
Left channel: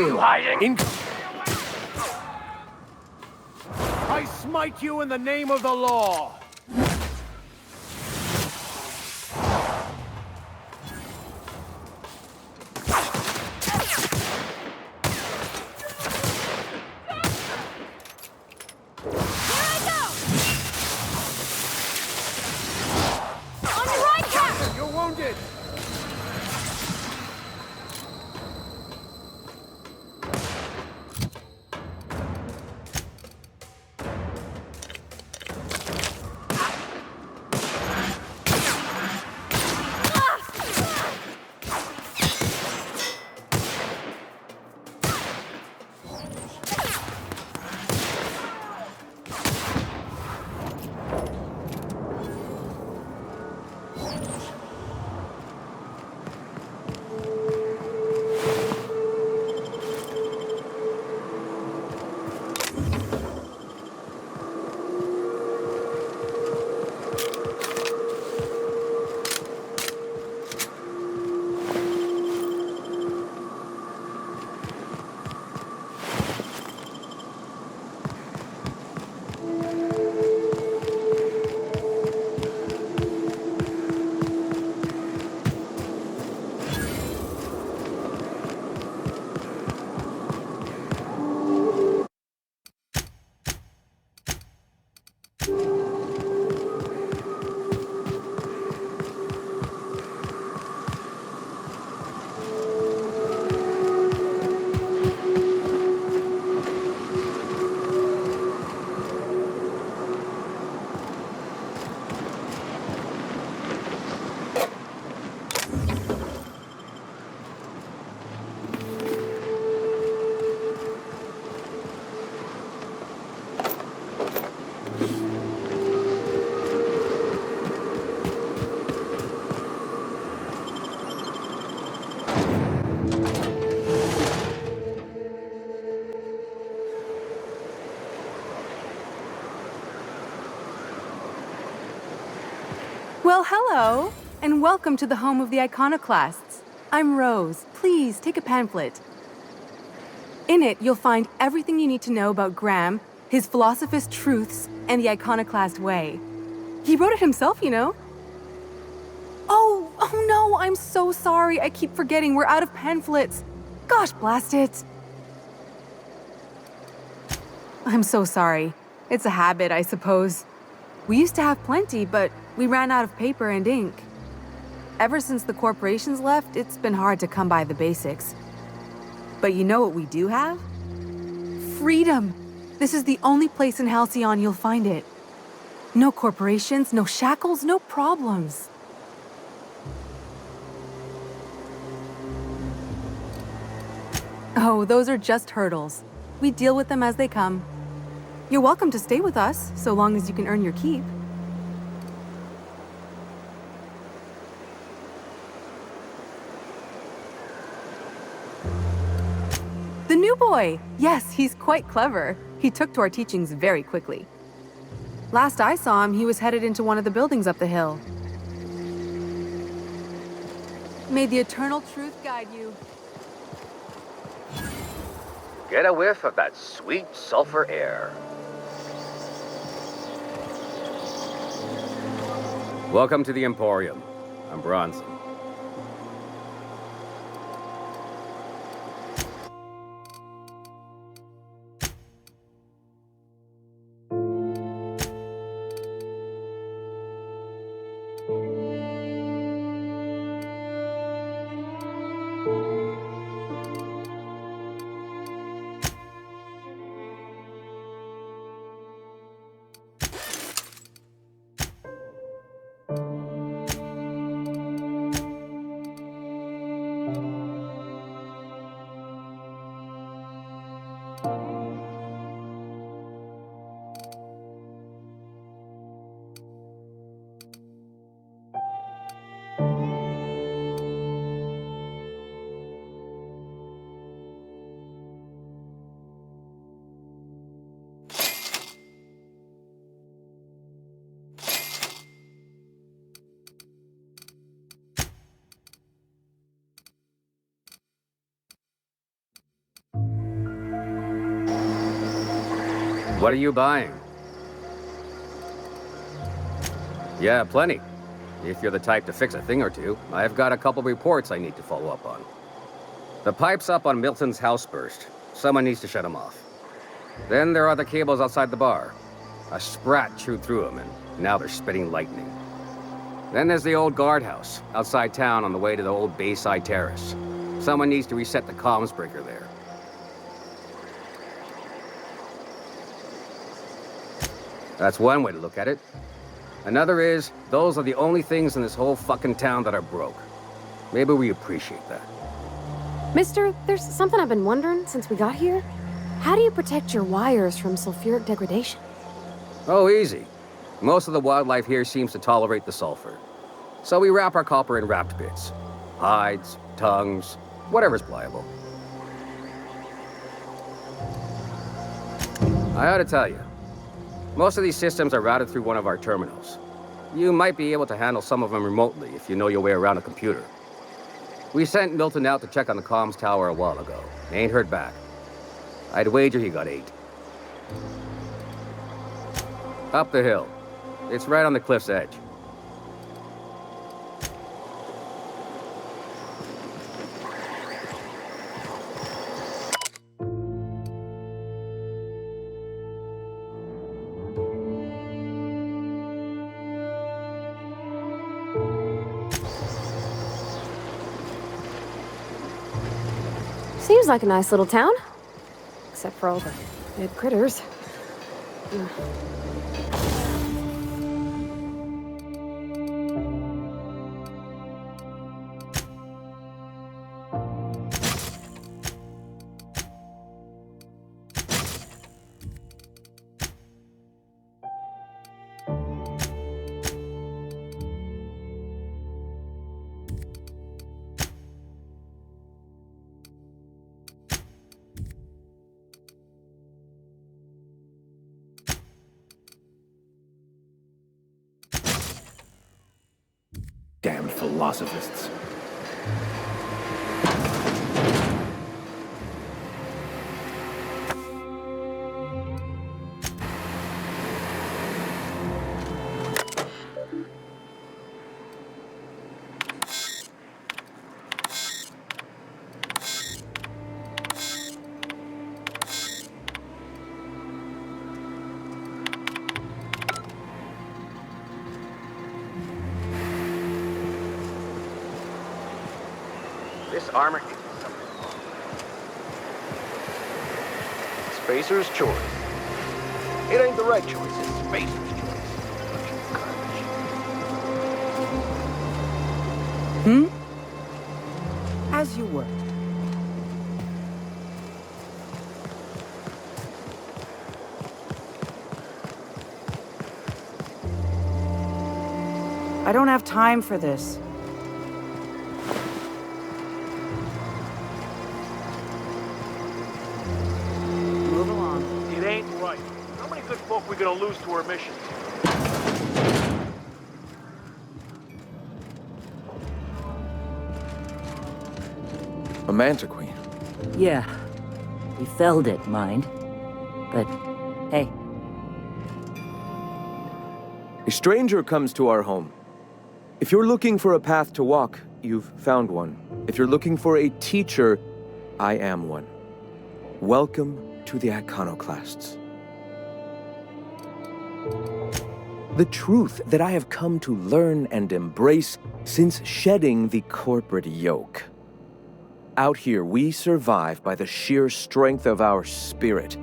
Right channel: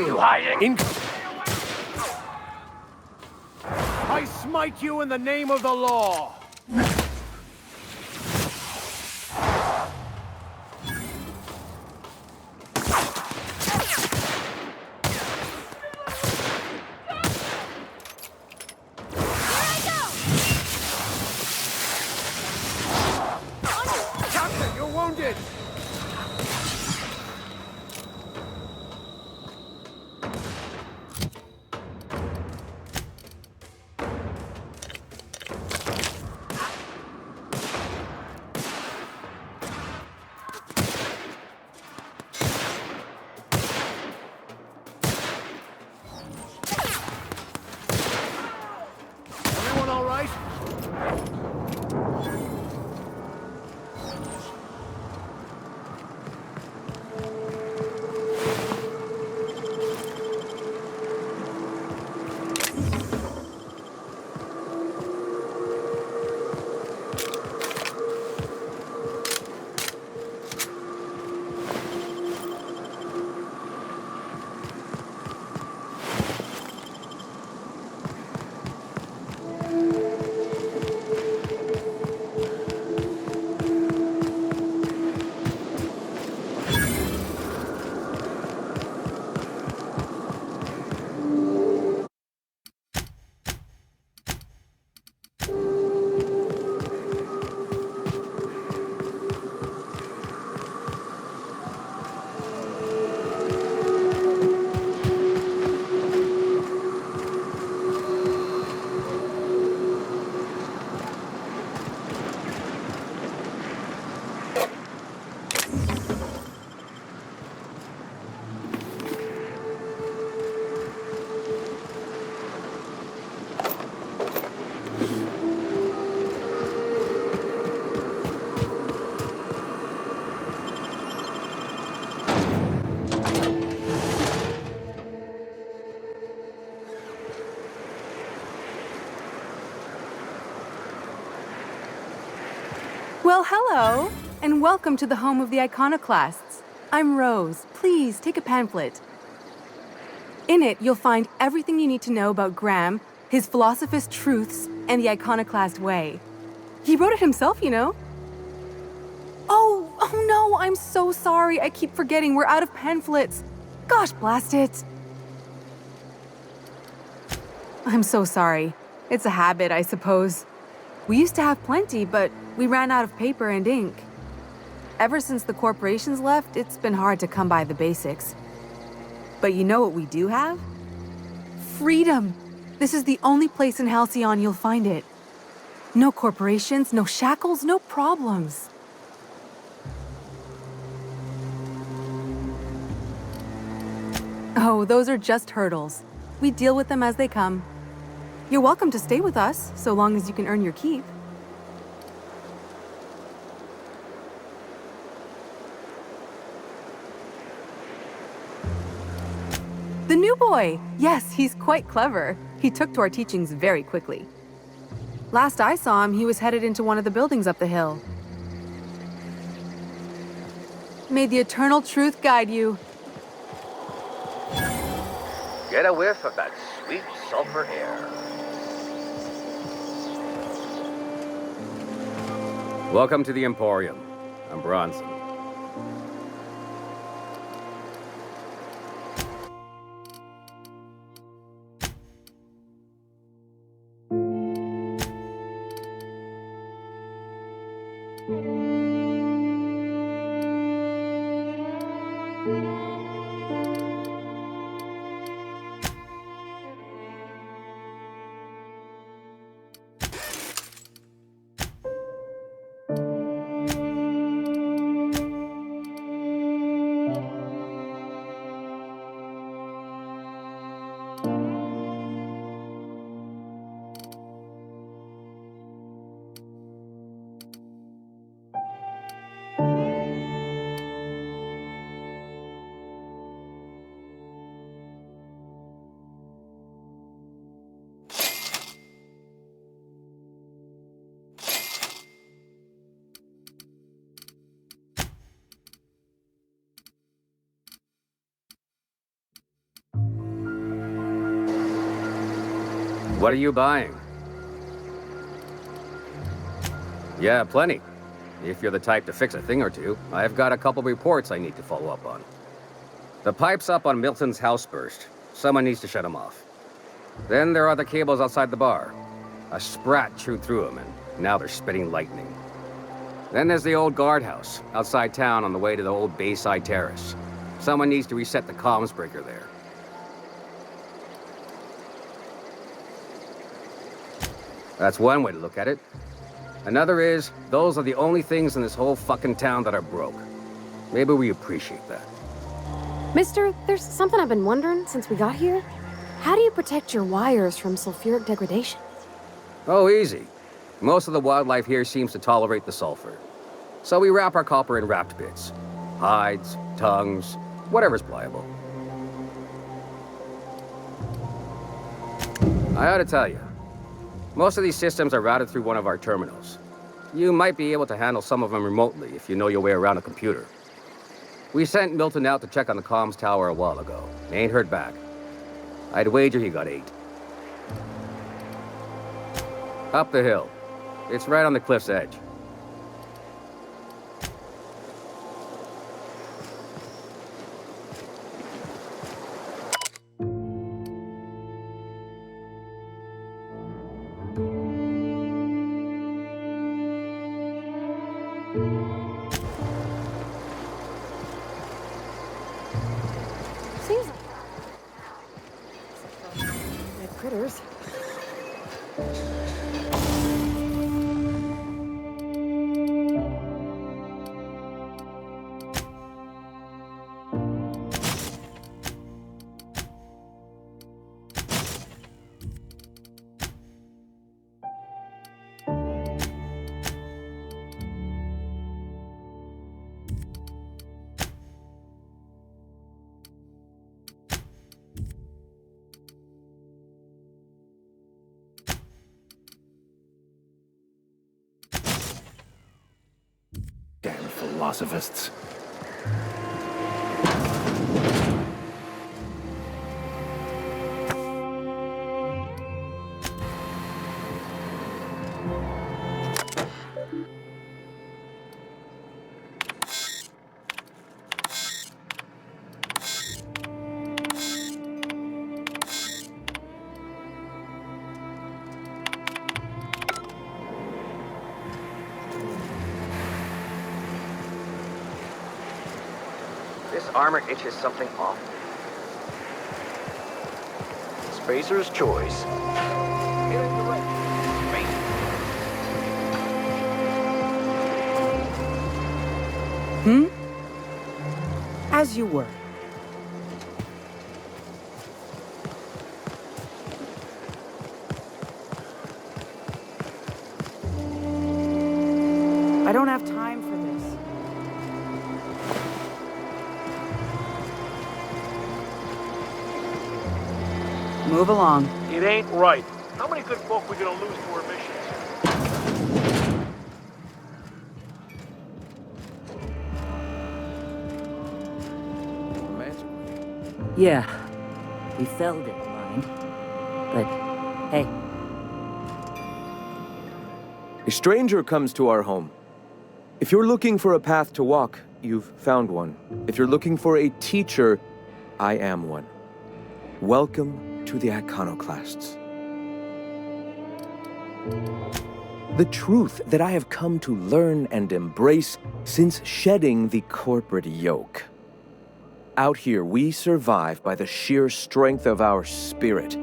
You hiding? I smite you in the name of the law. Captain, you're wounded. Everyone all right? Well, hello, and welcome to the home of the iconoclasts. I'm Rose. Please take a pamphlet. In it, you'll find everything you need to know about Graham, his philosophist truths, and the iconoclast way. He wrote it himself, you know. Oh no, I'm so sorry. I keep forgetting we're out of pamphlets. Gosh, blast it. I'm so sorry. It's a habit, I suppose. We used to have plenty, but we ran out of paper and ink. Ever since the corporations left, it's been hard to come by the basics. But you know what we do have? Freedom! This is the only place in Halcyon you'll find it. No corporations, no shackles, no problems. Oh, those are just hurdles. We deal with them as they come. You're welcome to stay with us, so long as you can earn your keep. The new boy! Yes, he's quite clever. He took to our teachings very quickly. Last I saw him, he was headed into one of the buildings up the hill. May the eternal truth guide you. Get a whiff of that sweet sulfur air. Welcome to the Emporium. I'm Bronson. What are you buying? Yeah, plenty. If you're the type to fix a thing or two, I've got a couple reports I need to follow up on. The pipes up on Milton's house burst. Someone needs to shut them off. Then there are the cables outside the bar. A sprat chewed through them, and now they're spitting lightning. Then there's the old guardhouse, outside town on the way to the old Bayside Terrace. Someone needs to reset the comms breaker there. That's one way to look at it. Another is, those are the only things in this whole fucking town that are broke. Maybe we appreciate that. Mister, there's something I've been wondering since we got here. How do you protect your wires from sulfuric degradation? Oh, easy. Most of the wildlife here seems to tolerate the sulfur. So we wrap our copper in wrapped bits. Hides, tongues, whatever's pliable. I ought to tell you, most of these systems are routed through one of our terminals. You might be able to handle some of them remotely if you know your way around a computer. We sent Milton out to check on the comms tower a while ago. Ain't heard back. I'd wager he got 8. Up the hill. It's right on the cliff's edge. Seems like a nice little town. Except for all the dead critters. Damned philosophists. This armor itches something off. Spacer's choice. It ain't the right choice, it's Spacer's choice. As you were. I don't have time for this. Move along. It ain't right. How many good folk we gonna lose to our missions? A Manta Queen. Yeah. We felled it, mind. But, hey. A stranger comes to our home. If you're looking for a path to walk, you've found one. If you're looking for a teacher, I am one. Welcome to the Iconoclasts. The truth that I have come to learn and embrace since shedding the corporate yoke. Out here, we survive by the sheer strength of our spirit.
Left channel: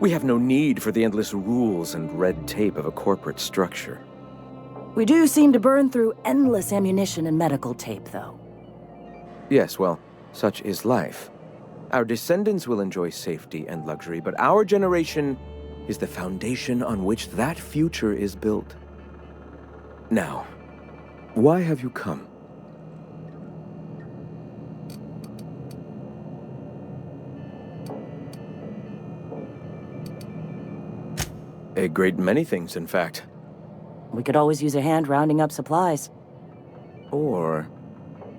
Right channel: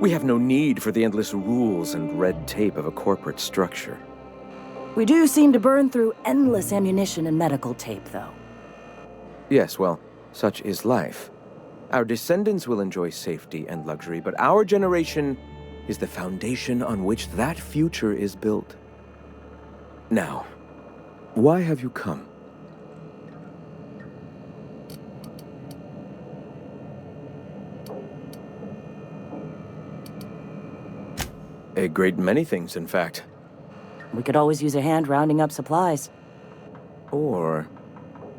We have no need for the endless rules and red tape of a corporate structure. We do seem to burn through endless ammunition and medical tape, though. Yes, well, such is life. Our descendants will enjoy safety and luxury, but our generation is the foundation on which that future is built. Now, why have you come? A great many things, in fact. We could always use a hand rounding up supplies. Or...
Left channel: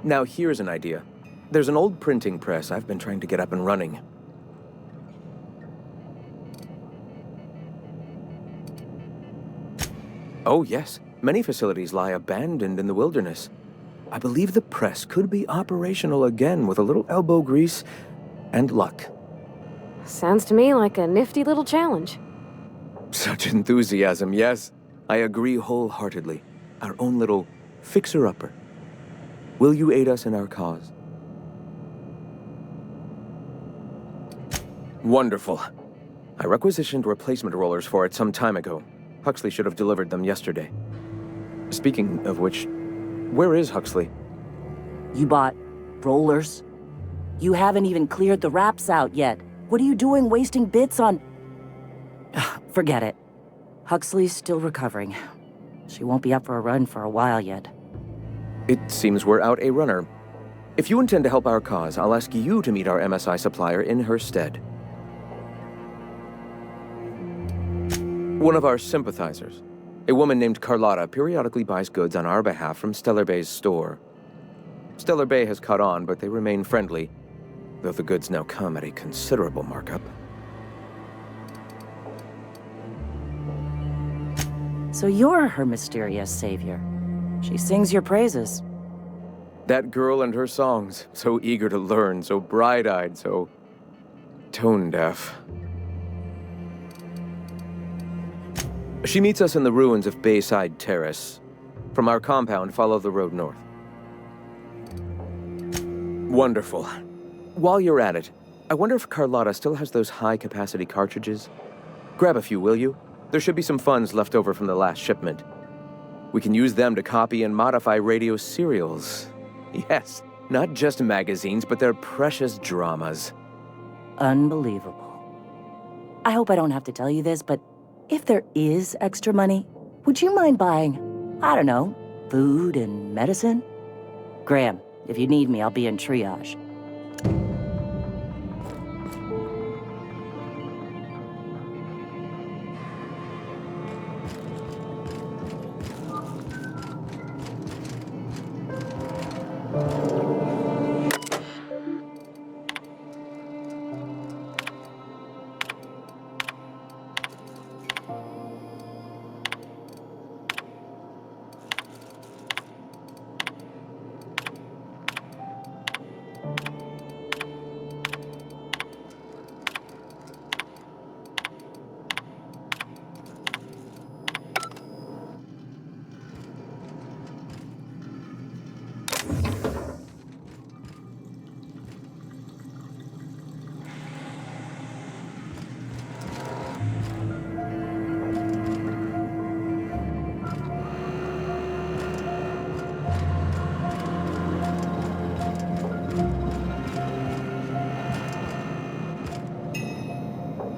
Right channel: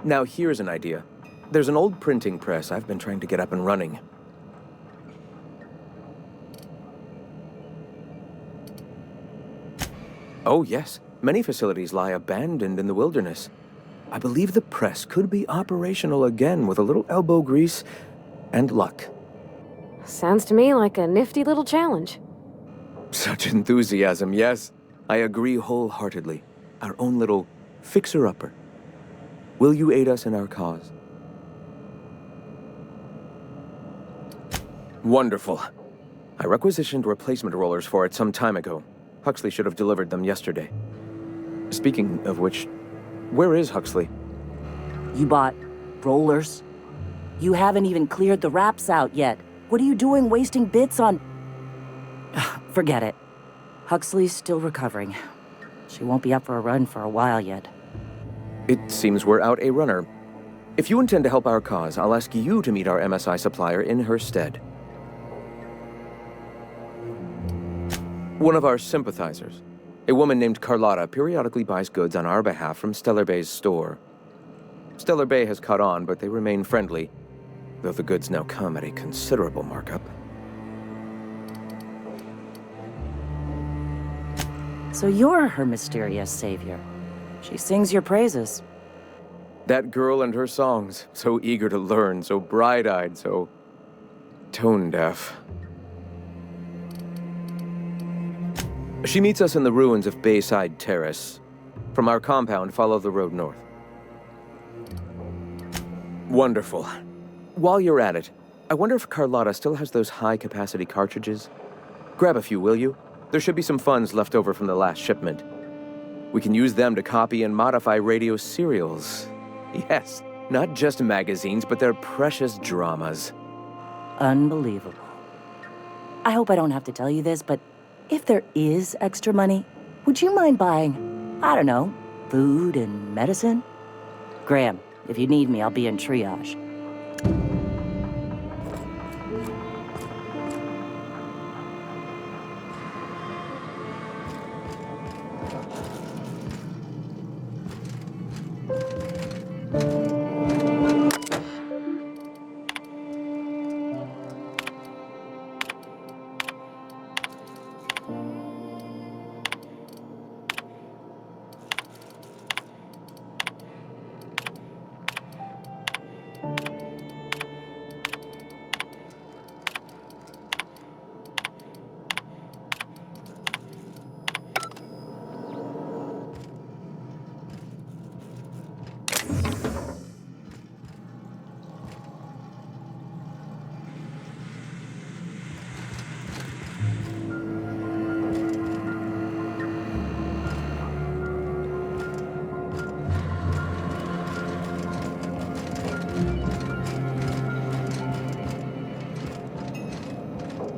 Now here's an idea. There's an old printing press I've been trying to get up and running. Oh, yes. Many facilities lie abandoned in the wilderness. I believe the press could be operational again with a little elbow grease and luck. Sounds to me like a nifty little challenge. Such enthusiasm, yes. I agree wholeheartedly. Our own little fixer-upper. Will you aid us in our cause? Wonderful. I requisitioned replacement rollers for it some time ago. Huxley should have delivered them yesterday. Speaking of which, where is Huxley? You bought rollers? You haven't even cleared the wraps out yet. What are you doing wasting bits on... Forget it. Huxley's still recovering. She won't be up for a run for a while yet. It seems we're out a runner. If you intend to help our cause, I'll ask you to meet our MSI supplier in her stead. One of our sympathizers, a woman named Carlotta, periodically buys goods on our behalf from Stellar Bay's store. Stellar Bay has caught on, but they remain friendly, though the goods now come at a considerable markup. So you're her mysterious savior. She sings your praises. That girl and her songs, so eager to learn, so bright-eyed, so tone-deaf. She meets us in the ruins of Bayside Terrace. From our compound, follow the road north. Wonderful. While you're at it, I wonder if Carlotta still has those high-capacity cartridges? Grab a few, will you? There should be some funds left over from the last shipment. We can use them to copy and modify radio serials. Yes, not just magazines, but their precious dramas. Unbelievable. I hope I don't have to tell you this, but if there is extra money, would you mind buying, I don't know, food and medicine? Graham, if you need me, I'll be in triage.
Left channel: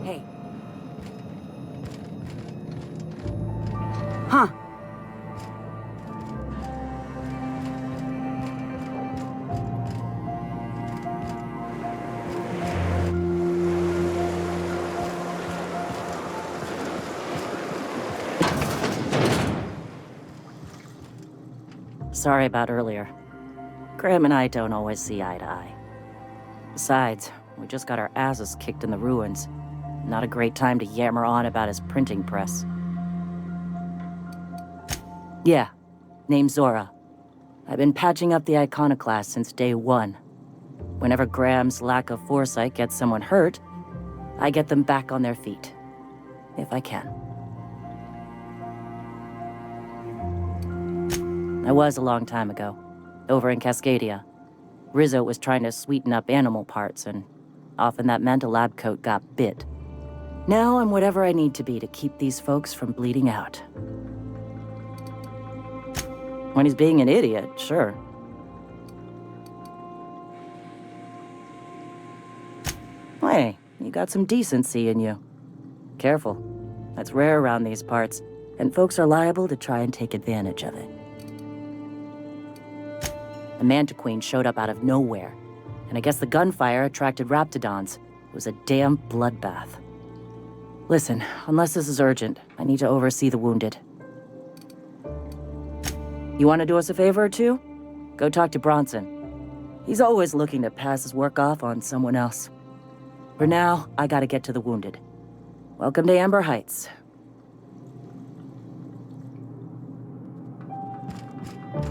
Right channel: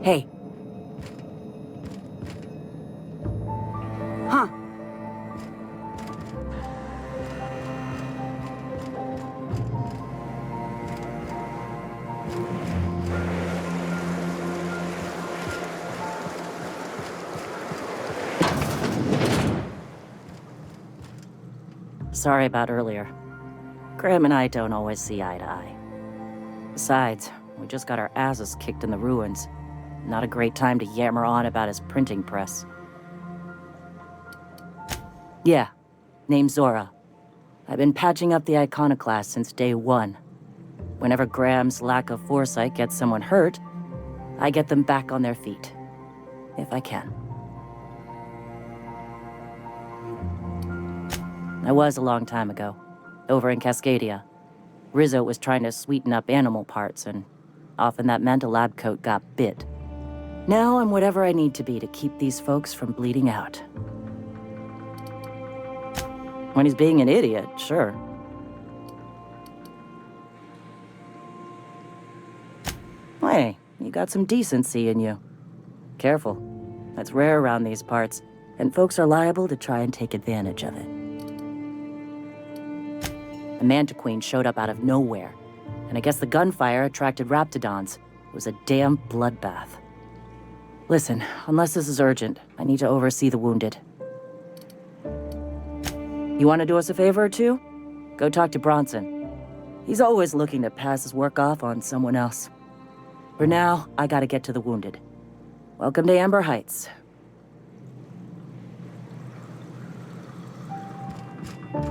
Hey. Huh. Sorry about earlier. Graham and I don't always see eye to eye. Besides, we just got our asses kicked in the ruins. Not a great time to yammer on about his printing press. Yeah, name's Zora. I've been patching up the iconoclast since day one. Whenever Graham's lack of foresight gets someone hurt, I get them back on their feet. If I can. I was a long time ago, over in Cascadia. Rizzo was trying to sweeten up animal parts, and often that meant a lab coat got bit. Now I'm whatever I need to be to keep these folks from bleeding out. When he's being an idiot, sure. Hey, you got some decency in you. Careful. That's rare around these parts, and folks are liable to try and take advantage of it. The Mantiqueen showed up out of nowhere, and I guess the gunfire attracted raptidons. It was a damn bloodbath. Listen, unless this is urgent, I need to oversee the wounded. You want to do us a favor or two? Go talk to Bronson. He's always looking to pass his work off on someone else. For now, I gotta get to the wounded. Welcome to Amber Heights. Stringy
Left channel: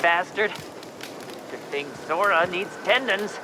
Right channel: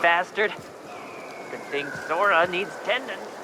bastard. Good thing Sora needs tendons.